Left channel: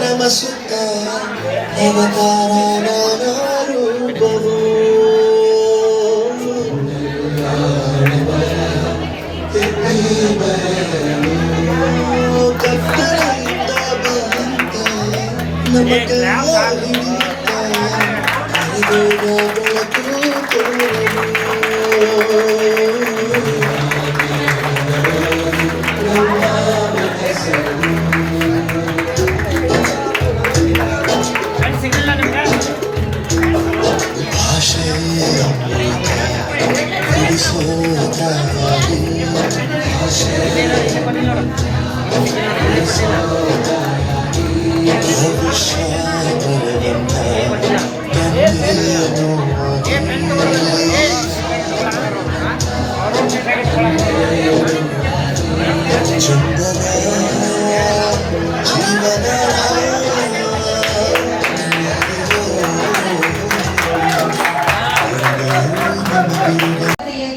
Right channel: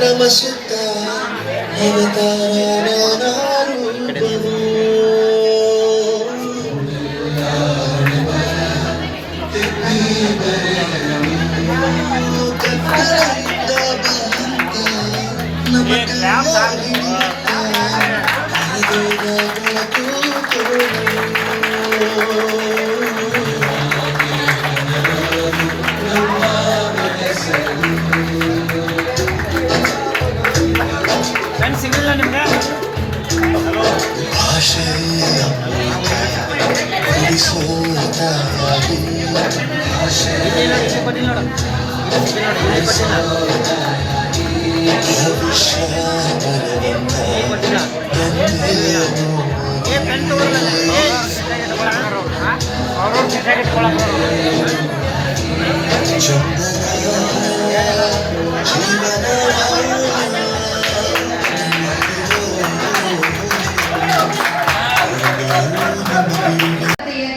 ನಮಸ್ತ ಅವತಾರ ರೂಪವು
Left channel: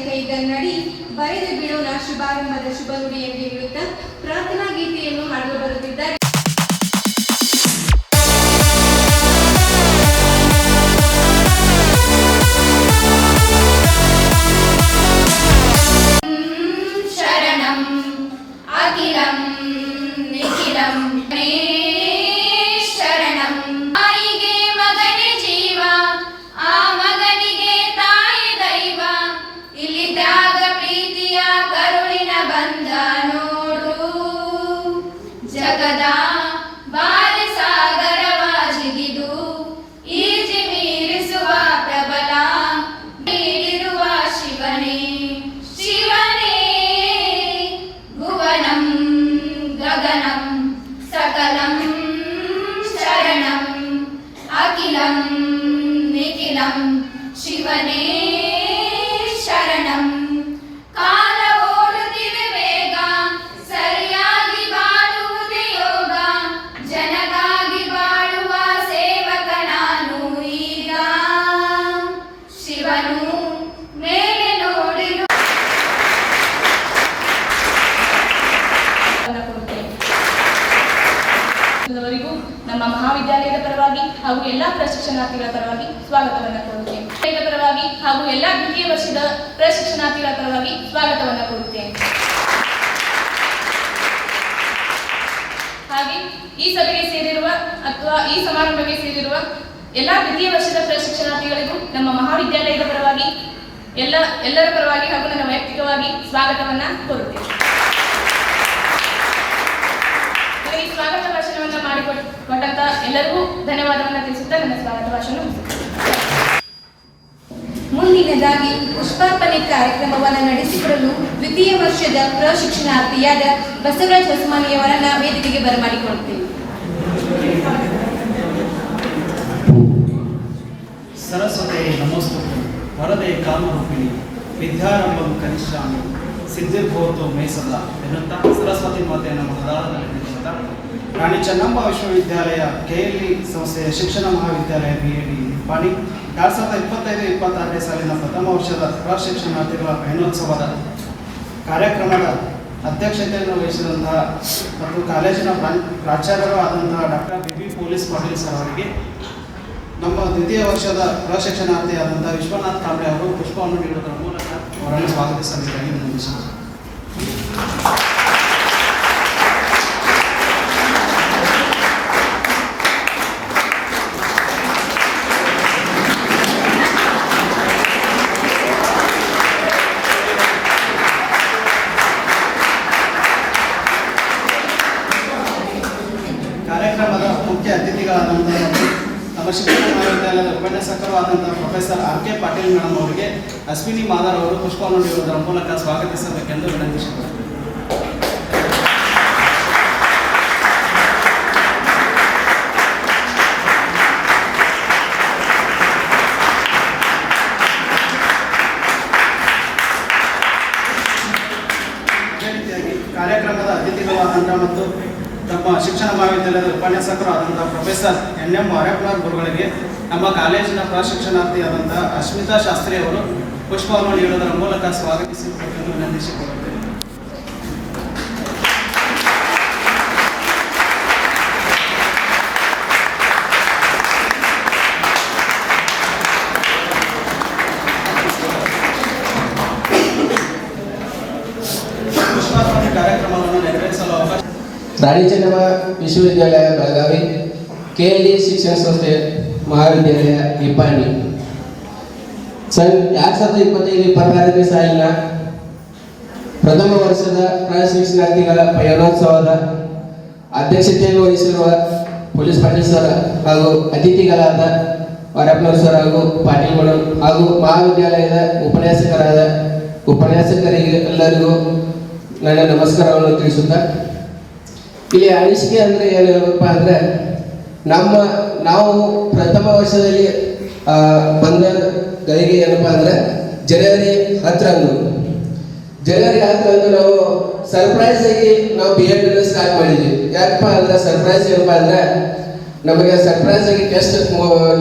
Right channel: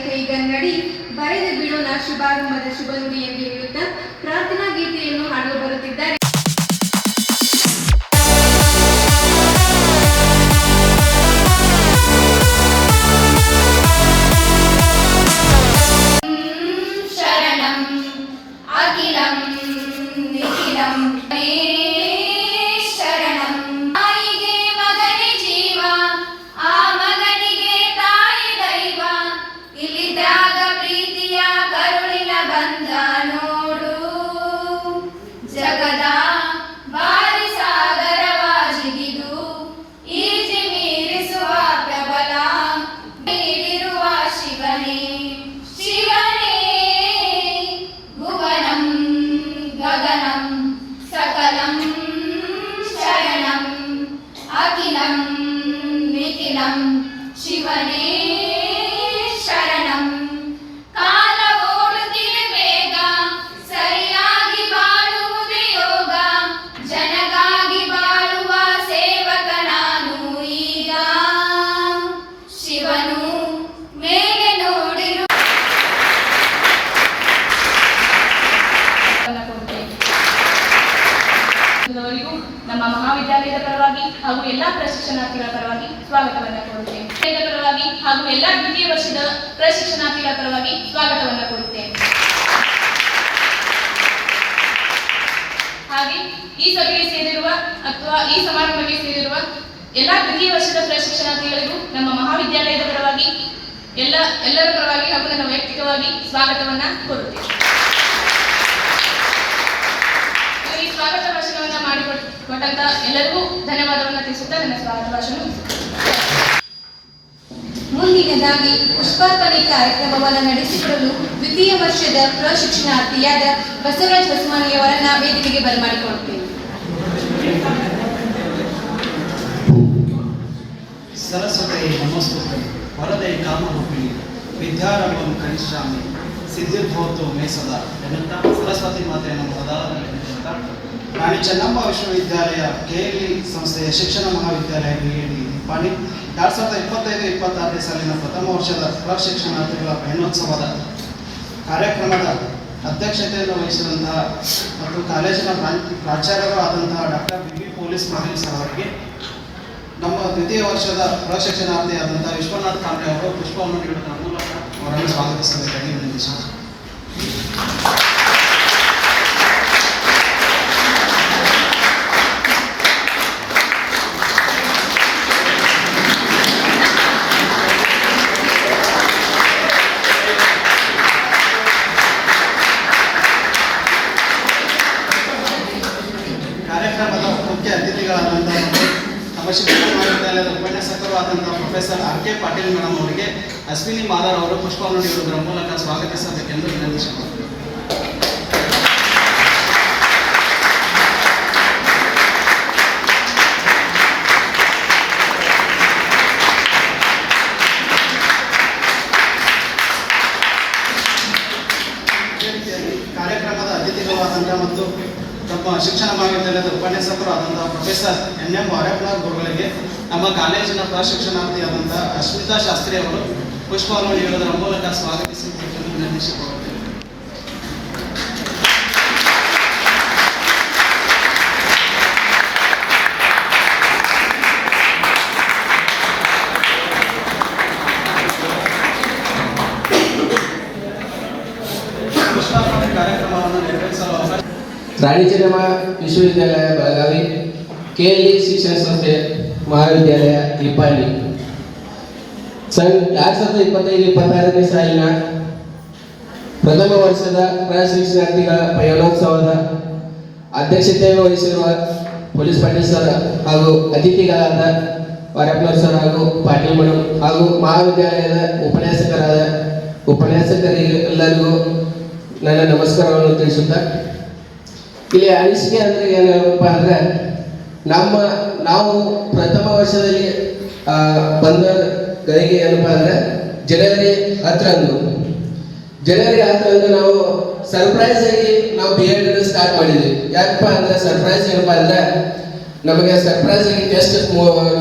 ಕೈಗನ್ನಡಿ ಬರೆದು ಬಿಡೋಣ ಶುಭಾರಂಭದ ಶುಭ ನುಡಿ ಎಂದು ಹೇಳುತ್ತಾ ಪ್ರಾರ್ಥನಾ ಗೀತೆಯನ್ನು ಹಾಡಲು ಬರುತ್ತಿದ್ದಾರೆ. ಶರಣಂ ಅಖಿಲಂ ನಿಖಿಲಂ ಶರಣಂ ತಾಯಿಗೆ ಮಗನೇ ಜೀವ, ಆ ಮಗನಿಗೆ ತಾಯಿ ದೈವ, ಇಲ್ಲಿದ್ದಾಗ ಪ್ರೀತಿಯ ಕರುಳಿನ ಬಂಧ ನೋಡು, ಜಗದ ಬಾರಿ ಸಾಗರವ ಜಿಗಿದು ಈಜಿ ಮೀರಿಸುವ ಪ್ರಬಲ ನೀಡಿರುವ ಶಿವನೇ, ಶಿವನೇ ಭುವನಂ ಗಗನಂ ಸಕಲಂ ಶರಣಂ ಅಖಿಲಂ ನಿಖಿಲಂ ಶಿವನೇ ಶರಣಂ. ಕಾಲ ಓಡುತ್ತಿರುವೇಗ ಸರಿಯಾಗಿ ಬಾಳುವುದು ಯೋಗ, ಜನಗಾಗಿ ಬಾಳುವ ಸೇವಕ ನಾನು ಈಗ, ಶಿವನು ಮೇಲೆ ನೋಡಿರು ನಮ್ಮ ಮಹಾವಿದ್ಯಾಲಯದ ಪರವಾಗಿ ಹಾಗೂ ಎಲ್ಲಾ ಪ್ರಶಿಕ್ಷಣಾರ್ಥಿಗಳ ಪರವಾಗಿ ಸ್ವಾಗತವನ್ನು ಕೋರುತ್ತೇನೆ. ಪರವಾಗಿ ಹಾಗೂ ಎಲ್ಲಾ ದ್ವಿತೀಯ ವರ್ಷದ ಪ್ರಶಿಕ್ಷಣಾರ್ಥಿಗಳ ಪರವಾಗಿ ಸ್ವಾಗತವನ್ನು ಕೋರುತ್ತೇನೆ. ಹಾಗೆ ಈ ಸಭೆಗೆ ಸೇರಿರುವ ಅಥವಾ ಈ ಸಮಾರಂಭಕ್ಕೆ ಸೇರಿರುವ ಎಲ್ಲಾ ದ್ವಿತೀಯ ವರ್ಷದ ಪ್ರಶಿಕ್ಷಣಾರ್ಥಿಗಳಿಗೂ ನಮ್ಮ ಮಹಾವಿದ್ಯಾಲಯದ ಪರವಾಗಿ ಎಲ್ಲರ ಪರವಾಗಿ ಹಾಗೂ ನನ್ನ ವೈಯಕ್ತಿಕವಾಗಿ ಸ್ವಾಗತವನ್ನ ಕೋರುತ್ತೇನೆ. ಈ ಸ್ವಾಗತ ಭಾಷಣವನ್ನು ಮಾಡಿಕೊಟ್ಟಂತ ಎಲ್ಲರಿಗೂ ಧನ್ಯವಾದವನ್ನು ತಿಳಿಸುತ್ತಾ ನನ್ನ ಸ್ವಾಗತ ಭಾಷಣ ಮುಂದಿನದಾಗಿ ಪುಷ್ಪಾರ್ಪಣೆ ಕಾರ್ಯಕ್ರಮವನ್ನು ನಡೆಸಿಕೊಡಲು ದ್ವಿತೀಯ ವರ್ಷದ ಪ್ರಶಿಕ್ಷಣಾರ್ಥಿಯಾದ ಬಸವರಾಜ್ ಹೊಸಮಾನಿಯವರನ್ನ ವೇದಿಕೆಗೆ ಬರಮಾಡಿಕೊಳ್ಳುತ್ತೇವೆ. ಸರಸ್ವತಿ ನಮೋಸ್ತುತೆ ವರದೆ ಕಾಮರೂಪಿಣಿ ವಿದ್ಯಾರಂಭಂ ಕನಿಷ್ಠಾಮಿ ಸಿದ್ಧಿರ್ಭವತು ಮೇಸದ ಎನ್ನುತ್ತಾ ಸರಸ್ವತಿ ಮಾತೆಯನ್ನು ಮನದಾರನೆನ್ನುತ್ತಾ ರಾಣಿ ಚೆನ್ನಮ್ಮ ವಿಶ್ವವಿದ್ಯಾಲಯ KLE ಸಂಸ್ಥೆಯ ಶಿಕ್ಷಣ ಮಹಾವಿದ್ಯಾಲಯ BAD ಪಾಣಿ 2025-26ನೇ ಸಾಲಿನ ಪ್ರಥಮ ವರ್ಷದ ಪ್ರಶಿಕ್ಷಣಾರ್ಥಿಗಳ ಮೇಳೋತ್ಸವದ ಕಾರ್ಯಕ್ರಮದ ಅಧ್ಯಕ್ಷತೆಯನ್ನು ವಹಿಸಿದಂತಹ ಮತ್ತು ಕಾಲೇಜಿನ ಪ್ರಾಚಾರ್ಯರು ಆದಂತಹ doctor BB police Patil sir ಅವರಿಗೆ ನಮ್ಮ ದ್ವಿತೀಯ ವರ್ಷದ ಪ್ರಶಿಕ್ಷಣಾರ್ಥಿಯಾದಂತಹ ವಿಶ್ವನಾಥ್ ಕಾಂಬ್ರೆ ಅವರು ಪುಷ್ಪವನ್ನು ನೀಡುವುದರ ಮೂಲಕ ಅವರನ್ನು ಸ್ವಾಗತಿಸಬೇಕಾಗಿ ವಿನಂತಿಸುತ್ತೇನೆ. ನಮ್ಮ ಶಿಕ್ಷಣ ಮಹಾವಿದ್ಯಾಲಯದ ಉಪನ್ಯಾಸಕರು ಆದಂಥ ಪ್ರೊಫೆಸರ್ ಆರ್.ಕೆ. ಪಾಟೀಲ್ ಮೇಡಮ್ ಅವರಿಗೆ ಅಶ್ವಿನಿ ಮಾದಾರ್ ಅವರು ಪುಷ್ಪವನ್ನು ನೀಡುವುದರ ಮೂಲಕ ಸ್ವಾಗತಿಸಬೇಕೆಂದು ವಿನಂತಿಸುತ್ತಾರೆ. ಕಾರ್ಯಕ್ರಮದ ಅತಿಥಿಗಳಾದಂಥ ಮತ್ತು ನಮ್ಮ ಶಿಕ್ಷಣ ಮಹಾವಿದ್ಯಾಲಯದ ಉಪನ್ಯಾಸಕರು ಆದಂಥ ಪ್ರೊಫೆಸರ್ ಎನ್.ಎಂ. ಮಾರ್ಯಪ್ಪನವರ ಗುರುಗಳಿಗೆ ನಮ್ಮ ಕಾಲೇಜಿನ ಪ್ರಶಿಕ್ಷಣಾರ್ಥಿಯಾದಂಥ ಅಶ್ಮಿತಾ ಶಾಸ್ತ್ರಿ ಅವರು ಪುಷ್ಪವನ್ನು ನೀಡುವುದರ ಮೂಲಕ ಸ್ವಾಗತಿಸಿ ವಿನಂತಿಸಿಕೊಳ್ಳುತ್ತೇವೆ. ಕಾರ್ಯಕ್ರಮವನ್ನು ನೆರವೇರಿಸಲು ಅವಕಾಶ ರಾಣಿ ಚೆನ್ನಮ್ಮ ವಿಶ್ವವಿದ್ಯಾಲಯ ಬೆಳಗಾವಿ, KLE ಶಿಕ್ಷಣ ಸಂಸ್ಥೆ ಮಹಾವಿದ್ಯಾಲಯ ನಿಪ್ಪಾಣಿ 2025-26ನೇ ಸಾಲಿನ ಪ್ರಥಮ ವರ್ಷದ ಪ್ರಶಿಕ್ಷಣಾರ್ಥಿಗಳ ಪಯಣೋತ್ಸವದ ಅಧ್ಯಕ್ಷತೆಯನ್ನು ವಹಿಸಿರುವ ಪೊಲೀಸ್ ಪಾಟೀಲ್ ಸರ್ ಹಾಗೂ ಅತಿಥಿಗಳಾದ ಮಾರಪ್ಪನವರು ಸರ್ ಹಾಗೂ ಪಾಟೀಲ್ ಮೇಡಮ್ ಹಾಗೂ ಮಹಾವಿದ್ಯಾಲಯದ ಉಪನ್ಯಾಸಕರಿಗೆಲ್ಲರಿಗೂ ನನ್ನ ನಮಸ್ಕಾರವನ್ನು ತಿಳಿಸುತ್ತಾ, ಇಲ್ಲಿ ಅನಿಸಿಕೆ ಅಂದರೆ ಏನಪ್ಪ ಅಂದರೆ ನಾವು ಪ್ರಥಮ ವರ್ಷದಲ್ಲಿ ಬಂದ ಗಳಿಗೆ ಏನಪ್ಪ ಅಂದರೆ ಜನವರಿ 10ರಂದು ನಾವು ಸರ್ಪ್ರೈಸ್ ಆಗಿ ನಾವು BEd ಸ್ಟಾರ್ಟ್ ಮಾಡಿದ್ವಿ. ಯಾಕಪ್ಪ ಅಂದರೆ ಸರ್ಪ್ರೈಸ್ ಏನಪ್ಪ ಅಂದರೆ ನಮಗೆ ಸರ್ಪ್ರೈಸ್ ಆಗಿ ಟೆಸ್ಟ್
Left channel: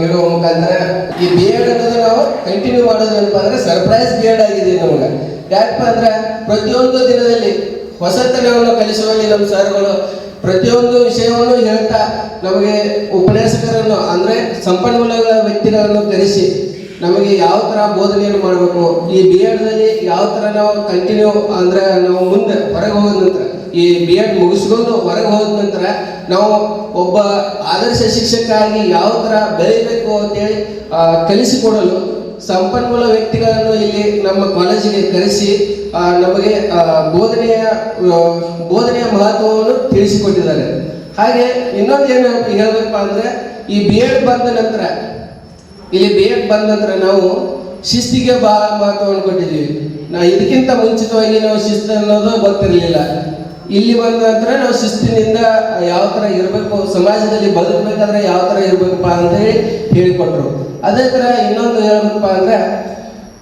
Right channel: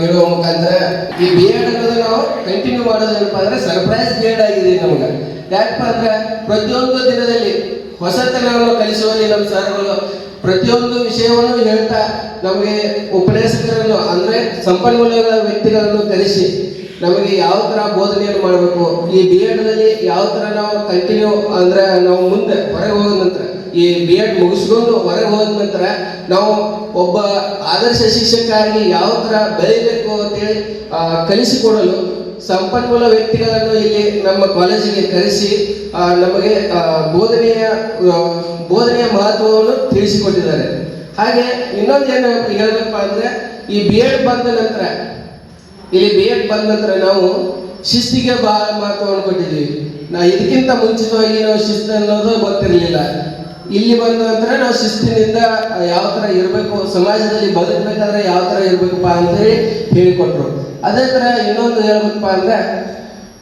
ನೀಡುವ ಮುಖಾಂತರ ಈ BEd ಅನ್ನೋದು ನಾವು ಕಂಟಿನ್ಯೂ ಮಾಡೋದೇನಪ್ಪ ಅಂದರೆ ಸರ್ಪ್ರೈಸ್ BEd ಆಗಿದೆ ನಮಗೆ. ಯಾಕಪ್ಪ ಅಂದರೆ ಪ್ರತಿಯೊಂದು ದಿನದಲ್ಲಿ ಹೊಸತನವನ್ನು ಕಲಿಸುವಲ್ಲಿ ನಮ್ಮ ಸರ್ಗಳು ಪ್ರತಿಯೊಂದು ವಿಷಯವನ್ನು ಹೇಳ್ತಾ ನಮಗೆ ಉಪನ್ಯಾಸಕರನ್ನು ಅಂದರೆ ಸಂಪನ್ಮೂಲ ವ್ಯಕ್ತಿಗಳನ್ನು ಕರೆಸಿ ನಮಗೆ ಯಾವ ಥರ ಬೋಧನೆಯನ್ನು ಮಾಡಬೇಕು, ಈ BEdದಲ್ಲಿ ಯಾವ ಥರ ನಾವು ಕಂಟಿನ್ಯೂ ಅಂದರೆ ನಾವು ಮುಂದೆ ಹೊರಗೆ ಹೋದ ನಂತರ ಈ BEd ಮುಗಿಸ್ಕೊಂಡು ಹೊರಗೆ ಹೋದ ನಂತರ ನಾವು ಒಬ್ಬ ಆದರ್ಶ ಶಿಕ್ಷಕ ಆಗಿ ಯಾವ ಥರ ಬೆಳೆಯಬೇಕು ಅಂತೇಳಿ ಕಲಿಸಿಕೊಡಲು ಸಂಪನ್ಮೂಲ ವ್ಯಕ್ತಿಗಳನ್ನು ಇಲ್ಲಿ ನಮ್ಮ ಕಾಲೇಜಿಗೆ ಕರೆಸಿ ನಮಗೆ ಬೋಧನೆಯ ಮಹತ್ವವನ್ನು ತಿಳಿಸಿಕೊಟ್ಟಿದ್ದಾರೆ. ಹಾಗೆ ಇನ್ನೊಂದು ಏನು ಹೇಳಬೇಕಪ್ಪ ಅಂದರೆ ಈ BEd ಬಂದ ನಂತರ ನಾವು ಶಿಸ್ತಿಗೆ ಬಹಳ ಮಹತ್ವವನ್ನು ಕೊಟ್ಟಿದ್ದೀವಿ. ಇದಕ್ಕಿಂತ ಮುಂಚಿತವಾಗಿ ನಾವು ಶಿಸ್ತು ಅನ್ನೋದು ಗೊತ್ತಿರಲಿಲ್ಲ. ಇಲ್ಲಿ ಬಂದ ನಂತರ ನಾವು ಶಿಸ್ತಿನಿಂದ ಯಾವ ಥರ ಇರಬೇಕು, ಸಮಾಜದಲ್ಲಿ ಬದುಕಬೇಕಾದ್ರೆ ಯಾವ ಥರ ಇರಬೇಕಪ್ಪ ಅಂತೇಳಿ ಹೇಳಿಕೊಟ್ರು. ಅದೇ ಥರ ಇನ್ನೊಂದು ಹೇಳ್ಬೇಕಪ್ಪ ಅಂದರೆ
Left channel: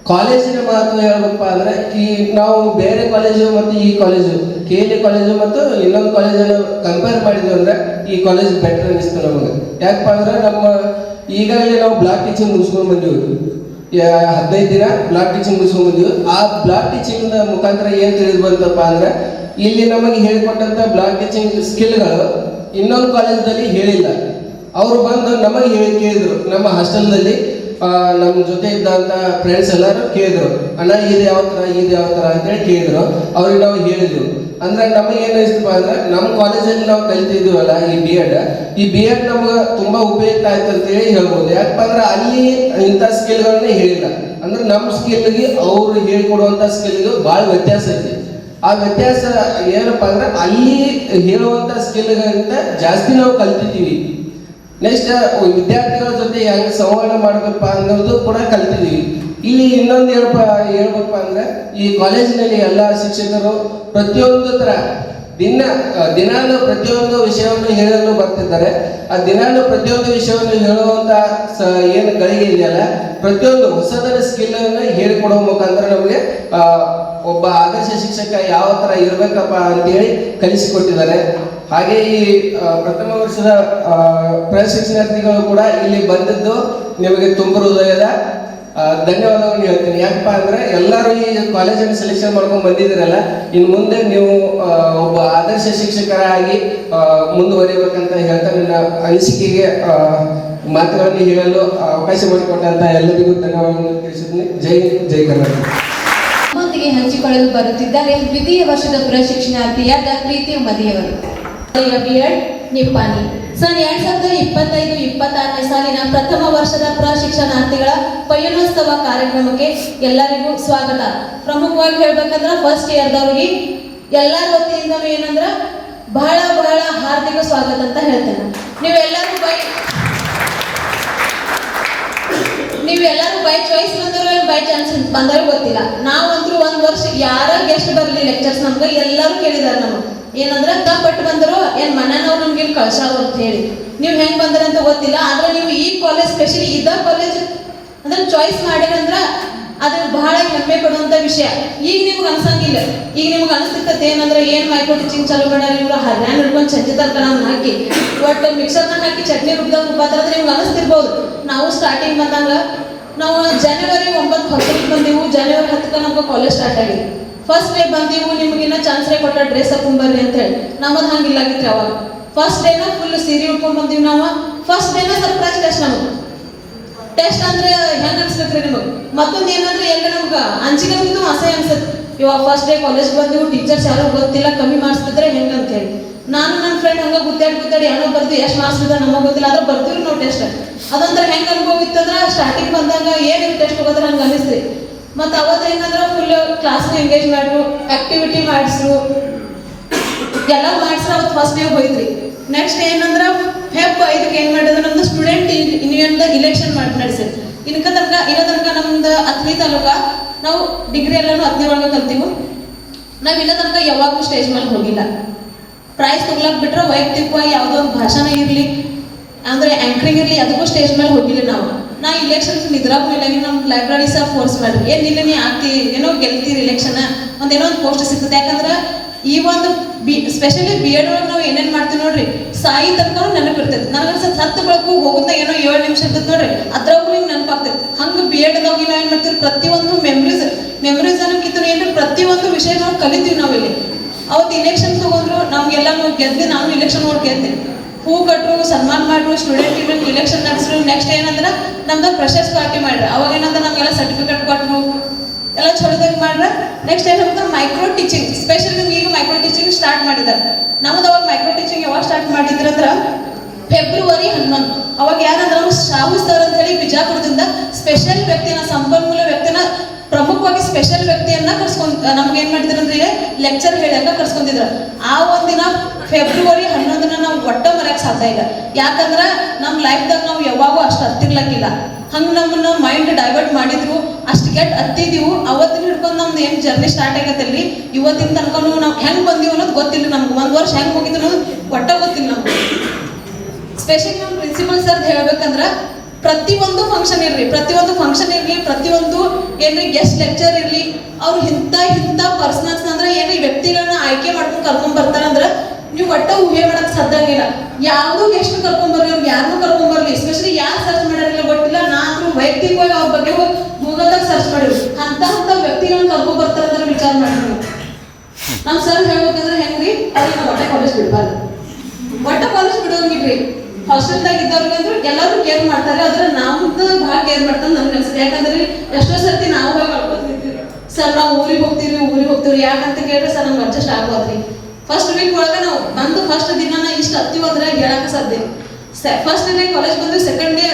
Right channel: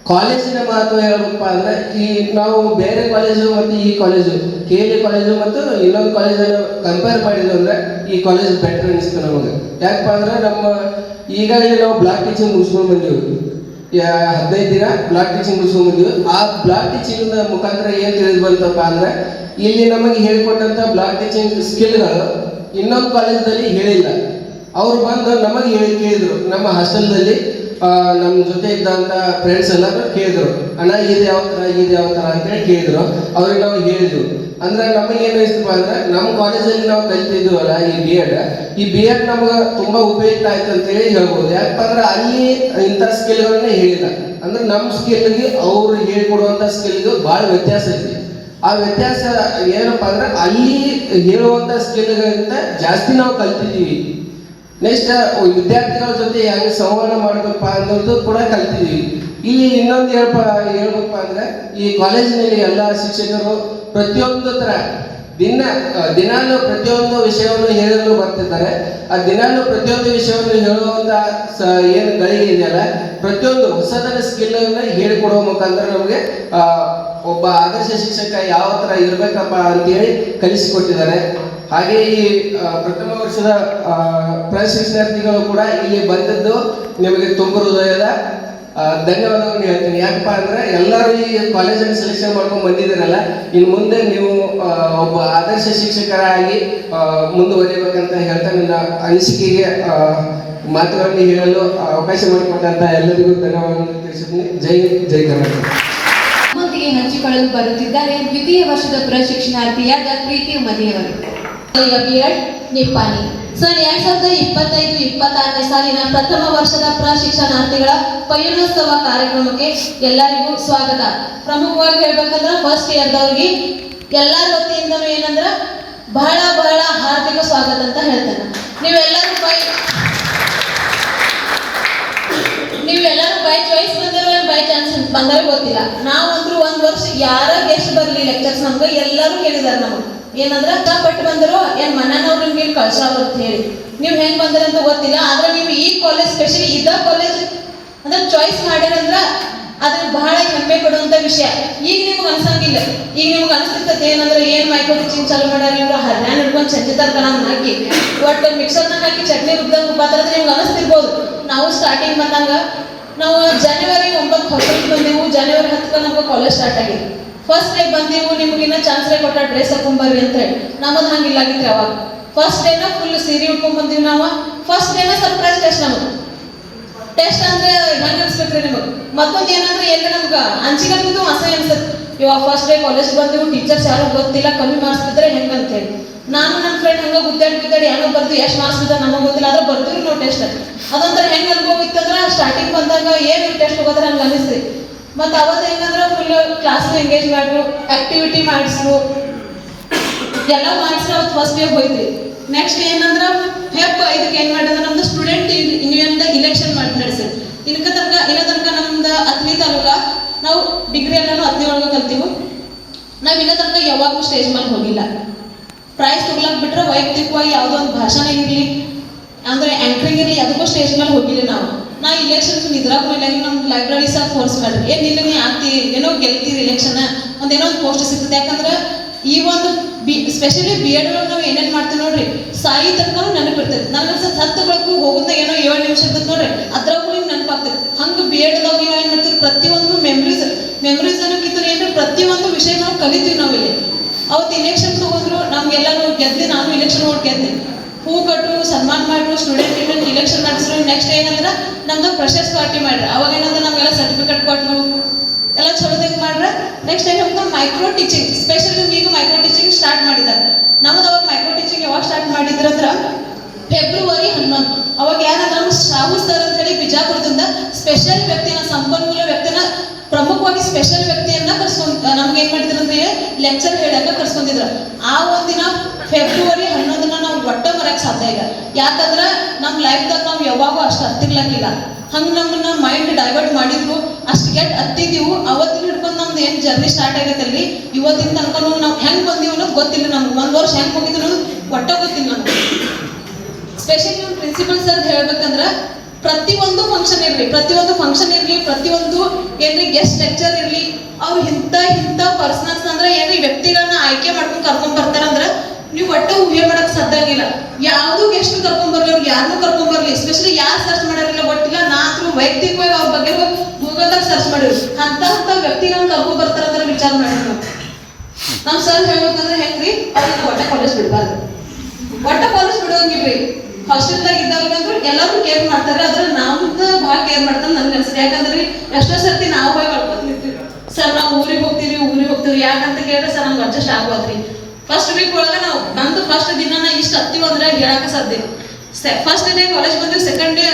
ಕಾಲೇಜಿನ ಮಹತ್ವ ಹೇಳ್ಬೇಕಪ್ಪ ಅಂದರೆ ಈ ನಾವು ಬೇರೆ ಕಾಲೇಜು ಮತ್ತು ಈ ಕಾಲೇಜು KLE ಕಾಲೇಜು ಮತ್ತು ಇನ್ನೊಂದು ಕಾಲೇಜನ್ನು ಕಂಪೇರ್ ಮಾಡಿದ್ವಿ ಅಂದರೆ ಈ ಕಾಲೇಜ್ ಬೆಟರ್ ಅನಿಸ್ತು ನಮಗೆ. ಯಾಕಪ್ಪ ಅಂದರೆ ನಮ್ಮ ಈಗಾಗಲೇ ನಾವು ಬ್ಲಾಕ್ ಟೀಚಿಂಗ್ ಮುಗಿಸ್ಕೊಂಡು ಬಂದೀವಿ. 15 ದಿನ ಬ್ಲಾಕ್ ಟೀಚಿಂಗ್ ಮುಗಿಸ್ಕೊಂಡು ಬಂದೀವಿ. ಆ ಬ್ಲಾಕ್ ಟೀಚಿಂಗ್ ಮುಖಾಂತರ ಏನು ತಿಳಿದು ಬಂತಪ್ಪ ಅಂದರೆ ಇಲ್ಲಿ ನಮಗೆ ಹೇಳಿಕೊಟ್ಟಂಥ ಬ್ಲಾಕ್ ಟೀಚಿಂಗ್ ಸ್ಕಿಲ್ಗಳು ಇನ್ನೊಂದು ಕಾಲೇಜಲ್ಲಿ ಹೇಳಿಲ್ಲ. ಅವರು ಬಂದು ನಮಗೆ ಕೇಳಿದರು. ನಮ್ಮ ಹಾಸ್ಟೆಲ್ನಲ್ಲಿ ನಮ್ಮ ಜೊತೆ ಇದ್ದಂಥ ಫ್ರೆಂಡ್ಸ್ ಎಲ್ಲರೂ ಕೇಳಿದ್ರು, ಅಣ್ಣ ಇದು ಯಾವ ಥರ ಅಂತೇಳಿ ಕೇಳಿದ್ರು. ಅವ್ರಿಗೆ ನಾವು ಹೇಳಿದ್ರು. ಅಂದ್ರೆ ನಮಗೆ ಏನು ಅನಿಸ್ತಪ್ಪ ಅಂದರೆ ನಮ್ಮ ಕಾಲೇಜಲ್ಲಿ ನಾವು ಕಲಿತಿದ್ವಲ್ಲ ಈ BEd ನಮ್ಗೆ ತುಂಬ ಉಪಯುಕ್ತ ಆಯ್ತು ಅಂತೇಳಿ ಹೇಳ್ಬೋದು. ಯಾಕಪ್ಪ ಅಂದ್ರೆ ಅಲ್ಲಿ ಇಂಥ ಸ್ಕಿಲ್ಗಳನ್ನೇ ಹೇಳಿಲ್ಲ. ಅಂದ್ರೆ ನಮ್ಮ ಸ್ಕಿಲ್ಗೆ ಅವರು ಹೇಳಿಕೊಡುವಂಥ ಸ್ಕಿಲ್ಗೆ ಭಾಳ ವ್ಯತ್ಯಾಸ ಐತಿ. ಆ ವ್ಯತ್ಯಾಸ ಏನಪ್ಪ ಅಂದ್ರೆ ಅಲ್ಲಿ ಹೇಳುವಂಥ ಸ್ಕಿಲ್ಗಳಿಗಿಂತ ಜಾಸ್ತಿ ನಾವು ಕಲ್ತಿದ್ದೀವಿ. ನೆಕ್ಸ್ಟ್ ವಿದ್ಯಾರ್ಥಿಗಳ ಜೊತೆ ಹೆಂಗೆ ಸಂವಹನ ಮಾಡಬೇಕಪ್ಪ ಅನ್ನೋದು ಕೂಡ ಕಲ್ತಿದ್ದೀವಿ. ಇಲ್ಲಿ ಇನ್ನೊಂದು ಹೇಳ್ಬೇಕಪ್ಪ ಅಂದರೆ ಈ ಕಾಲೇಜಿನಲ್ಲಿ ಎಲ್ಲ ಶಿಕ್ಷಕರು ಪ್ರತಿಯೊಂದು ಥರ ದಿನಾಲು ಪ್ರತಿಯೊಂದು ವಿಷಯವನ್ನು ಹೇಳಲು ಬರ್ತಿದ್ದಾರೆ. ಆ ದಿನಾಲು ಪ್ರತಿಯೊಂದು ವಿಷಯವನ್ನು ಹೇಳುವಂಥ ಏನು ಗಳಿಗೆ ಇದೆಯಲ್ಲ, ಪ್ರತಿಯೊಂದು ಹೊಸದರ ಸ್ಕಿಲ್ಲನ್ನು ಹೇಳಿಕೊಡುವ ಮುಖಾಂತರ ನಮಗೆ ಒಬ್ಬ ಆದರ್ಶ ಶಿಕ್ಷಕ ಯಾವ ಥರ ಇರಬೇಕಪ್ಪ ಅಂತೇಳಿ ಕಲಿಸಿಕೊಟ್ಟಿದ್ದಾರೆ. ಹಾಗೆ ಈ ಪ್ರಥಮ ವರ್ಷದ ಪ್ರಶಿಕ್ಷಣಾರ್ಥಿಗಳು ಕೂಡ ಇಲ್ಲಿ ಬಂದಿದ್ದು ನಿಮಗೆ ತುಂಬ ಹೃದಯದ ಧನ್ಯವಾದಗಳನ್ನು ಹೇಳ್ತೀನಿ. ಯಾಕಪ್ಪ ಅಂದರೆ ಎಲ್ಲರೂ ಈ ಕಾಲೇಜನ್ನು ಸೆಲೆಕ್ಷನ್ ಮಾಡ್ಕೊಂಡು ಬಂದಿದ್ದೀರಲ್ಲ, ಇನ್ನು ಮುಂದೆ ನೀವು ಒಬ್ಬ ಆದರ್ಶ ಶಿಕ್ಷಕರಾಗಿ ಮುಂದುವರಿಯಬೇಕಂತ ಹೇಳ್ತಾ ನನ್ನ ಅನಿಸಿಕೆಗೆ ಮಾತುಗಳನ್ನು ಹೇಳಲು ಅವಕಾಶ ಮಾಡಿಕೊಟ್ಟಂತ ಎಲ್ಲರಿಗೂ ಧನ್ಯವಾದಗಳನ್ನು ತಿಳಿಸಿದ್ದೀನಿ. ಜೈ ಕರ್ನಾಟಕ. ನಮ್ಮೊಂದಿಗೆ ಹಂಚಿಕೊಳ್ಳಲು ಬರುತ್ತಿದ್ದಾರೆ ದ್ವಿತೀಯ ವರ್ಷದ ಪ್ರಶಿಕ್ಷಣಾರ್ಥಿಯಾದ ಪ್ರೀತಿ ಮದಿಯವರು. BEd ನಿಪ್ಪಾಣಿ. ಸರ್ 2025-26ನೇ ಸಾಲಿನ ಪ್ರಥಮ ವರ್ಷದ ಪ್ರಶಿಕ್ಷಣಾರ್ಥಿಗಳ ಪಯಣೋತ್ಸವ ಕಾರ್ಯಕ್ರಮಕ್ಕೆ ಎಲ್ಲರಿಗೂ ಸ್ವಾಗತ. ಪ್ರಮುಖವಾಗಿ ಹೇಳ್ಬೇಕಂದ್ರೆ ಫಸ್ಟ್ ಇಯರ್ದವ್ರಿಗೆ ಎಲ್ಲರ ವತಿಯಿಂದನೂ ಏನಂದ್ರೆ ಬಹಳ ಹಾರ್ದಿಕ ಸ್ವಾಗತ ಅಂತ ಹೇಳ್ತೇನೆ. ನೀವೆಲ್ಲರೂ ನೀವೆಲ್ಲರೂ ಬೈ ಚಾಯ್ಸ್ ಬಂದಿರೋ ಬೈ ಚಾನ್ಸ್ ಬಂದರೆ ಗೊತ್ತಿಲ್ಲ. ನಾವಂತರೂ ಒಂದು ವರ್ಷ ಯಾರ ಗೆಸ್ಟ್ ಬರಲಿ ಲೆಕ್ಚರ್ಸ್ ನಮ್ಗೆ ಎಲ್ಲರೂ ಕೇಳಿದಾರೆ ನಮಗೆ ಏನಂದ್ರೆ ತಪ್ಪಟ್ಟು ಬಂದರು ಏನು ಮನೆಯವ್ರು ನಿಮ್ಗೆ ಕಳ್ಸಾರ ಅಂತ ಹೇಳಿ. ನೀವು ಹೆಂಗೆ ಬಂದ್ರೆ ಅಂತ ಗೊತ್ತಿಲ್ಲ. ಆದ್ರೆ ನೀವು ಈ ಕಾಲೇಜ್ ಸ್ಪೆಷಲಿ ಇದ ಕಾಲೇಜ್ ಅಂದ್ರೆ ಚಾಯ್ಸ್ ಮಾಡ್ಯಾರಂದ್ರ ಅದು ಬಹಳ ಹೆಮ್ಮೆ ಕೊಡುವಂತ ವಿಷಯ. ಈಗ ನಿಮ್ಗೆ ಅನ್ಸಂಗಿಲ್ಲ. ಈಗ ನಿಮ್ಗೆ ಅನಿಸ್ತೈತೆ ಏನಂದ್ರೆ ಏನ್ ಮೈಕ್ರೋ ಟೀಚಿಂಗ್ ಚಾಲೂ ಮಾಡ್ಯಾರ ಇವ್ರು ಹರ್ಯಾಣ ಹಿಡ್ಕೊಂಡು ಚಂಚಿತಾರ ಹಾಕಿ ಒಟ್ಟು ಮಿಕ್ಸರ್ನ ಹಾಕಿ ಚಟ್ನಿ ರುಬ್ಬಾದ್ರೆ ನಿಮ್ಗೆ ಅನಿಸ್ತಿರ್ಬೋದು. ನಾವು ಸ್ಟಾರ್ಟಿಂಗ್ ಬಂದಾಗ ನಾವು ಜನವರಿ 9 ಹೊಸರಿಗೆ ಬಂದೆವು. ಜನವರಿ 10ಕ್ಕೆ ನಮ್ಗೆ ಕಾಲೇಜ್ ಸ್ಟಾರ್ಟ್ ಆಗಿದೆ. ಫಸ್ಟ್ ಡೇ ಬಂದೆವು, ನಿಮ್ಗಿನ್ನ ಚಾನ್ಸ್ರೇ ಕೊಟ್ಟ ಡ್ರೆಸ್ ಹಾಕೊಂಬರ್ರಿ ಅಂತ ಹೇಳಿ. ನಮ್ಮದು ಹಂಗಿಲ್ಲಾಗಿತ್ತು ಅವಾಗ. ಫಸ್ಟ್ ಡೇನ ಫುಲ್ ಸೀರೆ ಉಟ್ಕೊಂಡ್ ಬಂದೀವಿ ನಾವು. ಫಸ್ಟ್ ಡೇನ ಸರ್ಪ್ರೈಸ್ ಟೆಸ್ಟ್ ನಮಗೆ. ಟೆಸ್ಟ್ ಅಂದ್ರೆ ಹೆಂಗ್ ಅನ್ಸ್ಬೇಕ್ರಿ ನಿಮಗೆ? ಮತ್ತೊಂದು ಏನಂದ್ರೆ ಎಲ್ಲ ನಮ್ಗೆ ಅಂಚಿಕೆ ಆಗ್ತಿತ್ತು, ಅಸಹ್ಯ ಅನ್ಸುತ್ತೆ. ಇವಾಗ ಫಸ್ಟ್ ಡೇ ಕಾಲೇಜ್ ಬಂದೆವು, ಟೀಚರ್ಸ್ ಯಾರು ಗೊತ್ತಿಲ್ಲ, ಕಮ್ಮಿ ಮಾರ್ಕ್ಸ್ ಬಿದ್ರೆ ಹೆಂಗ್ ಅಂತ ಹೇಳಿ. ನಾನು ನನ್ನ ಫ್ರೆಂಡ್ ಹಂಗ ಗುದ್ದಾಡಿ ಏನೋ ಬರ್ದು ಎಷ್ಟು ಮಾರ್ಕ್ಸ್ ಬಿದ್ದ ನಮಗೆ ಗೊತ್ತಿಲ್ಲ. ಆದ್ರೆ ಬರ್ತೀವಿ ನಾವು ಟೆಸ್ಟ್. ಅದಂದ್ರೆ ಹೆಂಗ್ ಅನುಭವ ಇತ್ತಂದ್ರೆ ಸ್ಟಾರ್ಟಿಂಗ್ ಬಂದಾಗ ಏನು ಟೆಸ್ಟ್ ಹೋಗೋದ್ರೆ ಹಂಗೆ ಅನಿಸ್ರಿ. ಮತ್ತು ಅವತ್ತು ಹೆಂಗಂದ್ರೆ ಫುಲ್ ಕ್ಲಾಸ್ನ ಎಂಗೇಜ್ ಮಾಡ್ರು, ಆಕ್ಟಿವಿಟಿ ಮಾಡಿಸ್ರು, ಎಲ್ಲ ಮಾಡಿಸ್ರು. ಅವತ್ತು ಫಸ್ಟ್ ಡೇ ಹೋಯ್ತ್ರಿ. ನೆಕ್ಸ್ಟ್ ಏನಂದ್ರೆ ಫೆಬ್ 5ಕ್ಕೆ ಏನು ಮಾಡಿದ್ರೆ ನಮ್ದು ಸ್ಟೂಡೆಂಟ್ ಯೂನಿಯನ್ದ ಇಲೆಕ್ಷನ್ ನಡೆಸಿದ್ರು. ಇನ್ನ ತನಕ ನಮ್ದು 10ನೇ ತಾಲೂಕ ನಾವು ಡಿಗ್ರಿ ಎಲ್ಲರೂ 10ನೇ ಒಳಗೆ ಕಲ್ತೀವಿ. ನಾವು ಇಲ್ಲ ತನಕ ಯಾವಾಗೂ ಸ್ಟೇಜ್ ಮೇಲೆ ಹೋಗಿಲ್ಲ. ಪ್ರೈಸ್ ತಗೊಳಕ್ ಬಿಟ್ರೆ ವೈಯಕ್ತಿಕವಾಗಿ ಯಾವುದೋ ಒಂದು ಭಾಷಣ ಇರಲಿ ಅಂದ್ರೆ ಆಂಕರಿಂಗ್ ಇರಲಿ ಅದಕ್ಕೂ ಸ್ಟೇಜ್ ಮೇಲೆ ಹೋಗಿಲ್ಲ ನಾವು. ಇಲೆಕ್ಷನ್ಸ್ ನಿದ್ರಾಗ ಮೇಲೆ ನಮ್ಮ ಲೈಬ್ರರಿ ಸಹ ಫೋರ್ಸ್ ಮಾಡ್ರಿ, ಏನು ನಿನ್ನೆ ನೀ ಆಗ್ತಿ ಏನೋ ಗೆಲ್ತೀರಿ ಇಲೆಕ್ಷನ್ ಒಂದೇನೋ ಒಂದು ಪೋಸ್ಟ್ ಸಿಗ್ತದೆ. ಯಾಕಂದ್ರೆ ಈ ಒಂದು ಸ್ಪೆಷಲಿ ಬಿ ಎಡ್ ಒಳಗೆ ನಾವು ಏನೇನು ಮಾಡ್ತೀವಿ ನೋಡ್ರಿ, ಸಾಯಿ ತನಕ ನೆನಪಿರ್ತೈತೆ. ನನಗೆ ಸತ್ತು ಬೆಳಕು ಹೋಗುತ್ತ ಏನೋ 7 ನಿಮಿಷ ಇರ್ತದೆ ನೋಡ್ರಿ, ಅದ್ರಾಗೂ ನಿಮ್ಗೆ ನೆನಪಾಗ್ತೈತೆ. ಹಂಗೆ ಬಿ ಎಡ್ದಾಗ ನಾವು ಏನು ಮಾಡ್ತೀವಿ, ಪ್ರತಿಯೊಂದು ಮೆಮ್ರೀಸ್ ಅನ್ನೋಕ್ಕಿಂತ ಏನು ಪ್ರತಿಯೊಂದು ವಿಷಯ ನಾವು ಕಲಿತೀವಿ. ನಾವಿಲ್ಲಿ ಅವತ್ತು ಇಲೆಕ್ಷನ್ ಹೋಗೋದ್ರು ನಮಗೆಲ್ಲ ನಾವು ಗೆದ್ದೆ. ನಾನು ಇಲೆಕ್ಷನ್ ಹೋಗಿ ಗೆದ್ದೆ. ಹೂ ಕಟ್ಟರು, ಸನ್ಮಾನ ಮಾಡ್ರು, ಸ್ಟೂಡೆಂಟ್ಗಳು ಇಲೆಕ್ಷನ್ ನಡೆಸಿದ್ರು. ನೆಕ್ಸ್ಟ್ ಏನಂದ್ರೆ ನಮ್ದು ಫ್ರೆಷರ್ಸ್ ಪಾರ್ಟಿ ಮಾಡ್ರಿ. ಅವಾಗ ಏನಂದ್ರೆ ನಮಗೆಲ್ಲ ಸರ್ಟಿಫಿಕೇಟ್ ಕೊಟ್ಟರು, ಎಲ್ಲ ಚಲೋದಾಗ ಮಾಡ್ರೆ. ನೆಕ್ಸ್ಟ್ ಏನು ಹೋಗ್ತಾರೆ ಮೈಕ್ರೋ ಟೀಚಿಂಗ್. ಸ್ಪೆಷಲಿ ಈಗ ಮೈಕ್ರೋ ಟೀಚಿಂಗ್ ಸ್ಟಾರ್ಟ್ ಮಾಡಿದ್ದಾರೆ. ನಮ್ದು ಅವಾಗ ಮೈಕ್ರೋ ಟೀಚಿಂಗ್ ಯಾವಾಗ ಸ್ಟಾರ್ಟ್ ಮಾಡಿದ್ರು ಅಂದ್ರೆ ಫೆಬ್ರವರಿ 11. ಅವಾಗ ಯಾರಂದ್ರೆ ನಾವು ಶಾಹು ಸರ್ ಅಂತ ಹೇಳಿ ಬಿಜಾಪುರದಿಂದ ಸ್ಪೆಷಲ್ ವ್ಯಕ್ತಿನ, ಸಂಪನ್ಮೂಲ ವ್ಯಕ್ತಿನ, ಪ್ರಮುಖವಾಗಿ ಸ್ಪೆಷಲ್ ವ್ಯಕ್ತಿಯನ್ನ ನಮ್ಗೆ ಏನ್ ಮಾಡಿದ್ರು ಅಂದ್ರೆ ಲೆಕ್ಚರ್ ಹೇಳಾಕ ಕರ್ಸ್ಕೊಂಡಿದ್ರು. ಆ ಒಂದಿನ ಫೆಬ್ರವರಿ 11 ನಾವು ಒಟ್ಟ ಮರೆಯಕ್ಕೆ ಸಾಧ್ಯ ಇಲ್ಲ. ಯಾಕಂದ್ರೆ ನಮ್ಮ ಲೈಫ್ದಾಗ ನಾವು ಯಾವಾಗೂ ಅಷ್ಟು ಹತ್ತಿರ್ಲಕ್ಕಿಲ್ಲ. ಹಂಗೆ ನಮ್ಮನ್ನ ಮೈಂಡ್ ಡೈವರ್ಟ್ ಮಾಡಿದ್ರು, ಅಷ್ಟು ಕೆಟ್ಟ ಹತ್ತಿದೀವು. ಅವತ್ತಿನ ಹಿಡ್ಕೊಂಡು ನಮ್ದು ಏನು ಜರ್ನಿ ಸ್ಟಾರ್ಟ್ ಆಗತ್ತಲ್ರಿ, ಇವತ್ತಿನ ತನಕ ನಾವು ಹೆಂಗೆ ಬಂದೀವಿ ಅನ್ನೋದು ಗೊತ್ತಿಲ್ಲ ನಮ್ಗೆ. 1 ವರ್ಷ ಹೆಂಗೆ ಹೋಗಿದ್ದು ಅನ್ನೋದು ಒಟ್ಟ ಗೊತ್ತಿಲ್ಲ ನಮ್ಗೆ. ಸ್ಪೆಷಲಿ ನಮ್ಮ ಪ್ರಿನ್ಸಿಪಲ್ ಸರ್ ಹೇಳ್ಬೇಕಂದ್ರೆ ಪ್ರತಿಯೊಂದು ಫಂಕ್ಷನ್ ಇರಲಿ, ಪ್ರತಿಯೊಂದು ಏನ್ರಿ ಗೆಸ್ಟ್ ಲೆಕ್ಚರ್ ಇರಲಿ, ಅವ್ರು ಇಂಥ ಪರ್ಸನಲ್ಸ್ ಅಂದ್ರೆ ಏನ್ರಿ ವ್ಯಕ್ತಿಗಳನ್ನ ಆಯ್ಕೆ ಮಾಡ್ಕೊಂಡು ಕರ್ಕೊಂಡ್ ಬರ್ತಾರಂದ್ರೆ ನೀವು ಒಟ್ಟು ಊಹೆ ಮಾಡಕ್ ಸಾಧ್ಯ ಆಗಿಲ್ಲ. ಯಾವ್ದು ಗೆಸ್ಟ್ ಕರ್ಕೊಂಡ್ ಬರ್ಲಿ, ಯಾರನ್ನೂ ಕರ್ಕೊಂಡ್ ಬರ್ಲಿ, ಎಸ್ಪೆಷಲಿ ಯಾರು ಸರ್ಚ್ ಮಾಡಿರಲಿಲ್ಲ ಗೊತ್ತಿಲ್ಲ. ನಾನಂತರೂ ವೈಯಕ್ತಿಕವಾಗಿ ಅವ್ರ ಬಗ್ಗೆ ಗೂಗಲ್ದಾಗ ಸರ್ಚ್ ಮಾಡಿದ್ರು. ಅಂತ ವ್ಯಕ್ತಿಗಳನ್ನ ಕರ್ಕೊಂಡ್ ಬರ್ತಾರಂದ್ರೆ ವಿಚಾರ ಮಾಡಿದ್ರು. ನಮ್ ಸರ್ ಹೇಳ್ಬೇಕಂದ್ರೆ ಹೆಂಗ್ರಿ, ಅವ್ರಿಗೆ ಒಟ್ಟ ಕಾಲೇಜ್ ಬಿಡ್ಬಾರ್ದು, ಒಟ್ಟ ಕಾಲೇಜ್ ಬಿಡೋಂಗಿಲ್ರಿ. ಹಾಸ್ಟೆಲ್ದಾಗ ಇದ್ದವ್ರಿಗೆ ಅಂದ್ರೆ ಎಲ್ಲರೂ ಕೇರ್ ಮಾಡ್ತಾರೆ. ಆದ್ರೆ ನಮ್ದು ಭಾಳ ಕೇರ್ ಮಾಡ್ತಾರೆ ನನ್ಗೆ ಅನ್ಸುತ್ತೆ. ಯಾಕಂದ್ರೆ ಎಷ್ಟೋ ಸರ್ತಿ ನಾವು ಹೋಗಿ ಕಳ್ಕೊತಿರ್ತೀವಿ. ಸರ್ ನಾವು ಊರಿಗೆ ಹೋಗ್ತೀವಿ ಯಾಕಂತ ಕೇಳಿದ್ರೆ ಸರ್ ನಮ್ಗೆ ಅಡ್ಜಸ್ಟ್ ಆಗೋದ್ರಿ. ಫಸ್ಟ್ ವೀಕ್ ಒಳಗೆ ನಾವು ಬಂದು ಫಸ್ಟ್ ದಿನ ಇಷ್ಟು ಹತ್ತೀವಿ ಅಂದ್ರೆ ಹೇಳಕ್ಕೆ ಸಾಧ್ಯ. ಫಸ್ಟ್ ಡೇ ಕಾಲೇಜ್ ಬಂದಿವಿ, ಸೆಕೆಂಡ್ ಡೇ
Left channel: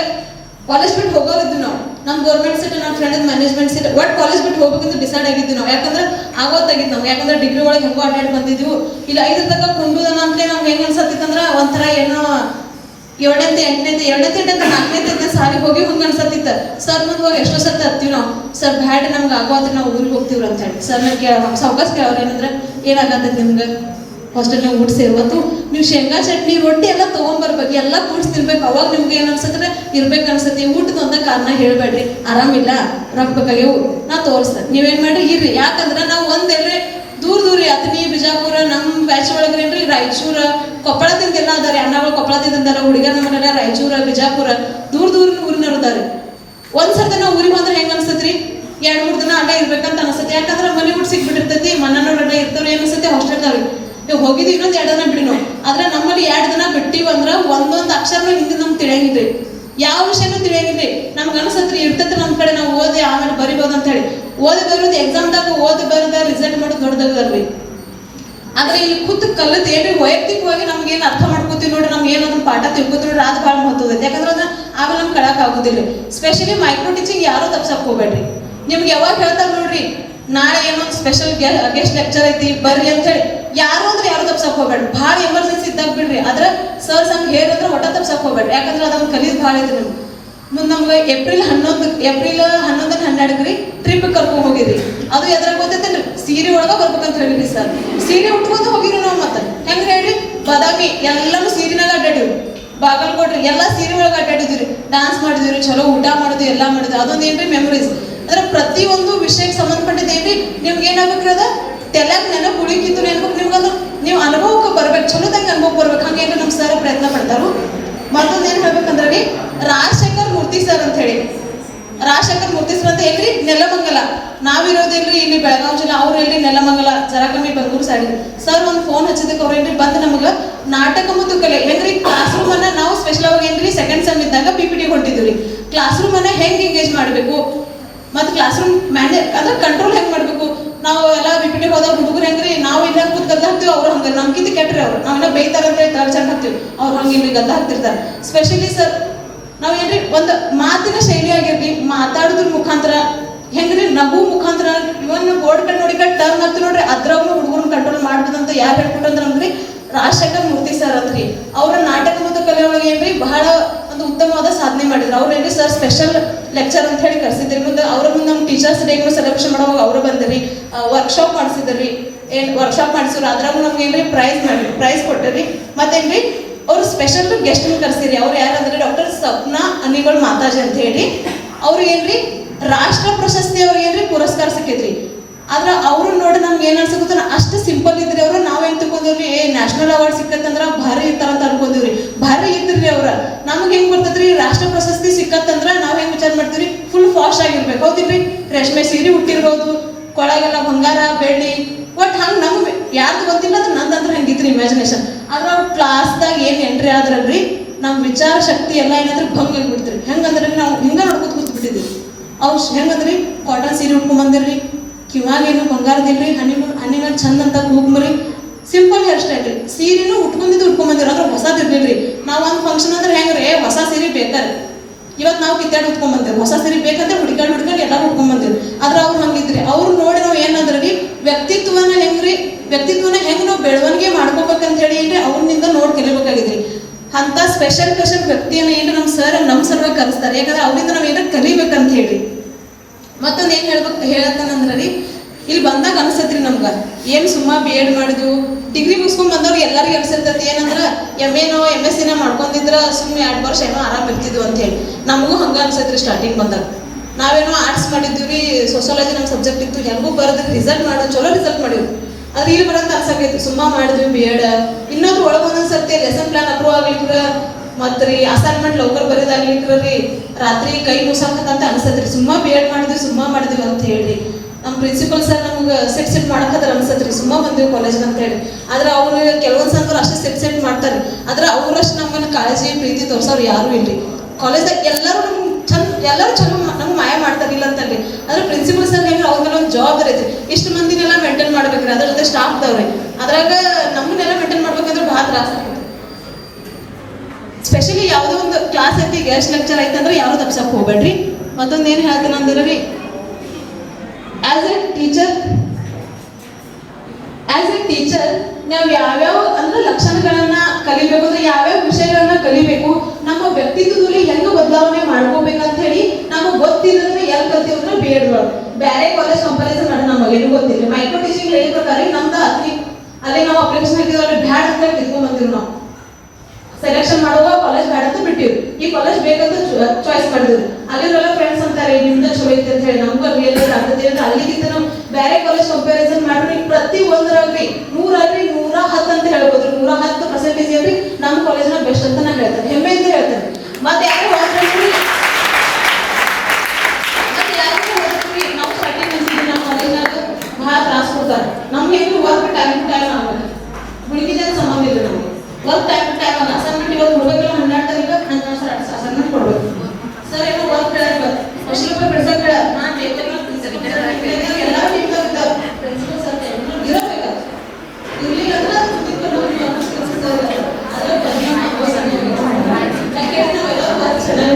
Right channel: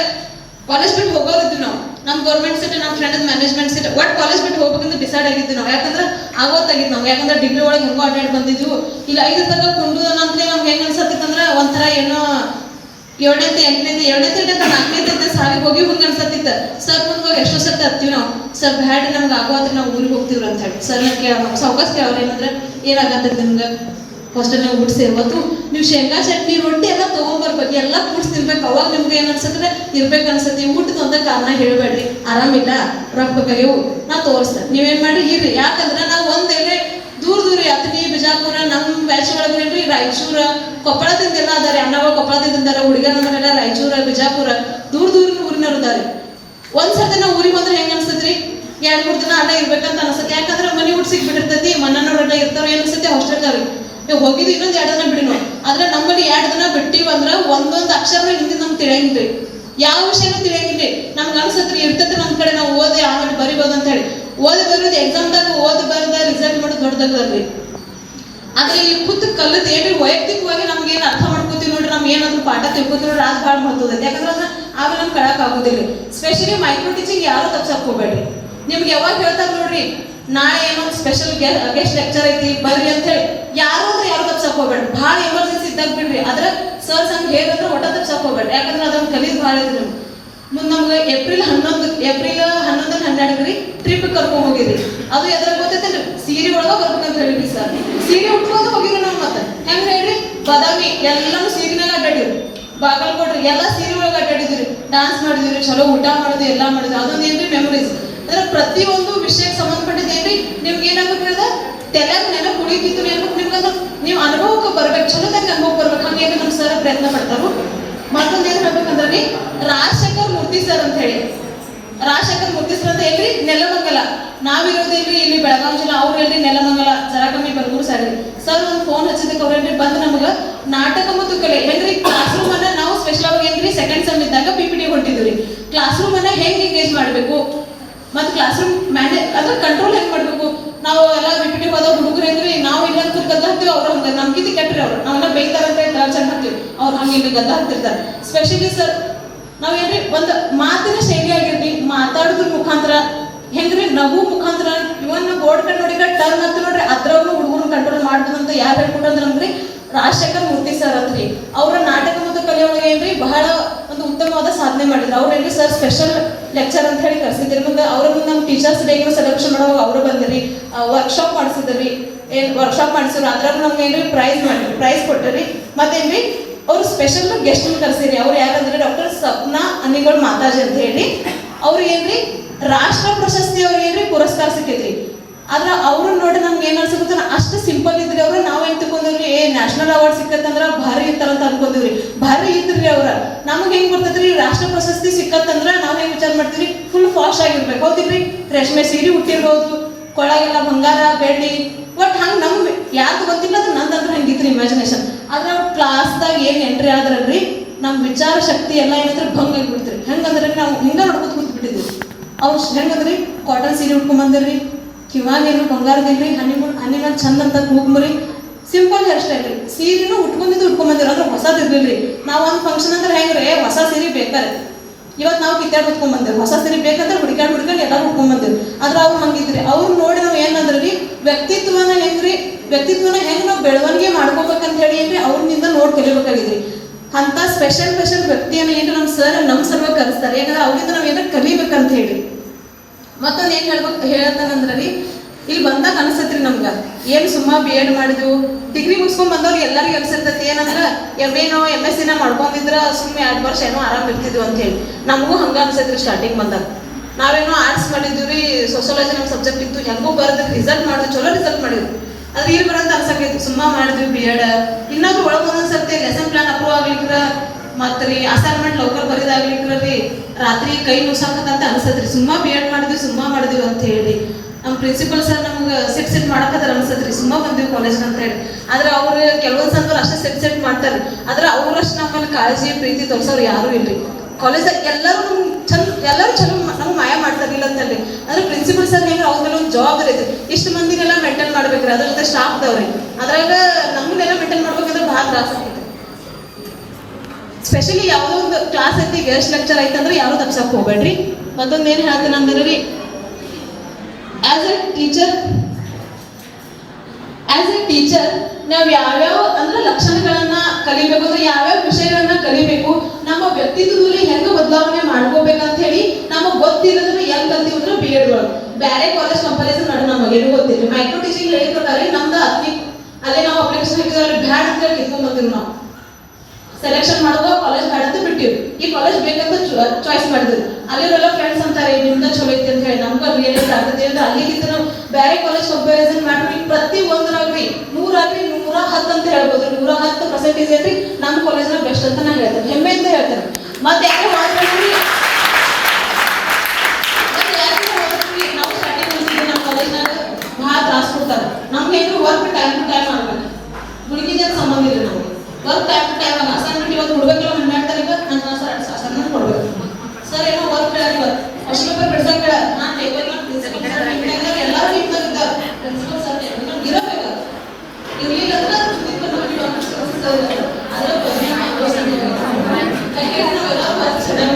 ಕಾಲೇಜ್ ಬಿಟ್ಟು ಹೋಗೋರಿದ್ವಿ ನಾವು. ನಮ್ಮ ಗೌರ್ಮೆಂಟ್ ಸೀಟ್, ನಮ್ಮ ಫ್ರೆಂಡ್ ಮ್ಯಾನೇಜ್ಮೆಂಟ್ ಸೀಟ್, ಒಟ್ಟು ಕಾಲೇಜ್ ಬಿಟ್ಟು ಹೋಗ್ಬೇಕಂತ ಡಿಸೈಡ್ ಆಗಿದ್ವಿ ನಾವು. ಯಾಕಂದ್ರೆ ಆಗೋತ್ತಾಗಿತ್ತು ನಾವು. ಯಾಕಂದ್ರೆ ಡಿಗ್ರಿ ಒಳಗೆ ಹೆಂಗೋ ಅಡ್ಡಾಡಿ ಬಂದಿದ್ವಿ. ಇಲ್ಲ 5 ತನಕ ಕುಂಡುದನ್ನ ಅಂತಲೇ ನಮ್ಗೆ ಹೆಂಗೆ ಅನ್ಸತ್ತಿತ್ತಂದ್ರೆ ಒಂಥರ ಏನೋ 7ನೇ 4ನೇ ಸಾಲಿಗೆ ಹೋಗಿ ಹಂಗೆ ಅನ್ಸತ್ತಿತ್ತು. ಸರ್ ಮುಂದೆ ಹೋಗಿ ಎಷ್ಟೋ ಸರ್ತಿ ಹತ್ತೀವಿ ನಾವು. ಸರ್ ಬ್ಯಾಡ್ ನಮ್ಗೆ ಆಗೋದ್ರೆ ನಾವು ಊರಿಗೆ ಹೋಗ್ತೀವ್ರಿ ಅಂತ ಹೇಳಿ ಸರ್ನ ಸಾವಕಾಶ ಕೇಳೋರು ಏನಂದ್ರೆ ಏನಾಗತ್ತದ ನಿಮ್ಗೆ ಹಾಸ್ಟೆಲ್ನಾಗ ಊಟ ಸೇರ್ವತ್ತು ನೀವು ಶೇಂಗಾ ಚಟ್ನಿ ರೊಟ್ಟಿ ಎಲ್ಲ ತೊಗೊಂಬರ್ಬೇಕು, ಎಲ್ಲ ಕೂಡ್ಸ್ ತಿನ್ಬೇಕು. ಅವಾಗ ನಿಮ್ಗೆ ಏನು ಅನ್ಸತ್ರೆ ಇರ್ಬೇಕು ಅನ್ಸತ್ತೆ. ಊಟದ ಒಂದ ಕಾರಣ ಹೇಳ್ಬೇಡ್ರಿ, ಆರಾಮಿಲ್ಲ ರೊಕ್ಕ ಬೇಕಾಗ್ಯವು ನಾವು ತೋರಿಸ್ತಾರೆ. ನೀವೇನು ಮಾಡ್ರಿ ಇರ್ರಿ. ಯಾಕಂದ್ರೆ ನಾವು ಒಂದೇನೆ ದೂರ ಅತನಿ ಬಿಜಾಪುರ ನಮ್ಮ ಬ್ಯಾಚ್ ಒಳಗೆ ಏನ್ರಿ ರಾಯಚೂರ ಕೊಪ್ಪಳದಿಂದ ಎಲ್ಲ ಅದಾರೆ. ಅಣ್ಣಗಳು ಕೊಪ್ಪಳದಿಂದ ಹುಡುಗರ ನಮ್ಮನೆಲ್ಲ ರಾಯಚೂರ ಬಿಜಾಪುರ ದೂರ ಊರಿನವ್ರು ಅದಾರೆ. ಒಂದ್ಸರ್ತಿ ನಾವು ಊರಿಗೆ ಬಂದ್ರೆ ಹೆಂಗ ಅನ್ಸತ್ರಿ, 2-3 ದಿನ ಅಡ್ಡ ಇರ್ಬೇಕಂತ ಅನ್ಸತ್ತೆ. ಯಾಕಂದ್ರೆ ಮನೆ ಊಟ ಸಿಗ್ಬಿಟ್ಟಿರ್ತೈತಿ, ಮಣ್ಣನವ್ರು ಅಡ್ಡ ಇರ್ತಾವ್ರು. ಏನ್ ಅನ್ಸತ್ತೆ ಹಾಸ್ಟೆಲ್ದವ್ರಿ ನೀವು ಹೋಗಿದ್ದು ಇನ್ನೊಂದು 2 ದಿನ ಬಿಡಿನೋ. ಆದ್ರೆ ನಮ್ಮಲ್ಲಿ 2 ದಿನ ಬಿಟ್ಟಿವಿ ಅಂದ್ರೆ ಒಂದೊಂದು ಅಕ್ಷರನ ಹಿಂದೆ ನಮ್ಗೆ ತಿಳಿಯಂಗಿಲ್ರಿ, ಯಾವ ವಿಷಯನೂ ತಿಳಿಯಂಗಿಲ್ರಿ. ನಮ್ಗೆ ಅನ್ಸತ್ರಿ ಇರ್ತೈತಿ ನಮ್ಮ ಕಡೆ ನಾವು ಓದಿ ಆಮೇಲೆ ಬರಿಬೋದು ಅಂತ ಹೇಳಿ. ಓದಿ ಬರೋದು ಎಕ್ಸಾಮ್ದಾಗ ಓದಿ ಬರೋದ ರಿಸಲ್ಟ್ ಮಾಡೋದು ದೊಡ್ಡದಾಗಲ್ರಿ. ಆದ್ರೆ ಇಲ್ಲಿ ಕೂತು ಕಲಿತು ಏನ್ರಿ ವೈಯಕ್ತಿಕವಾಗಿ ನಮ್ಗೆ ಏನು ಅರ್ಥ ಮಾಡ್ಕೋತೀವಿ ನೋಡ್ರಿ, ನಮ್ಗೆ ಏನಾದ್ರು ಪಾಠ ತಿಳ್ಕೊತೀವಿ ನೋಡ್ರಿ, ಅದು ಭಾಳ ಮಹತ್ವದೈತಿ. ಯಾಕಂದ್ರೆ ಅದನ್ನ ಆಮೇಲೆ ನಮ್ಗೆ ಕಳಕ್ ಆಗೋದಿಲ್ಲ. ಸ್ಪೆಷಲಿ ಮೈಕ್ರೋ ಟೀಚಿಂಗ್ ಯಾರು ತಪ್ಸಕ್ ಹೋಗ್ಬೇಡ್ರಿ. ನಿಮ್ಗೆ ಯಾವಾಗ ಹೇಳ್ತಾರೆ ನೋಡ್ರಿ ನಾಳೆ ಏನೊಂದು ಸ್ಪೆಷಲ್ ಗೆಸ್ಟ್ ಲೆಕ್ಚರ್ ಐತಿ ಬರ್ರಿ ಅಂತ ಹೇಳಿ, ಯಾರು ಅಂದ್ರೆ ಯಾರು ತಪ್ಸಕ್ ಹೋಗ್ಬೇಡ್ರಿ. ಭಾಳ ಎಮರ್ಜೆನ್ಸಿ ಇದ್ದಾಗ ಬಿಡ್ರಿ. ಆದ್ರೆ ಸರ್ ಸಂಗ್ ಹೇಳಿದ್ರೆ ಒಟ್ಟ ತಪ್ಸಕ್ ಹೋಗ್ಬೇಡ್ರಿ. ಯಾಕಂದ್ರೆ ಅದನ್ನ ಕಲಿಯೋದು ಭಾಳ ಇದ್ರು ಮುಂದೆ ನಮ್ಗೆ ಏಪ್ರಿಲ್ 11 ಟ್ರಿಪ್ ಕರ್ಕೊಂಡು ಹೋಗಿದ್ರಿ. ಅದು ಎದ್ರ ಗೊತ್ತೈತೇನ್ರಿ, ಸೀರೆ ಒಳಗ ಬರ್ಬೇಕಂತ ಹೇಳಿದ್ರಿ ಸರ್. ಸೀರೆ ಉಟ್ಕೊಂಡು ಹೋಗಿದ್ರಿ ನಾವು. ಮತ್ತೆ ಹೆಂಗ್ ಹೇಳ್ರಿ, ಬಾದಾಮಿ ಎಲ್ಲಾನು ಸೀರೆನಾಗ ಅಡ್ಡಾಡಿವ್ರಿ, ಬಾಗಲಕೋಟ್ರಿ ಎಲ್ಲ ಸೀರೆ ಒಳಗ ಅಡ್ಡಾಡಿದ್ರಿ, ಡಾನ್ಸ್ ಮಾಡಿದ್ವಿ, ಚಲೋ ಊಟ ಮಾಡಿದ್ವಿ, ಎಲ್ಲ ಮಾಡಿದ್ವಿ. ಅದೊಂದು ಏನ್ರಿ ಮೆಮೊರೀಸ್. ಅದ್ರ ಪ್ರತಿಯೊಂದು ವಿಷಯಕ್ಕೆ ಸಂಬಂಧಪಟ್ಟಿದ್ದು ಏನ್ರಿ ನಿಮ್ಗೆ ಏನಾಗ್ಬೇಕ್ರಿ ಅದ ತೆಲಂಗ ನೆನಪು ಉಳಿತಿತ್ತು ನೆನಪು ನಿಮ್ಗದು ನೀವು ಅನುಭವಕ್ಕೆ ಬರ್ಬೇಕು, ಚಲೋದಂಗೆ ಅನುಭವಕ್ಕೆ ಬರ್ಬೇಕು. ಹಂಗೇನು ನಮ್ಮ ಸರ್ ಪ್ರಯತ್ನ ಪಡ್ತಾರು. ಮತ್ತೊಂದು ಏನ್ ಹೇಳ್ಬೇಕಂದ್ರೆ ರೀ, ರಾಜಶೇಖರ್ ಮೂರ್ತಿ ಸರ್ ಅಂತ ಹೇಳಿ, ರಾಜಶೇಖರ್ ಮೂರ್ತಿ ಸರ್ ಅಂತ ಎಲ್ರಿ ನೆಲಮಂಗಲ, ನಾವಿರೋದಿಲ್ರಿ ಇಲ್ಲಿ ಬೆಳಗಾವಿ ಜಿಲ್ಲಾ, ಅವ್ರು ಎಲ್ರಿ ನೆಲಮಂಗಲ ಜರ ಕಮ್ಮಿ ಬರ್ಗೂರು ಸೈಡ್. ಸರ್ ಒಂದು ಫೋನ್ ಹಚ್ಚಿದಕ್ಕೆ ಅವ್ರು ಏನ್ರಿ ಬಂದು ನಮಗೆ ನಾಟಕ ಮತ್ತು ಕಲೆ ಏನ್ರಿ ಕ್ಲಾಸ್ ರೂಮ್ ಅನ್ನ ನಾವು ಸ್ಪೆಷಲ್ ಆಗಿ ಏನ್ರಿ ಸೆಕೆಂಡ್ ಸೆಮ್ ಇದ್ದಾಗ PPT ಹೊಂಟಿದ್ವಿ. ಕ್ಲಾಸ್ ರೂಮ್ ಅನ್ನ ಹೆಂಗ್ ಎಂಗೇಜ್ ಮಾಡಬೇಕು ಮತ್ತು ಕ್ಲಾಸ್ ರೂಮ್ ಅಂದ್ರೆ ಕಂಟ್ರೋಲ್ ಹೆಂಗ್ ಮಾಡಬೇಕು, ನಾವು ಎಲ್ಲ PPT ಹೋದ ಹುಡುಗರು ಹೆಂಗ್ರಿ ನಾವು ಇಲ್ಲ ಕೂತ್ ಗದ್ದ ಹಾಕ್ತಿವಿ, ಅವ್ರು ಹಂಗ ನಮ್ಗಿಂತ ಕೆಟ್ಟ್ರಿ ಅವ್ರು ನಾವೆಲ್ಲ ಬೈತಾರ ಅಂತ ಹೇಳಿ ತಲೆಚಂಡ್ ಹಾಕ್ತಿವಿ, ಅವ್ರು ಹಂಗೆ ಗದ್ದ ಹಾಕ್ತಿರ್ತಾರೆ. ಸ್ಪೆಷಲಿ ಸರ್ ನಾವ್ ಏನ್ರಿ ಒಂದು ಮಾತಿನ ಶೈಲಿ ಆಗಿರ್ಲಿ, ಮಾತಾಡೋದ್ರ ಮುಖಾಂತರ ಹೆಂಗ್ರಿ ನಗು ಮುಖಾಂತರ, ಇವನ್ ಬೋರ್ಡ್ ಕಡೆ ನೋಡಿ ಟರ್ನ್ ಆಗ್ತಿ ನೋಡ್ರಿ, ಅದ್ರಾಗೂ ಹುಡುಗರು ಕಂಟ್ರೋಲ್ ಮಾಡ್ಬೋದು ಅಂತ ಯಾರು ಹೇಳ್ಕೊಟ್ಟಂದ್ರ ಅಂದ್ರೆ ರಾಜಶೇಖರ್ ಮೂರ್ತಿ ಸರ್ ಅಂತ್ರಿ. ಅವ್ರ ನಾಟಕ ಮತ್ತು ಕಲೆ ಒಳಗೆ ಏನ್ರಿ ಬಹಳ ಒಂದು ಉತ್ತಮವಾದ ಸಾಧನೆ ಮಾಡಿದ್ರು. ಅವ್ರು ಏನ್ರಿ ಸರ್ ಸ್ಪೆಷಲ್ ಲೆಕ್ಚರ್ ಅಂತ ಹೇಳಿ ಕರ್ಸಿದ್ರಿ. ಮುಂದೆ ಅವ್ರ ಮುಂದೆ ನಮ್ಮ ಟೀಚರ್ಸ್ ಡೇಗೂ ಸೆಲೆಬ್ರೇಷನ್ ಮಾಡುವಾಗ ಅವರು ಬಂದಿರಿ, ವರ್ಕ್ಶಾಪ್ ಮಾಡಿಸಿದ್ರಿ, ವರ್ಕ್ಶಾಪ್ ಮಾಡಿಸಿದ್ರು. ಅದ್ರಾಗ ನಮ್ಗೆ ಏನ್ರಿ ಪ್ರೈಸ್ ಕೊಟ್ಟಿರಿ. ಮತ್ತೇನ್ರಿ ಅವ್ರು ಸ್ಪೆಷಲ್ ಗೆಸ್ಟ್ ಕರ್ಸಿರಿ. ಅವ್ರು ಯಾರಂದ್ರೆ ಡಾಕ್ಟರ್ ಸಪ್ನಾ ಅನಿಗೋಳ್ ಮಾತಾಜಿ ಅಂತ ಹೇಳಿ, ಅವ್ರಿಗೆ ಏನ್ರಿ ರಾಷ್ಟ್ರ ಪ್ರಶಸ್ತಿ ಅವ್ರಿಗೆ ಏನ್ರಿ ಪುರಸ್ಕಾರ ಸಿಕ್ಕೈತ್ರಿ. ಆದ್ರ ಅವ್ರು ನೋಡಿ ನಮ್ಗೆ ಏನ್ ಅನ್ಸುತ್ತ, ಅಷ್ಟು ಸಿಂಪಲ್ ಇದ್ರಿ ಅವ್ರು. ನಾವೇನ್ ತಿಳ್ಕೊಂಡ್ರಿ ನ್ಯಾಷನಲ್ ಅವಾರ್ಡ್ ಸಿಕ್ಕತ್ತಂದ್ರ ಭಾರಿ ಇರ್ತಾರಂತ ಅನ್ಕೊಂಡಿವ್ರಿ, ಭಾರಿ ಇದ್ರಿ ಅವ್ರ. ನಮಗ್ ಹೆಂಗ್ ಬರ್ತದ್ರಿ ರಾಷ್ಟ್ರ ಪ್ರಶಸ್ತಿ ಸಿಕ್ಕತ್ತಂದ್ರ ನಾವ್ ಹೆಂಗ್ ವಿಚಾರ ಮಾಡ್ತೀವಿ, ಫುಲ್ ಫಾಸ್ಟ್ ಆಗಿರ್ಬೇಕು, ಹೌದಿಲ್ರಿ? ರೇಷ್ಮೆ ಸೀರೆ ಹುಟ್ಟಿರ್ಬೋದು, ಕೊಳಗೆಲ್ಲ ಬಂಗಾರ ಬೆಳ್ಳಿ, ಒಟ್ ಹಂಗ್ ನಮ್ಗೆ ಯಾರ್ದು ಗೊತ್ತಿಲ್ಲ, ಅದು ನಂದಂದ್ರೆ ಹೆಂಗಿತ್ರಿ ಇಮ್ಯಾಜಿನೇಷನ್. ಆದ್ರೆ ಅವ್ರ ಕ್ಲಾಸ್ದಾಗ ಏನ್ ಎಂಟ್ರಿ ಆದ್ರಲ್ರಿ, ನಮ್ ವಿಚಾರ ಶಕ್ತಿ ಎಲ್ಲ ಏನಾದ್ರೆ ಭಂಗ ಆಗಿಬಿಡ್ತೀರಿ. ಹೆಂಗಂದ್ರೆ ನಾವು ಹಿಂಗ ನೋಡ್ಕೊತ ಕೂತ್ಬಿಟ್ಟಿದ್ವಿ. ಅವ್ರು ಹೆಂಗಂದ್ರಿ ಕಾಟನ್ ಸೀರೆ ಉಟ್ಕೊಂಡ್ ಬಂದಿರ್ರಿ, ಕಿವಾಗೇನು ಬಂಗಾರದಿಲ್ರಿ, ಹನಿಮೇಲೆ ಚಂದ ಅಂತ ಕೂಗ್ಮರಿ, ಸಿಂಪಲ್ ಹೇರ್ ಸ್ಟೈಲ್ ರೀ. ಸೀರೆನೂ ಉಟ್ಕೊಂಬಂದಿರ ಅಂದ್ರೆ ಹೊಸದ್ ಇರ್ಲಿಲ್ರಿ. ನಾವ್ ಒಂದ್ ಫಂಕ್ಷನ್ ಅಂದ್ರೆ ಹೆಂಗ್ರಿ ಹೊಸ ಸೀರೆ ಬೇಕಾರೆ, ಇವತ್ತು ನಾವು ಕಿತ್ತಾಡಿ ಉಟ್ಕೊಂಡ್ಬಂದಿರಿ, ಹೊಸ ಸೀರೆ ಬೇಕಂದ್ರೆ ಹುಡುಕಾಡಿ ಎಲ್ಲರೂ ಉಟ್ಕೊಂಡ್ಬಂದಿರಿ. ಆದ್ರೆ ಅವ್ರು ಹಂಗಿದ್ರಿ. ಅವ್ರು ನೋಡಿ ನಾವು ಏನಂದ್ರಿ ವ್ಯಕ್ತಿತ್ವನ ಹೆಂಗ್ ನಾವು ಬೆಳವಣಿಗೆ ಮಾಡ್ಕೋಬೇಕಂತ ಹೇಳಿ ಏನ್ರಿ ಅವ್ರನಿಂದ ನೋಡಿ ಕಲಿಬೇಕಾಗಿದ್ರಿ. ಅಂತ ಸ್ಪೆಷಲ್ ವ್ಯಕ್ತಿಯನ್ನ ಏನ್ರಿ ನಮ್ಮ ಸರ್ ನಮ್ಮ ಸಲುವಾಗಿ ಕಲಿಸ್ತಾರೆ, ಯಾಕಂದ್ರೆ ಅವ್ರಿಂದ ನಾವು ಏನಾರ ಕಲಿಬೇಕಂತ ಹೇಳಿ. ಮತ್ತೊಂದು ಏನ್ ಹೇಳತ್ತಂದ್ರಿ, ಇಲ್ಲಿ ಬಂದಾಗ ಅನ್ಸತ್ರಿ ನಮ್ಗ ಏನ್ ಸುಮ್ಮ BEd ಮಾಡಿದ್ವು, ಡಿಗ್ರಿ ಮುಗಿಸ್ಕೊಂಡ್ ಬಂದವ್ರಿಗೆ ಎಲ್ಲರಿಗೂ ಅನ್ಸಿರ್ತೈತಿ ಏನಂದ್ರ MA MSc ಮಾಡ್ಕೊಂಡಿದ್ರ ಸುಮ್ಮನೆ 2 ವರ್ಷ ಏನೋ ಆರಾಮ್ ಇರ್ತಿದ್ವು ಅಂತ ಹೇಳಿ. ನಮಗೂ ಹಂಗ ಅನ್ಸತ್ರಿ ಸ್ಟಾರ್ಟಿಂಗ್ ಬಂದಾಗ. ನಾವೇನೋ ಆರ್ಟ್ಸ್ ಮಾಡಿದ್ವಿ, ಸೋಶಿಯಾಲಜಿ ನಮ್ಮ ಸಬ್ಜೆಕ್ಟ್ ಇತ್ತು, ಹೆಂಗೂ ಬರೋದಕ್ಕೆ ರಿಸಲ್ಟ್ ಮಾಡೋದು ಚಲೋ ರಿಸಲ್ಟ್ ಮಾಡಿದ್ವಿ. ಅದು ಇಲ್ಲಿ ಬರಂತ ಅನ್ಸಕೈತಿ, ಸುಮ್ಮ ಮಾಡಿದ್ವಿ BEd. ಇನ್ನೊಂದು ಒಳಗೊಂದೊಂದ್ ಸರ್ತಿ ಲೆಸನ್ ಪ್ಲಾನ್ ಅಪ್ರೂವ್ ಆಗ್ಲಿಕ್ರ ಮತ್ರಿ ಅಸೈನ್ಮೆಂಟ್ ಲೌಕರ್ ಬರೀದಾಗ್ಲಿಕ್ರಿ ರಾತ್ರಿ ಕೈ ಮುಸಾಕಂತ ಅನ್ಸತ್ರಿ. ಸುಮ್ಮ BEd ಮಾಡಿದ್ವಿ ಅಂತ ಹೇಳಿ. ನಮ್ಮ ಪ್ರಿನ್ಸಿಪಲ್ ಸರ್ ನಮ್ಗೆ ಸೆಟ್ ಮಾಡಕದ್ರ ಅನ್ಸತ್ರಿ, ಸುಮ್ಮ ಬಂದಿವಿ ಕಾಲೇಜ್ ಅಂತ ಹೇಳಿ. ಆದ್ರೆ ಅವ್ರು ಕೆಲವೊಂದ್ ಸಂದರ್ಭ ಅಷ್ಟೇ ಸೆಟ್ ಮಾಡ್ತಾರೆ, ಆದ್ರೆ ಅವ್ರಷ್ಟು ನಮ್ಮನ್ನ ಕಾಳಜಿ ಪ್ರೀತಿ ತೋರ್ಸೋರು ಯಾರು ಇಲ್ರಿ. ಕಾಲೇಜ್ದಾಗ ಎಲ್ಲರೂ ಚಲೋ ನಮ್ಗೆ ಮಾಯ ಮಾಡ್ತಾರಿಲ್ಲ ಅಂತಲ್ರಿ. ಆದ್ರೆ ಪ್ರಿನ್ಸಿಪಲ್ ಸರ್ ಹೆಂಗ್ರಿ ಅವ್ರ ಮೇಲೆ ಒಂದು ಜವಾಬ್ದಾರಿ ಐತ್ರಿ, ಇಷ್ಟು ಮಂದಿನೆಲ್ಲ ಮೇಂಟೈನ್ ಮಾಡ್ಬೇಕ್ರಿ, ಅದ್ರ ಜೊತೆ ಸ್ಟಾಫ್ ದವ್ರಿ. ಅದ್ರಾಗ ನಮ್ಮನ್ನೆಲ್ಲ ಮೇಂಟೈನ್ ಮಾಡ್ಬೇಕಂದ್ರೆ ಭಾಳ ತ್ರಾಸ ಆಗ್ತದೆ. ಸ್ಪೆಷಲಿ ಯಾವುದೋ ಒಂದು ಕ್ಲಾಸ್ ಐತಿ, ಗೆಸ್ಟ್ ಲೆಕ್ಚರ್ ಐತಂದ್ರೆ ಯಾರು ತಪ್ಸಕ್ ಹೋಗ್ಬೇಡ್ರಿ. ಮತ್ತೊಂದು ಏನ್ ಹೇಳ್ತೀನಿ ಅಂದ್ರೆ ರೀ, ಆಸ್ ಎ ಟೀಚರ್ ನಾವು ಯಾವ್ಯಾವ ಅಂದ್ರೆ ಲಕ್ಷಣಗಳನ್ನ ಕಲಿಬೇಕು, ಅಂದ್ರೆ ಯಾವ್ಯಾವ ವಿಷಯಗಳನ್ನ ಕಲಿಬೇಕು, ನಮ್ಮ ವ್ಯಕ್ತಿತ್ವದಲ್ಲಿ ಹೆಂಗ ಬದಲಾವಣೆ ಮಾಡ್ಕೋಬೇಕಂತ ಹೇಳಿ ನಮಗ್ ಗೊತ್ತಿಲ್ಲಂದ್ರೆ ಎಲ್ಲಿ ಕಲ್ತೀವಂದ್ರೆ BEd ಒಳಗೆ. ಬೇರೆ ಕಾಲೇಜ್ ಕಂಪೇರಿಸನ್ ಮಾಡಿ ನಮಗೇನು ಗೊತ್ತಿಲ್ಲ. ಮೈಕ್ರೋ ಟೀಚಿಂಗ್ ಹೇಳಿದ ಪ್ರಕಾರ ನಮ್ದು ಅಲ್ಲೇ ನಾವು ಅಪ್ಲಿಕೇಶನ್ ಹಾಕಿದ್ರೆ ಬ್ಯಾಡ್ ಅಂತ ಕಿತ್ಕೊಂಡ್ ಬಂದಿವಿ. ನಾವು ಸೆಲೆಕ್ಷನ್ ಮಾಡುವಾಗ ಕಾಲೇಜ್ ಬ್ಯಾಡ್ ಅಂತ ಬಿಟ್ಟಿವಿ, ಈ ಕಾಲೇಜ್ ಬೇಕಂತ ಚಾಯ್ಸ್ ಮಾಡಿದ್ವಿ. ಅಲ್ಲಿರೋಲ್ಲ ಫ್ರೆಂಡ್ಸ್ ಅಂತಾರೆ ನಿಮ್ದ ಚಲೋ ಐತೆ ಅಂತ ಹೇಳಿ. ನಮ್ಗೆ ರಿಯಲೈಸ್ ಆಗ್ತದೆ ಅಂದ್ರೆ ಅಲ್ಲಿಗಿಂತ ಬೇರೆ ಕಾಲೇಜ್ ಕಂಪ್ಯಾರಿಸನ್ ಮಾಡ್ರಿ, ಪ್ರತಿ ಒಂದರಾಗ್ರಿ 100 ಅಂತ ಹೇಳ್ಬೋದು. 110% ಏನ್ರಿ ನಮ್ಮ ಕಾಲೇಜ್ನ ಬೆಸ್ಟ್ ಅಂತ ನಾ ಹೇಳ್ತೇನೆ, ಹೆಮ್ಮೆ ಅಂತ ಹೇಳ್ತೇನೆ. ಮತ್ತೆ ಯಾಕೆ ನಾವು ಸ್ಟಾರ್ಟಿಂಗ್ ನಮ್ಮ ಕಾಲೇಜ್ನಾಗ ಭಾಳ ತ್ರಾಸ ಕೊಡ್ತಾರೆ. ನಮ್ಗೆ ಏನು ವರ್ಕ್ ಟೈಮ್ ಟು ಟೈಮ್ ಆಗ್ಬೇಕು, ಹುಡುಗಿದೇನು ಸಂಬಂಧ ಇಲ್ಲ. ನಮಗೆ ವರ್ಕ್ ಟೈಮ್ ಟು ಟೈಮ್ ಅಲ್ಲ. ಅಸೈನ್ಮೆಂಟ್ ಇವತ್ತು ಕೊಡ್ಬೇಕಲ್ಲ 12 ತಾರೀಕು ಅಸೈನ್ಮೆಂಟ್ ಕೊಡ್ಬೇಕು. ಸರ್ ಏನೋ ವರ್ಕ್ ಹೇಳ ಕ್ವಶನ್ ಪೇಪರ್ ಬಿಡ್ಸಕ್ ಹೇಳ, ನಾನು ಟೇಬಲ್ ಎಲ್ಲರೂ ನಿಂತಿರ್ತಾರೆ, ಪ್ರಿನ್ಸಿಪಲ್ ಸರ್ ಇರಬೇಕು. ಇರ್ಲಿಲ್ಲ ಅಂದ್ರೆ ನಾವೆಲ್ಲರೂ ವರ್ಕ್ ಚೆನ್ನಾಗಿ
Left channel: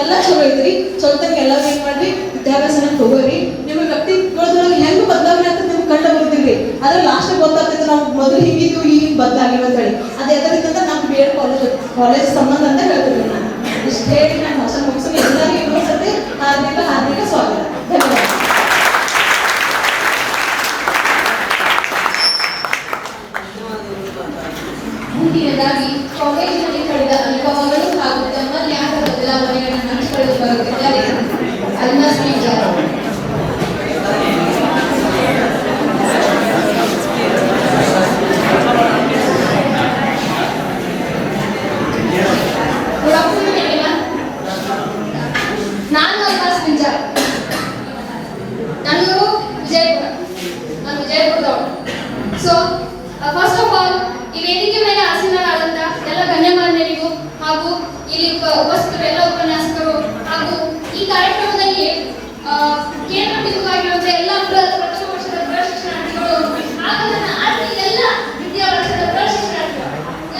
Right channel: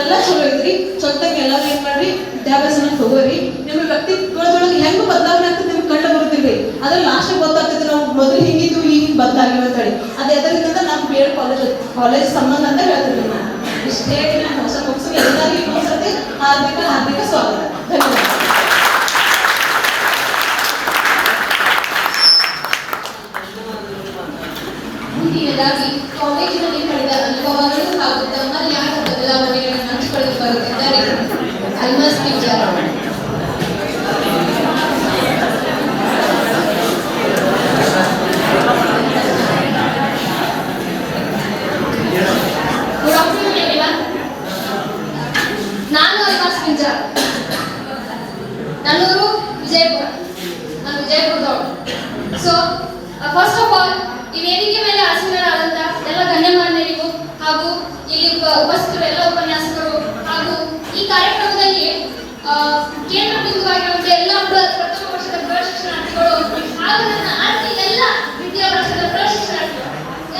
ಎಲ್ಲ ಚಲೋ ಐತ್ರಿ. ಸ್ವಂತಕ್ಕೆ ಎಲ್ಲರೂ ಏನ್ ಮಾಡ್ರಿ, ವಿದ್ಯಾಭ್ಯಾಸನ ತಗೋರಿ. ನಿಮ್ಮ ವ್ಯಕ್ತಿತ್ವದೊಳಗೆ ಹೆಂಗ್ ಬದಲಾವಣೆ ಆಗ್ತದೆ ನಿಮ್ಗೆ ಕಂಡು ಬರ್ತಿರ್ರಿ. ಅದ್ರ ಲಾಸ್ಟ್ ಗೊತ್ತಾಗ್ತೈತೆ ನಾವು ಮೊದಲು ಹಿಂಗಿದ್ದು ಈಗ ಬದಲಾಗಿಲ್ಲ ಅಂತ ಹೇಳಿ. ಅದು ಎದರಿಂದ ನಾವು BEd ಕಾಲೇಜ್ ಸಂಬಂಧ ಅಂತ ಹೇಳ್ತೀವಿ. ನಾನು ಇಷ್ಟೇ ನಾನು ಹೊಸ ಮುಗಿಸಿ ಎಲ್ಲರಿಗೂ ಇನ್ನೊಂದ್ಸತಿ ಹಾರ್ದಿಕ ಸ್ವಾಗತ. ಧನ್ಯವಾದ. ಮುಂದಿನದಾಗಿ ಕಾಲೇಜಿನಲ್ಲಿ ಕಳೆದ ಅನುಭವಗಳು ಹಾಗೂ ತಮ್ಮಲ್ಲಿ ಆದ ಬದಲಾವಣೆಗಳನ್ನು ಹಂಚಿಕೊಳ್ಳಲು ಬರುತ್ತಿದ್ದಾರೆ Almas Pinjara. Good afternoon everyone. ನಾನು ಅಲ್ಮಾಸ್ ಪಿಂಜಾರ. ನನ್ನೂರು ವಿಜಯಪುರ. ನಾನು ವಿಜಯಪುರದವಳು. ಸೊ ಫಸ್ಟ್ ಆಫ್ ಆಲ್ ಈ ವೇದಿಕೆ ಮೇಲೆ ಆಸೀನರಾದಂಥ ಎಲ್ಲ ಗಣ್ಯಮಾನ್ಯರಿಗೂ ಹಾಗೂ ಇಲ್ಲಿ ಉಪಸ್ಥಿತರು ಎಲ್ಲ ಉಪನ್ಯಾಸಕರು ಹಾಗೂ ಈ ಕಾರ್ಯಕ್ರಮದಲ್ಲಿ ಕೇಂದ್ರ ಬಿಂದುವಾಗಿರುವಂಥ ಎಲ್ಲ ಪ್ರಥಮ ವರ್ಷದ ಪ್ರಶಿಕ್ಷಣಾರ್ಥಿಗಳು ಹಾಗೂ ನನ್ನ ಎಲ್ಲ ದ್ವಿತೀಯ ವರ್ಷದ ಪ್ರಶಿಕ್ಷಣಾರ್ಥಿಗಳು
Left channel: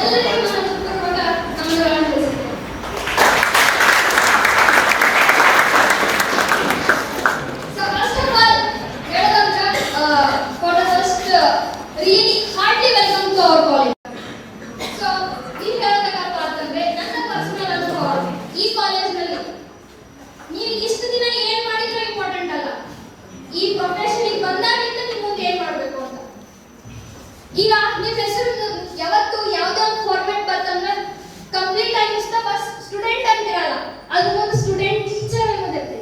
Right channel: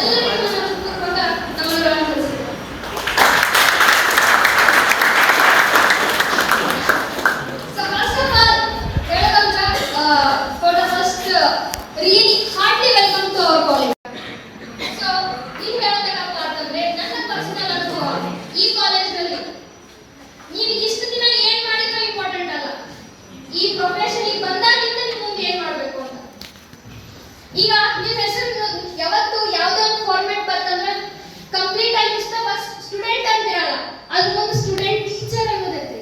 ಎಲ್ಲರಿಗೂ ನನ್ನ ಪೂರ್ವಕ ನಮನಗಳನ್ನು ತಿಳಿಸುತ್ತೇನೆ. So first of all, ಹೇಳೋದಂತ for the first really heartily welcome to our college. So ಈಗ ಹೇಳಬೇಕಪ್ಪ ಅಂತಂದ್ರೆ ನನ್ನ ಪರ್ಸನಲ್ ಅನುಭವ ಈ ಕಾಲೇಜ್ನಲ್ಲಿ ನೀವು ಇಷ್ಟು ದಿನ ಏನ್ ಮಾಡಿದ್ರೆ ಇಂಪಾರ್ಟೆಂಟ್ ಅಲ್ಲ, ಈ ಪ್ರೊಫೆಷನ್ಗೆ ಬಂದಾಗಿಂದ ನೀವು ಮುಂದೆ ಏನ್ ಮಾಡಬೇಕು ಅಂತ. ಈಗ ನಿಮ್ಮ ಹೆಸರು ಯಾವತ್ತು ಯಾವುದೋ ಒಂದು ಫಾರ್ಮ್ಯಾಟ್ ಬರ್ತಂದ್ರೆ ಕಂಪ್ಲೀಟ್ ಆಗಿ ಇಷ್ಟ ಸ್ಟೂಡೆಂಟ್ ಅಂತಿರಲ್ಲ, ಅದ್ರ ಮುಂದೆ ಸ್ಟೂಡೆಂಟ್ ಟೀಚರ್ ಅನ್ನೋದಿರುತ್ತೆ.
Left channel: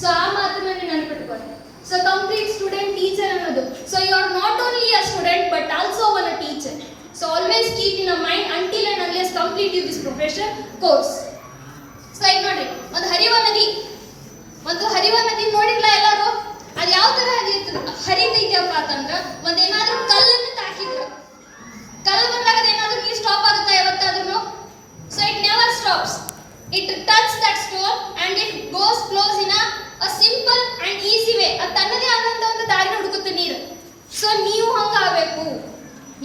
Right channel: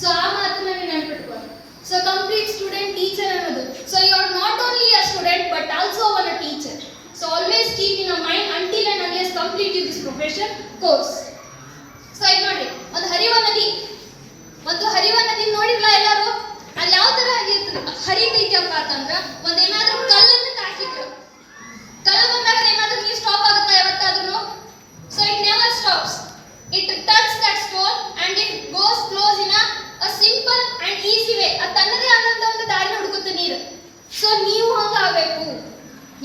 ಸೊ ಆ ಮಾತನ್ನ ನೀವು ನೆನಪಿಟ್ಕೊಳ್ಳಿ. ಸೊ ಕಂಪ್ಲೀಟ್ ಸ್ಟೂಡೆಂಟ್ ಟೀಚರ್ ಅನ್ನೋದು. So you are not only a student but also one a teacher. So always keep in a mind until and unless complete this profession course. So ಈಗ ನೋಡಿ, ಒಂದು ಹರಿವ ನದಿ ನೋಡಿರಲ್ಲ ಎಲ್ಲರೂ? ಅದು ಯಾವ ತರ ಹರಿತೈತಪ್ಪ ಅಂತಂದ್ರೆ ಒಂದೇನಾದ್ರೂ ಕಲ್ಲನ್ನು ತಾಕಿದ್ರು, ಕಲ್ಲು ಬಂದಾಗ ಏನಾದ್ರೂ ನೀರು ಸ್ಟಾಪ್ ಆಗುತ್ತೆ ಯಾವತ್ತಾದ್ರೂ? So it never stops. It touch that stone and it goes flows in a simple and easy way. ಅದು ತನ್ನದೇ ಆದಂತ ಒಂದು ದಾರಿ ಹುಡುಕುತ್ತೆ ನೀರು. ಸೊ ನೀವು ಹಂಗಾಗಬೇಕು.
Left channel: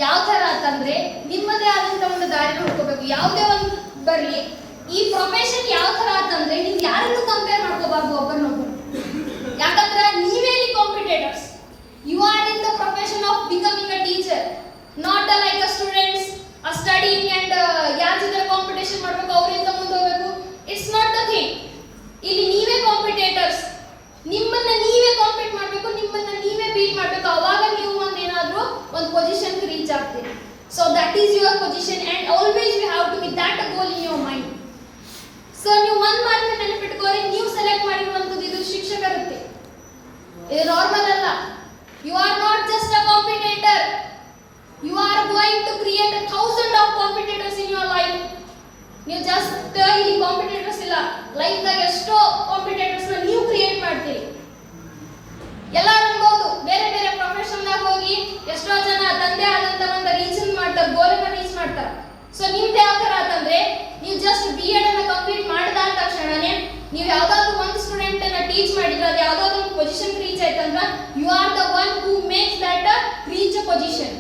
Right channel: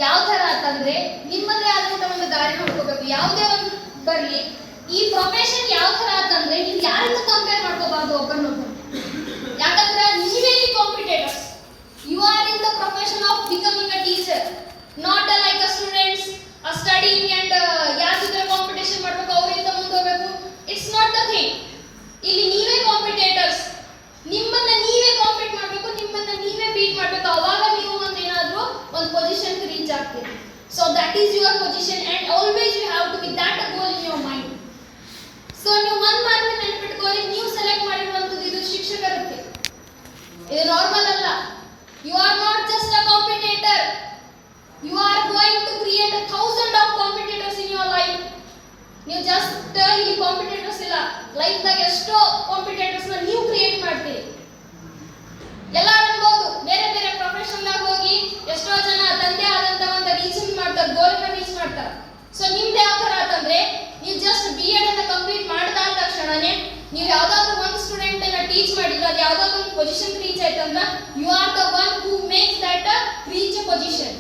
ಯಾವ ತರ ಅಂತಂದ್ರೆ ನಿಮ್ಮದೇ ಆದಂತ ಒಂದು ದಾರಿನ ಹುಡ್ಕೋಬೇಕು. ಯಾವುದೇ ಒಂದು ಬರ್ಲಿ, ಈ ಪ್ರೊಫೆಷನ್ ಯಾವ ತರ ಅಂತಂದ್ರೆ ನೀವು ಯಾರನ್ನು ಕಂಪೇರ್ ಮಾಡ್ಕೋಬಾರ್ದು ಒಬ್ಬರನ್ನೊಬ್ಬರು. ಯಾಕಂದ್ರೆ ನೀವೇ ಇಲ್ಲಿ competitors. You are in the profession of becoming a teacher, not like a students studying and ಯಾರ ಜೊತೆ ಕಾಂಪಿಟೇಷನ್ ಮಾಡ್ಬೇಕು, ಅವರಿಂದ ಮುಂದೆ ಹೋಗ್ಬೇಕು. It's not the thing. ಇಲ್ಲಿ ನೀವೇ ಕಾಂಪಿಟೇಟರ್ಸ್. ನಿಮ್ಮನ್ನ ನೀವೇ ಕಾಂಪೀಟ್ ಮಾಡಬೇಕು, ನಿಮ್ಮನ್ನ ನೀವೇ ಬೀಟ್ ಮಾಡಬೇಕು. ಅವಾಗ ನೀವು ಒಂದೇನಾದ್ರೂ ಒಂದು ಪೊಸಿಷನ್ ರೀಚ್ ಆಗ್ತೀರಿ. So that is your position and always you have to be that a goal in your mind. So ನೀವು ಒಂದು ಮಾತನ್ನ ನೆನಪಿಟ್ಕೋರಿ, ನೀವು ಸೆಲೆಕ್ಟ್ ಮಾಡಿರುವಂಥದ್ದು ಇದು ಶಿಕ್ಷಕರುತ್ತೆ. ಇದು ನಾರ್ಮಲ್ ಅಲ್ಲ. You are not just a competitor. You are going to create 1000 of competitors in your life. ನೀವು just ಇಲ್ಲಿ ಕಾಂಪಿಟೇಟರ್ಸ್ ಇಲ್ಲ, ಲೈಫ್ದಾಗ ಎಷ್ಟೋ ಕಾಂಪಿಟೇಟರ್ಸ್ ನೀವು ಕ್ರಿಯೇಟ್ ಮಾಡ್ತೀರಿ. ಎಲ್ಲರೂ ಅನ್ಬೋದು, ಬೇರೆ ಬೇರೆ ಪ್ರೊಫೆಷನ್ದಾಗ ಹೋಗಿ ಎಷ್ಟೋ ಜನ ತಂದೆ ಆದಂತ ಒಂದು ರೀಚ್ ಮಾಡ್ತಾರೆ, ಗೋಲನ್ನ ರೀಚ್ ಮಾಡ್ತಾರೆ. ಸೊ ನಿಮ್ದು ಯಾವ ತರ ಅಂತಂದ್ರೆ ನೀವು ಜಸ್ಟ್ BEd ಅನ್ನ ಕಂಪ್ಲೀಟ್ ಮಾಡಿದ ತಕ್ಷಣನೇ ನೀವು ಯಾವ್ದಾದ್ರು ಒಂದು ಸ್ಟೂಡೆಂಟ್ ಅನ್ನ ಟೀಚ್ ಮಾಡಿದ್ರೆ ಅದು ಯಾವ್ದಾದ್ರು ಒಂದು ಪೊಸಿಷನ್ ರೀಚ್ ಆಯ್ತಂದ್ರೆ you are the one who makes that reach a position.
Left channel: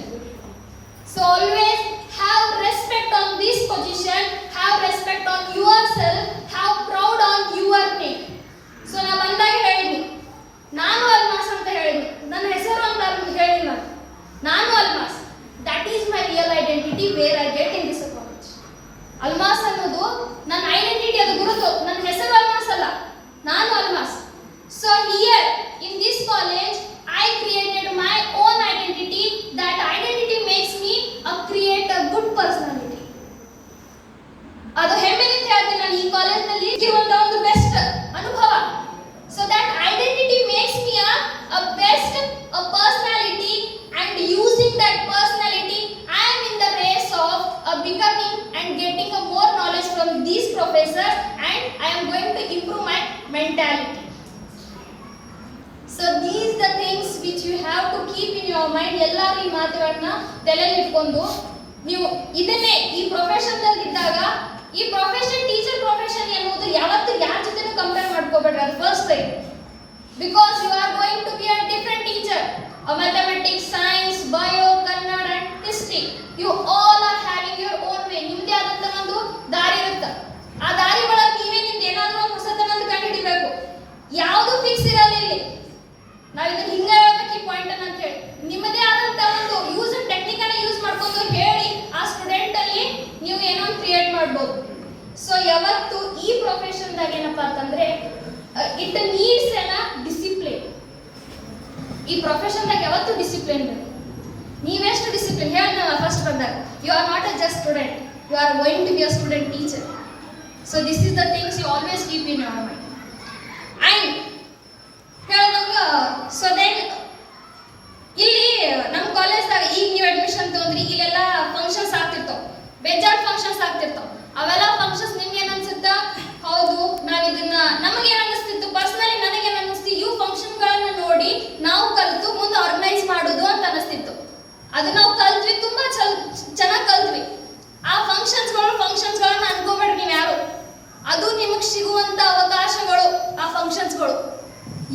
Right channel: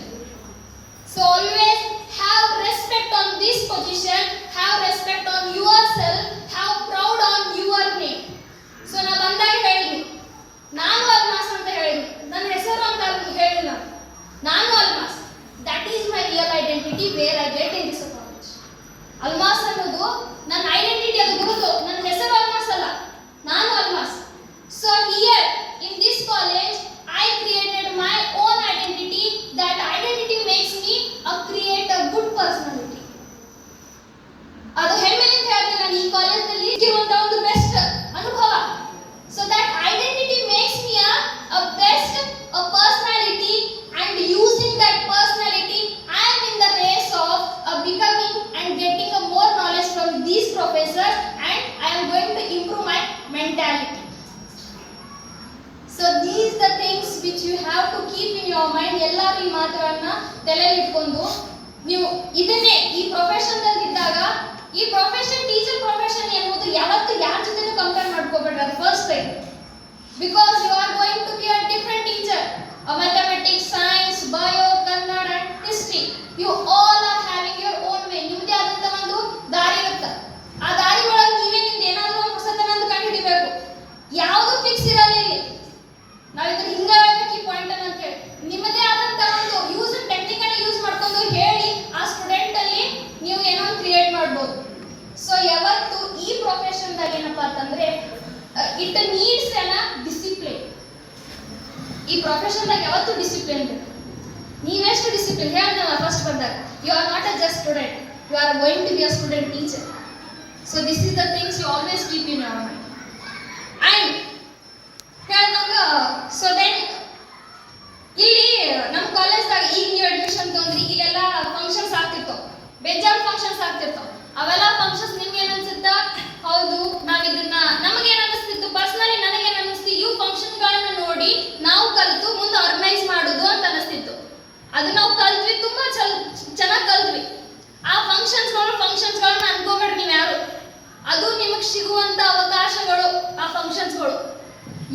So always have respect on this position, have respect on yourself, have proud on your name. So ನಾ ಬಂದಾಗ ಹೇಳಿದ್ನಿ, ನಾನು ಅಲ್ಮಾಸ್ ಅಂತ ಹೇಳಿದ್ನಿ, ನನ್ನ ಹೆಸರು ಅಂತ ಹೇಳಿಲ್ಲ, ನಾನು Almas. That is my real identity where I get in this college. Almas ಅನ್ನೋದು ನನ್ನ ಐಡೆಂಟಿಟಿ, ಅದು ಗುರುತು. ನನ್ನ ಹೆಸರು ಅಲ್ಮಾಸ್ ಅಲ್ಲ, ನಾನು Almas. So here in this college I created my own identity. That identity makes me create a good personality. ಅದು ಹೆಮ್ಮೆಯಿಂದ ಹೇಳ್ತೀನಿ, ನಾನು ಈ ಕಾಲೇಜ್ನಲ್ಲಿ ಇರುವಂತ ಒಂದು ಬೆಸ್ಟ್ ಅನುಭವ. So that identity makes me a best a personality, and using that personality I am in the race of becoming and getting a more knowledge from these professors, and I am going to improve my mentality. So these the things which you have to keep in your mind. ಎಲ್ಲರೂ ಈ ಮಾತುಗಳನ್ನ ತಲೆಯಲ್ಲಿ ಇಟ್ಕೊಂಡು ನೀವು ಇದನ್ನೇ ಈ profession ಇದ್ದಾಗ, ಈ ಪ್ರೊಫೆಷನ್ ಟೀಚರ್ ಪ್ರೊಫೆಷನ್ ಎನ್ನುವುದು ಯಾವತ್ತೂ ಯಾರ ಜೊತೆ ಕಂಪೇರ್ ಮಾಡ್ಕೋಬೇಡ್ರಿ. ಅದು first thing. Because you are going to be a different teacher. Mathematics, science, bio, Kannada, history, you all are having your own way. ನಿಮ್ಮದೇ ಆದಂತ ಒಂದು ದಾರಿ ಇರುತ್ತೆ. ಆ ದಾರಿ ಒಳಗೆ ನೀವೇ ನಿಮ್ದು ಏನಾದರೂ ಇಟ್ ನೀಡ್ಸ್ ಅನ್ನ ಡಿಸಿಪ್ಲಿನ್. ಈ ಪ್ರೊಫೆಷನ್ದಾಗ ಯಾವತ್ತೂ ಡಿಸಿಪ್ಲಿನ್ ಬೇಕು. ನೀವೆಷ್ಟು ಡಿಸಿಪ್ಲಿನ್ ಹೇಳಿದ್ನಲ್ಲ ಫಸ್ಟ್ ಬಂದಾಗ, you are not a just student, you are going to be a student teacher. So this is the things you always keep in your mind. And ಹೇಳಿದಾಗ so then ಇಲ್ಲಿ ನಮ್ಮ ಕಾಲೇಜ್ದಾಗ ಈಗ ನೀವು admission ತಗೊಂಡ್ರಿ, ಇಲ್ಲೆಲ್ಲ functions ಆಗ್ತಿರ್ತಾವ, ಬೇಜಾರು functions ಆಗ್ತಿರ್ತಾವ. ಅವೆಲ್ಲ functions ನಿಮ್ಗೆ ಏನ್ ಅನ್ಸುತ್ತ? ಹೌದು, ನಾವ್ ಇದನ್ನ ನಮಗೇನ್ ಅನಿಸ್ತಿತ್ತು, ಪರ್ಸನಲಿ ನನಗೇನ್ ಅನಿಸ್ತು, ಇವು ಫಂಕ್ಷನ್ಗಳನ್ನ ನೋಡಿ ನಾವು ಕಲಿತು ಮುಂದೆ ಆರ್ಗನೈಸ್ ಮಾಡೋದು ಅಂತ ಅನಿಸ್ತಿತ್ತು. ಅದು ನಾವು ಕಲ್ತ್ವಿ, ತುಂಬಾ ಚೆನ್ನಾಗಿ ಕಲ್ತ್ವಿ. ಆ ಫಂಕ್ಷನ್ಸ್ಗಳನ್ನ ಅನ್ಕೋಬೇಡ್ರಿ ನೀವು ಯಾರು. ಅದು ನಿಮಗೆ ಸಿಗುವಂತ ಅವಕಾಶಗಳು ಆ ಫಂಕ್ಷನ್ಸ್ಗಳು.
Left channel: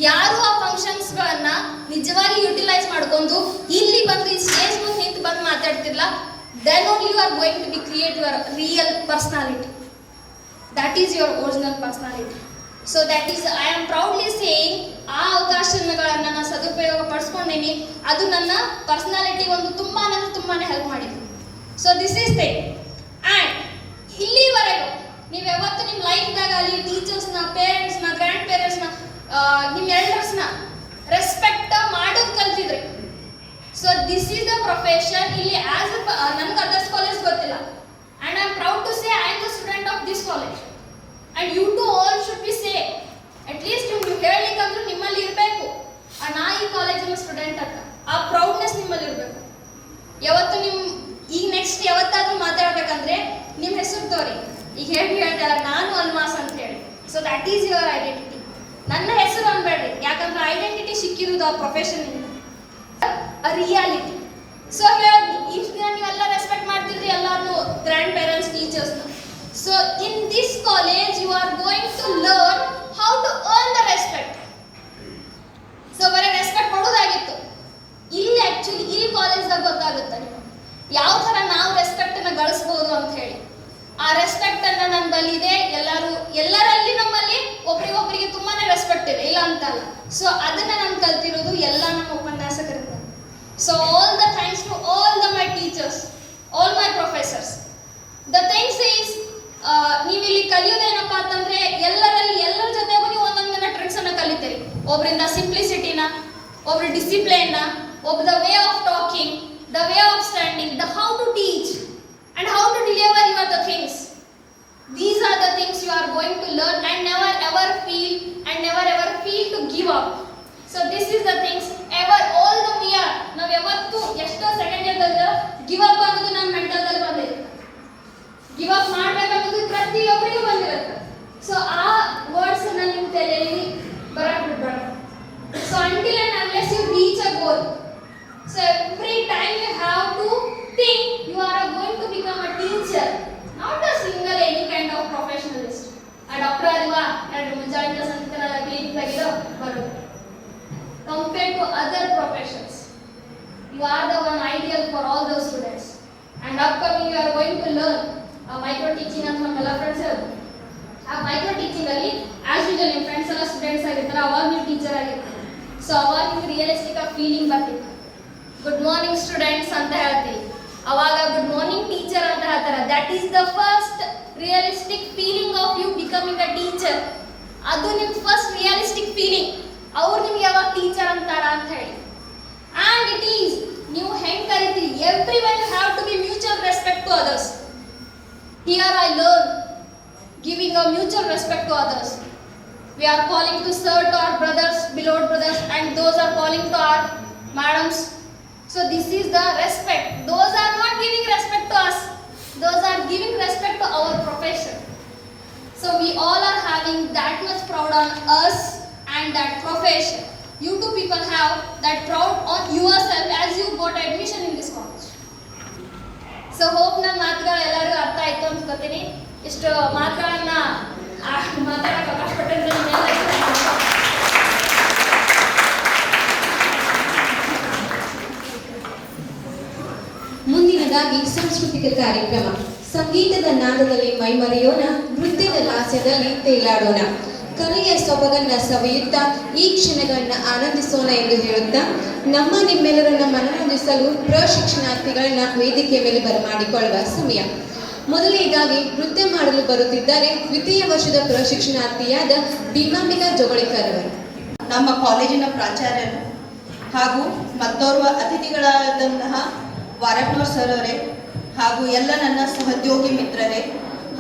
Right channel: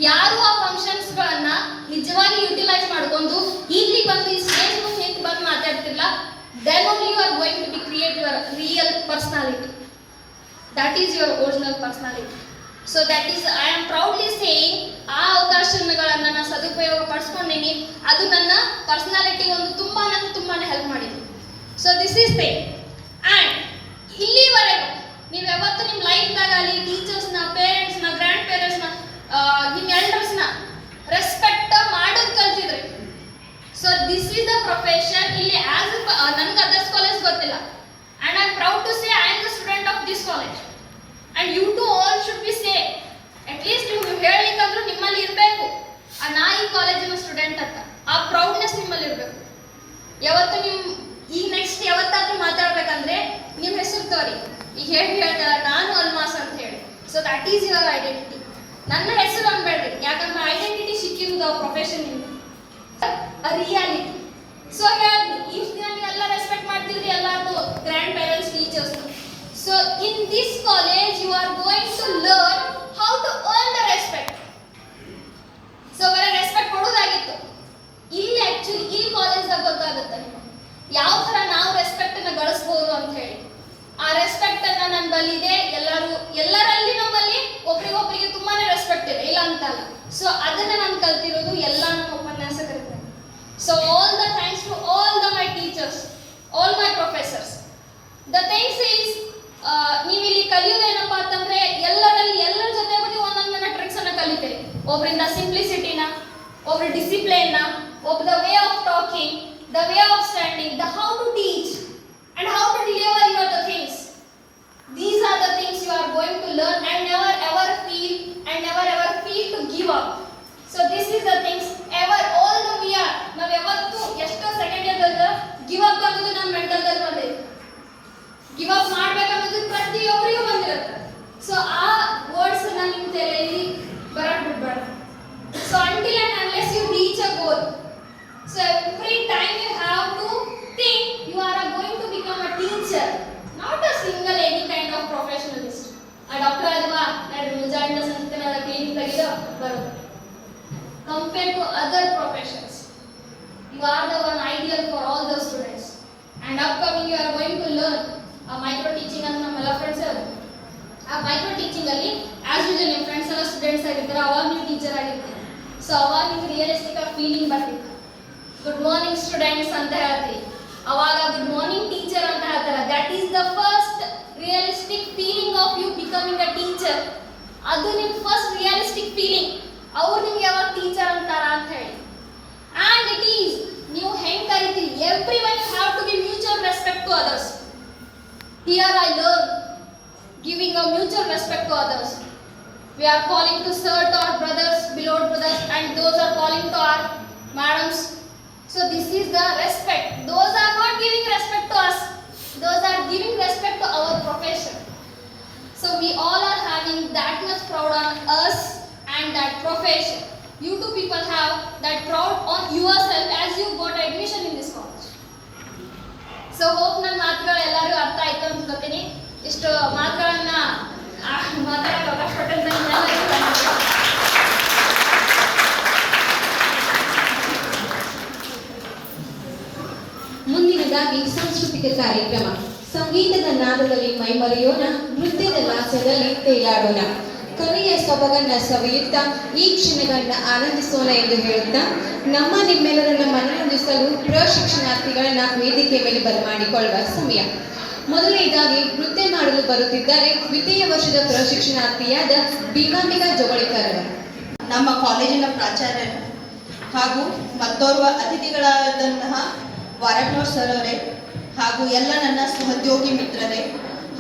ಯಾರು ಆ ಫಂಕ್ಷನ್ಸ್ಗಳನ್ನ ನಿಜವಾಗಿ ಯುಟಿಲೈಸ್ ಮಾಡ್ಕೊಂಡು ಇಲ್ಲಿ ಬಂದು ಈ ಸ್ಟೇಜ್ ಮುಂದೆ ನಿಂತು ಬಂದು ಮಾತಾಡ್ತಿರ್ಲ, then only you are going to be create your real personality. That is your original personality. So that is, I am proudly saying, ಆ ಅವಕಾಶಗಳನ್ನ ನಾನು ಸದುಪಯೋಗ ಪಡಿಸ್ಕೊಂಡಿನಿ. ಅದು ನನ್ನ ಪರ್ಸನಾಲಿಟಿ ಒಂದು ತುಂಬಾನೇ ಹೆಲ್ಪ್ ಮಾಡಿದೆ. So this is thing. And ಇಲ್ಲಿವರೆಗೂ ನೀವು ಯಾವತ್ತು ನಿಮ್ಮ ಲೈಫ್ನಾಗ ಅಲ್ಲಿ ಟೀಚರ್ಸ್ನ, ಪೇರೆಂಟ್ಸ್ನ, ಗ್ರ್ಯಾಂಡ್ ಪೇರೆಂಟ್ಸ್ನ, ನಿಮ್ಮ ಎಲ್ಡರ್ಸ್ನ ರೆಸ್ಪೆಕ್ಟ್ ಮಾಡೋದು ಕಲ್ತಿದ್ರಿ. So this is the profession. ಇಲ್ಲಿ ಆಸ್ ನನ್ಗೆ ಅದರ್ಸ್ ಕಾಲೇಜ್ ಗೊತ್ತಿಲ್ಲ, and I am proud to say I am the student of this college. And you to all should be say, at least ನೀವು ಹೇಳಲಿಕ್ಕಂದ್ರೂ ನಿಮ್ಮಲ್ಲಿ ಇರಬೇಕು, ನಾ ಈ ಕಾಲೇಜಿನ ಸ್ಟೂಡೆಂಟ್ ಅಂತ ಆ ಪ್ರೌಡ್ನೆಸ್ ನಿಮ್ಮಲ್ಲಿ ಇರಬೇಕು. ಯಾವತ್ತು ನಿಮ್ಮ ಈಗ ನೆಕ್ಸ್ಟ್ ಯಾವತ್ತಾದ್ರೂ ಮಾತಾಡ್ಬೇಕಂದ್ರೆ ನಿಮ್ಮ ಹೆಸರು ತೋರಿ. ಈಗ ಹೇಳ್ತಾರ ನಾನು ಅಲ್ಮಾಸ್ ಅಂತ ಹೇಳಿ. So that is your identity. ನನ್ನ ಹೆಸರು ಅನ್ಬೇಡ್ರಿ, ಯಾಕಂದ್ರೆ ಐಡೆಂಟಿಟಿ ಸಿಕ್ಕಿರೋದು ಆ ಪ್ರೊಫೆಷನ್ ಇಂದ, ರಿಯಾಲಿಟಿ. ಸೊ ಹೇಳಿ ಇಷ್ಟು ದಿನ ನೀವೆಲ್ಲ ರೆಸ್ಪೆಕ್ಟ್ ಮಾಡ್ತಿದ್ರಿ ಎಲ್ಲಾರು, grandparents, teachers. So in this college you are going to learn how to earn the respect. ಸೊ ಬರೀ ರೆಸ್ಪೆಕ್ಟ್ ಕೊಡೋದಾಗಿತ್ತು, ಇಲ್ಲಿ ಆಕ್ಚುಲಿ ಇಲ್ಲಿ ಕಾಲೇಜ್ದಾಗ ಗೊತ್ತಾಗುತ್ತೆ ನಿಮಗೆ ಯಾವ ಥರ ನಾವು ರೆಸ್ಪೆಕ್ಟನ್ನು ಗಳಿಸ್ಬೋದು ಅಂತ ಹೇಳಿ. ಆ ರೆಸ್ಪೆಕ್ಟ್ ಅನ್ನ ನನ್ನ ಬಲ್ಲಿದೆ. ಎಲ್ಲರಲ್ಲಿ ನಮ್ಮಲ್ಲಿ ಒಬ್ರಿಗೊಬ್ರಿಗೆ ತುಂಬಾನೇ ರೆಸ್ಪೆಕ್ಟ್ ಇದೆ, ಇಲ್ಲ ಅಂತಲ್ಲ. ಸೊ ಅದನ್ನ ನಾನು ಕಲ್ತಿರೋದು ಎಲ್ಲ ನಮ್ಮ ಉಪನ್ಯಾಸಕರಿಂದ. So all the thanks to all my teachers, all my professors. The things is, ನೀವು ಇಲ್ಲಿ ಕಲಿಯೋದೇನಪ್ಪ ಅಂತಂದ್ರೆ ಎಲ್ಲರ ಜೊತೆಗೂ ನೀವು ಒಂದೊಂದನ್ನ ಟ್ರಿಕ್ಸ್ ಅನ್ನ ಕಲಿತೀರಿ. ಒಬ್ಬರಿಂದ ಸಿಂಪ್ಲಿಸಿಟಿನ, ಒಬ್ರು ಡಿಸಿಪ್ಲಿನ್ನ, ಒಬ್ಬ the way of talking, the way of standing, the how to teach and how to deliver your the things. These are the things you are going to learn and never ever feel to give up. So this is the things ever all the we are ನಾವು ಯಾವತ್ತು ಎಷ್ಟೋ second ಇಯರ್ದಾಗ give up ಅನ್ನೋದು ನಮ್ಮ ಮೆಂಟಲ್ದಲ್ಲಿ ಬಂದಿದೆ. Give up ಮಾಡ್ಬೇಕನ್ನೋದು ಪ್ರತಿಯೊಬ್ಬರಿಗೂ ಬಂದಿರುತ್ತೆ. So ಆ words ಅನ್ನ ನಿಮ್ಮ ತಲೆಯಲ್ಲಿ ಬರಕ್ ಬಿಡ್ಬಾರ್ದು. So until and unless you reach a goal, so every time you have to think you are going to become a teacher, not a single any kind of professionalist. A doctor adva and ಮುಂಜಾನೆ ಸಂತನ clinic ಆಗಿರೋ ಬರುತ್ತೆ. Compared to other professions, you are the one ideal for all those students. And upcoming you are going to learn micro teaching ಅಂತ ನಮ್ಮೆಲ್ಲ friends ಹೇಳ್ತಾರೆ. ಆ micro teaching ಅಲ್ಲಿ as usual ನಿಮ್ಮ friends ಎಲ್ಲ ಸ್ಟೂಡೆಂಟ್ಸ್ ಆಗಿರ್ತಾರೆ, ಅವಾಗ ನೀವು ಟೀಚರ್ ಆಗಿರ್ತಾರೆ. ಸೊ ಅವಾಗ ನಿಮ್ಗೆ ರಿಯಲಿಸ್ಟಿಕ್ ಆಗಿ ಫೀಲಿಂಗ್ ಬರ್ತಿತ್ತು. ಗುಡ್ ಮಾರ್ನಿಂಗ್ ಸ್ಟೂಡೆಂಟ್ಸ್ ಅಂತ ಹೇಳ್ತೀವಿ, ಅವಾಗ ಗುಡ್ ಮಾರ್ನಿಂಗ್ ಟೀಚರ್ ಅಂತ ಹೇಳ್ತಾರೆ. That is the first realistic feeling of you becoming a teacher. ಅದು ನಿಮ್ಮ ಫಸ್ಟ್ ರಿಯಲಿಸ್ಟಿಕ್ ಫೀಲಿಂಗ್. ಅವ್ರು ನಿಮ್ಗೆ ಯಾವಾಗ ಟೀಚರ್ ಅಂತಾರ ಅಂತ ಹೇಳಿ. ಆ್ಯಂಡ್ ಇಟ್ ಈಸ್ ನೀವು ಹೆಂಗೆ ಕರಿತೀರಿ, everyone you have to be mutual respect to others. Here I learn giving a mutual respect to others. We are calling to sir to our brothers, beloved brothers, and those are calling to our madams. So this is the respect. Those are not giving respect to us, those are giving respect to our profession. So we all are having that much proud on us and that profession. You two people have that proud on yourself as you got admission in this college. So hope ನನ್ನ ಮಾತುಗಳು ಎಲ್ಲರಿಗೂ ಅರ್ಥ ಆಯ್ತು ಅಂತ ಗೊತ್ತೀನಿ. ಇಷ್ಟು ಮಾತುಗಳನ್ನ ಮಾತಾಡಕ್ಕೆ ಅವಕಾಶ ಕೊಟ್ಟಂತ ಮುಂದಿನದಾಗಿ ಸಾಂಸ್ಕೃತಿಕ ಕಾರ್ಯಕ್ರಮ. ಸಂಗೀತದ ನಾದದಲ್ಲಿ ಮೈಮರೆಯೋಣ, ನೃತ್ಯದ ಲಾಸ್ಯದಲ್ಲಿ ತೇಲಾಡೋಣ. ಕಲೆಯ ಸೊಬಗನ್ನ ಸವಿಯುತ್ತಾ ಈ ಕ್ಷಣಗಳನ್ನ ಆನಂದಿಸೋಣ ಎಂದು ಹೇಳುತ್ತಾ ನಮ್ಮ ನಿಮ್ಮೆಲ್ಲರನ್ನ ಮನರಂಜಿಸಲು ಪ್ರಶಿಕ್ಷಣಾರ್ಥಿಗಳನ್ನ ವೇದಿಕೆ ಮೇಲೆ ಬರಮಾಡಿಕೊಳ್ಳುವ ಸಮಯ. ಮೊದಲನೇದಾಗಿ ನೃತ್ಯ ಮಾಡಲು ಬರುತ್ತಿದ್ದಾರೆ ದ್ವಿತೀಯ ವರ್ಷದ ಪ್ರಶಿಕ್ಷಣಾರ್ಥಿಯಾದ ಭೀಮಾಂಬಿಕಾ ಜೋಗಳಿಕರ್ ಅವರು. ನಮ್ಮ ಕಾಲೇಜಿನ ಪ್ರಾಚಾರ್ಯರು ಹಾಗೂ ಮತ್ತೋರ್ವ ಅತಿಥಿಗಳಾದಂತಹ ವಾರಕ್ನೋರ್ ಸರ್ ಅವರೇ ಹಾಗೂ ಎಲ್ಲ ನನ್ನ ಸಹೋದ್ಯೋಗಿ ಮಿತ್ರರೇ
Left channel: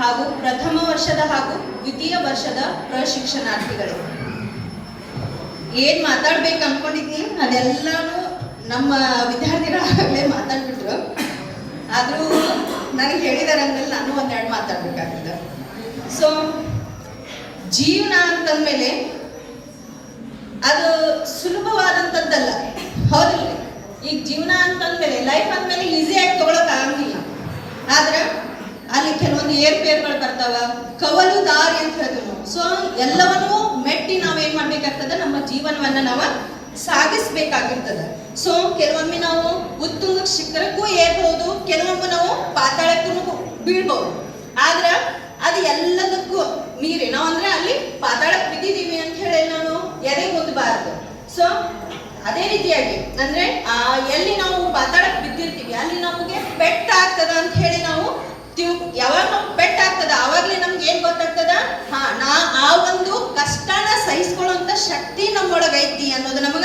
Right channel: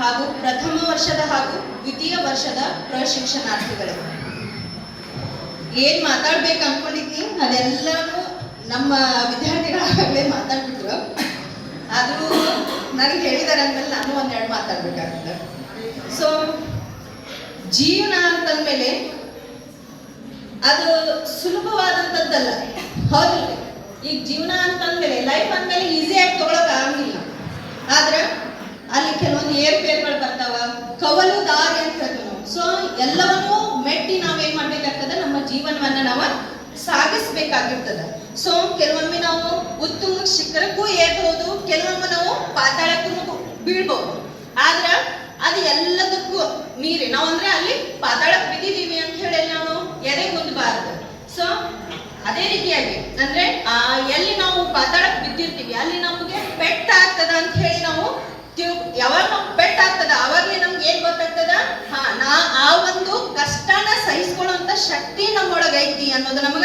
ಹಾಗೂ ಪ್ರಥಮ ವರ್ಷದ ಹಾಗೂ ದ್ವಿತೀಯ ವರ್ಷದ ಪ್ರಶಿಕ್ಷಣಾರ್ಥಿಗಳೇ, ಏನು ಮಾತಾಡ್ಬೇಕು ಅನ್ಕೊಂಡಿದ್ನಿ ಅದೆಲ್ಲನೂ ನಮ್ಮ ವಿದ್ಯಾರ್ಥಿಗಳಾಗಲೇ ಮಾತಾಡ್ಬಿಟ್ರು. ಆದರೂ ನನಗೆ ಹೇಳಿದಾರೆ ಅಂದಮೇಲೆ ನಾನು ಒಂದೆರಡು ಮಾತಾಡ್ಬೇಕಾಗ್ತದೆ. ಸೊ ಜೀವನ ಅಂತಂದಮೇಲೆ ಅದು ಸುಲಭವಾದಂಥದ್ದಲ್ಲ, ಹೌದಿಲ್ಲ? ಈಗ ಜೀವನ ಅಂತಂದಮೇಲೆ ಲೈಫ್ ಅಂದಮೇಲೆ ಈಸಿಯಾಗಿ ತಗೊಳಕ್ ಆಗಂಗಿಲ್ಲ. ಆದ್ರೆ ಅಲ್ಲಿ ಕೆಲವೊಂದು ಏರ್ಪೇರ್ಗಳು ಬರ್ತಾವ, ಕವಲು ದಾರಿ ಅಂತ ಹೇಳ್ತೀವಿ ನಾವು. ಸೊ ಎಲ್ಲವನ್ನೂ ಮೆಟ್ಟಿ ನಾವೇನ್ ಮಾಡ್ಬೇಕಾಗ್ತದೆ, ನಮ್ಮ ಜೀವನವನ್ನ ನಾವು ಸಾಗಿಸ್ಬೇಕಾಗಿರ್ತದೆ. ಸೊ ಕೆಲವೊಮ್ಮೆ ನಾವು ಉತ್ತುಂಗ ಶಿಖರಕ್ಕೂ ಏರ್ಬೋದು, ಕೆಲವೊಮ್ಮೆ ನಾವು ಪಾತಾಳಕ್ಕೂ ಬೀಳ್ಬೋದು. ಆದ್ರೆ ಅದು ಎಲ್ಲದಕ್ಕೂ ಮೀರಿ ನಾವು ಅಂದ್ರೆ ಅಲ್ಲಿ ಪಾತಾಳಕ್ಕೆ ಬಿದ್ದಿದ್ದೀವಿ ಅಂತ ಹೇಳಿ ನಾವು ಎದೆಗುಂದಬಾರದು. ಸೊ ಅದೇ ರೀತಿಯಾಗಿ ಅಂದ್ರೆ ಎಲ್ಲಿ ನಾವು ಪಾತಾಳಕ್ಕೆ ಬಿದ್ದಿರ್ತೀವಿ ಅಲ್ಲಿ ನಮಗೆ ಪೆಟ್ಟ ಆಗ್ತದ ಅಂತ ಹೇಳಿ ನಾವು ಯಾವಾಗ ನಾವು ಪೆಟ್ಟ ಆಗ್ತದ ಅವಾಗ್ಲೇ ನಮ್ಗೆ ಏನ್ ಗೊತ್ತಾಗ್ತದ, ಆ ಒಂದು ಕಷ್ಟನ ಸಹಿಸ್ಕೊಳ್ಳುವಂತ ಶಕ್ತಿ ನಮ್ಮೊಳಗೆ ಐತಿ ಅನ್ನೋದು ನಮಗ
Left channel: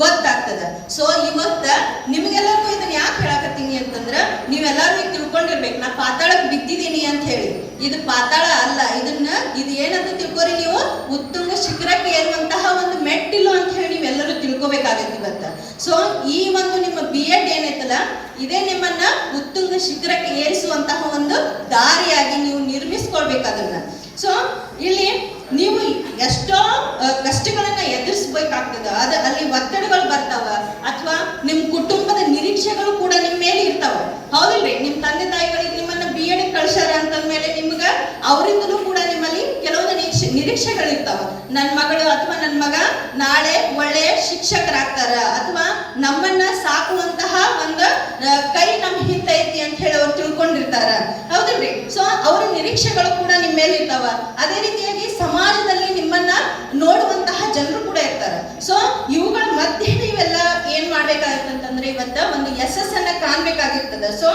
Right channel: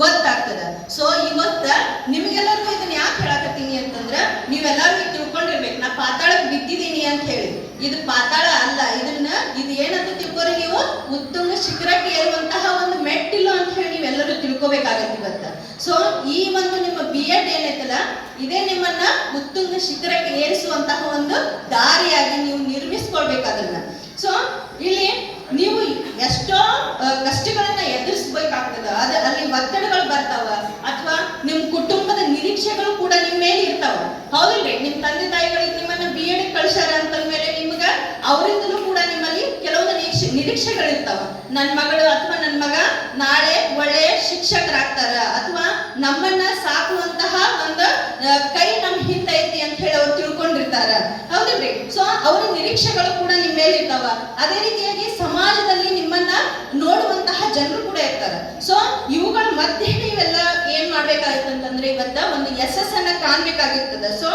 ಗೊತ್ತಾಗ್ತದ. ಸೊ ಇವತ್ತ ನಿಮ್ಗೆಲ್ಲರಿಗೂ ಇದನ್ನ ಯಾಕೆ ಹೇಳಕತ್ತೀನಿ ಅಂತಂದ್ರ, ನೀವೆಲ್ಲರೂ ತಿಳ್ಕೊಂಡಿರ್ಬೇಕು ನಾ ಪಾತಾಳಕ್ಕೆ ಬಿದ್ದಿದ್ದೀನಿ ಅಂತ ಹೇಳಿ. ಇದು ಪಾತಾಳ ಅಲ್ಲ, ಇದು ಏನಂತ ತಿಳ್ಕೊರಿ, ನೀವು ಉತ್ತುಂಗ ಶಿಖರಕ್ಕೆ ಏರುವಂತಹ ಒಂದು ಮೆಟ್ಟಿಲು ಅಂತ ಹೇಳಿ ನೀವೆಲ್ಲರೂ ತಿಳ್ಕೊಬೇಕಾಗತ್ತೆ ಇವತ್ತ. ಸೊ ಈ ಒಂದು ನಿಮ್ಮ BEd ಏನೈತಲ್ಲ, ಇದೇ ನಿಮ್ಮನ್ನ ಉತ್ತುಂಗ ಶಿಖರಕ್ಕೆ ಏರಿಸುವಂತಹ ಒಂದು ದಾರಿಯಾಗಿ ನೀವು ನಿರ್ಮಿಸ್ಕೊಳ್ಬೇಕಾಗಲ್ಲ. ಸೊ ಇಲ್ಲಿ ನೀವು ಎಷ್ಟೋ ಕಷ್ಟಗಳನ್ನ ಎದುರಿಸ್ಬೇಕಾಗ್ತದ, ಅಲ್ಲಿ ಒತ್ತಡಗಳು ಬರ್ತಾವ, ಅಥವಾ ನಿಮ್ ಕುಟುಂಬದ ನಿರೀಕ್ಷೆಗಳು ಕೂಡ ನಿಮ್ ಮೇಲೆ ಇರ್ತಾವ, ಹೌದಿಲ್ರಿ? ನಿಮ್ ತಂದೆ ತಾಯಿಗಳಿಗೆ ನಿಮ್ಮನ್ನ BEd ಕಳ್ಸಾರ ಅಂತಂದ್ಮೇಲೆ ನಿಮ್ಗ ಅವರಿಂದಲೂ ಕೂಡ ನಿಮ್ಮಲ್ಲಿ ಕೆಲವೊಂದು ನಿರೀಕ್ಷೆಗಳಿರ್ತಾವ. ನನ್ನ ಮಗಳು ಅಥವಾ ನನ್ನ ಮಗ ನಾಳೆ ಒಳ್ಳೆಯ ಶಿಕ್ಷಕರಾಗ್ತಾರ, ಅಥವಾ ನಮ್ಮನ್ನ ಸಾಕುವಂತಹ ಒಂದು ಕೈ ನಮ್ ಹಿಂದೆ ಐತಿ ಅಂತ ಹೇಳಿ ಅವ್ರು ತಿಳ್ಕೊಂಡಿರ್ತಾರ, ಹೌದಿಲ್ರಿ? ಸೊ ಅವ್ರ ನಿರೀಕ್ಷೆಗಳು ಕೂಡ ನಿಮ್ಮ ಮೇಲೆ ಇರ್ತಾವ. ಅದೇ ರೀತಿಯಾಗಿ ಸಮಾಜದಲ್ಲಿ ನಿಮ್ಮನ್ನ ನೋಡುವಂತಹ ಜನರು ಕೂಡ ಇರ್ತಾರೆ. ಸೊ ಇವುಗಳ ಮಧ್ಯೆ ನೀವೆಲ್ಲ ಏನ್ ಮಾಡ್ಬೇಕಾಗಿತ್ತಂತಂದ್ರೆ ಇವತ್ತ ಒಂದು ಯಶಸ್ಸನ್ನ ಕಾಣ್ಬೇಕಾಗಿರ್ತದ. ಸೊ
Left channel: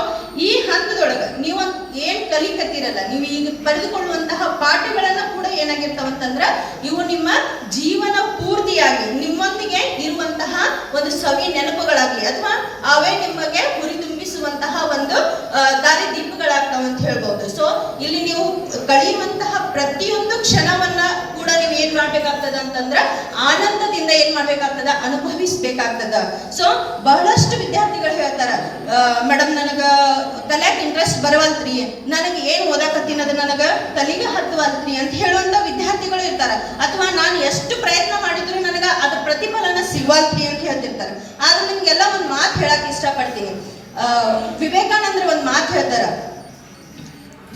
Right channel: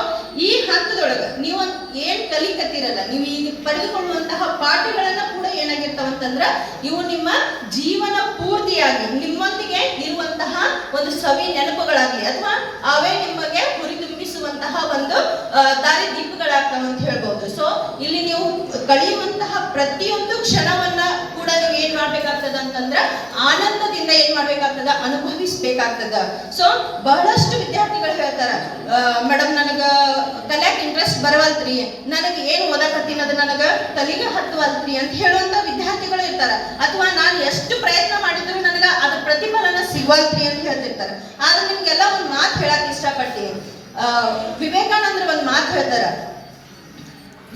ಈ ಹಂತದೊಳಗ ನೀವು ಏನ್ ಕಲಿಕತ್ತಿರಲ್ಲ, ನೀವು ಈಗ ಪಡೆದುಕೊಳ್ಳುವಂತಹ ಪಾಠಗಳನ್ನ ಕೂಡ ಏನಾಗಿರ್ತಾವಂತಂದ್ರ ಇವು ನಿಮ್ಮ ಜೀವನ ಪೂರ್ತಿಯಾಗಿ ನಿಮ್ಮೊಂದಿಗೆ ಇರುವಂತಹ ಒಂದು ಸವಿ ನೆನಪುಗಳಾಗಿ, ಅಥವಾ ಅವೇ ನಿಮಗೆ ಹುರಿದುಂಬಿಸುವಂತಹ ಒಂದು ದಾರಿ ದೀಪಗಳಾಗ್ತಾವ ಅಂತ ಹೇಳ್ಬೋದು. ಸೊ ಇಲ್ಲಿ ನೀವು ಕಳೆಯುವಂತಹ ಪ್ರತಿಯೊಂದು ಕ್ಷಣವನ್ನ ಕೂಡ ನೀವು ಏನ್ ಮಾಡ್ಬೇಕಾಗ್ತದ ಅಂತಂದ್ರ ಆನಂದದಿಂದ ಏನ್ ಮಾಡ್ಬೇಕಾಗ್ತದ, ಅನುಭವಿಸ್ಬೇಕಾಗ್ತದ. ಸೊ ಬಹಳಷ್ಟು ವಿದ್ಯಾರ್ಥಿಗಳು ಹೇಳ್ತಾರ, ಮೇಡಮ್ ನನಗ ಕಲ್ಯಾಕ್ ಇಂಟ್ರೆಸ್ಟ್ ಬರವಲ್ತ್ರಿ, ನನಗೆ ಏನ್ ಓದಾಕತ್ತೀನಿ ಅದು ನನಗ ತಲೆಗೆ ಹತ್ತವಲ್ತ್ರಿ ಅಂತ ಹೇಳುವಂತ ವಿದ್ಯಾರ್ಥಿಗಳು ಇರ್ತಾರ. ಅಥವಾ ನಾನು ಎಷ್ಟು ಪ್ರಯತ್ನ ಮಾಡಿದ್ರು ನನಗ ಅದ್ರ ಪ್ರತಿಫಲನ ಸಿಗವಲ್ತ್ರಿ ಅಂತ ಹೇಳ್ತಿರ್ತಾರೆ. ಆದ್ರೆ ನಿಮ್ಗೆಲ್ಲ ಒಂದ್ ಮಾತು ಹೇಳಕ್ ಇಷ್ಟಪಡ್ತೀನಿ. ವಿವೇಕಾನಂದ್ರ ಒಂದ್ ಮಾತು ಹೇಳ್ತಾರ,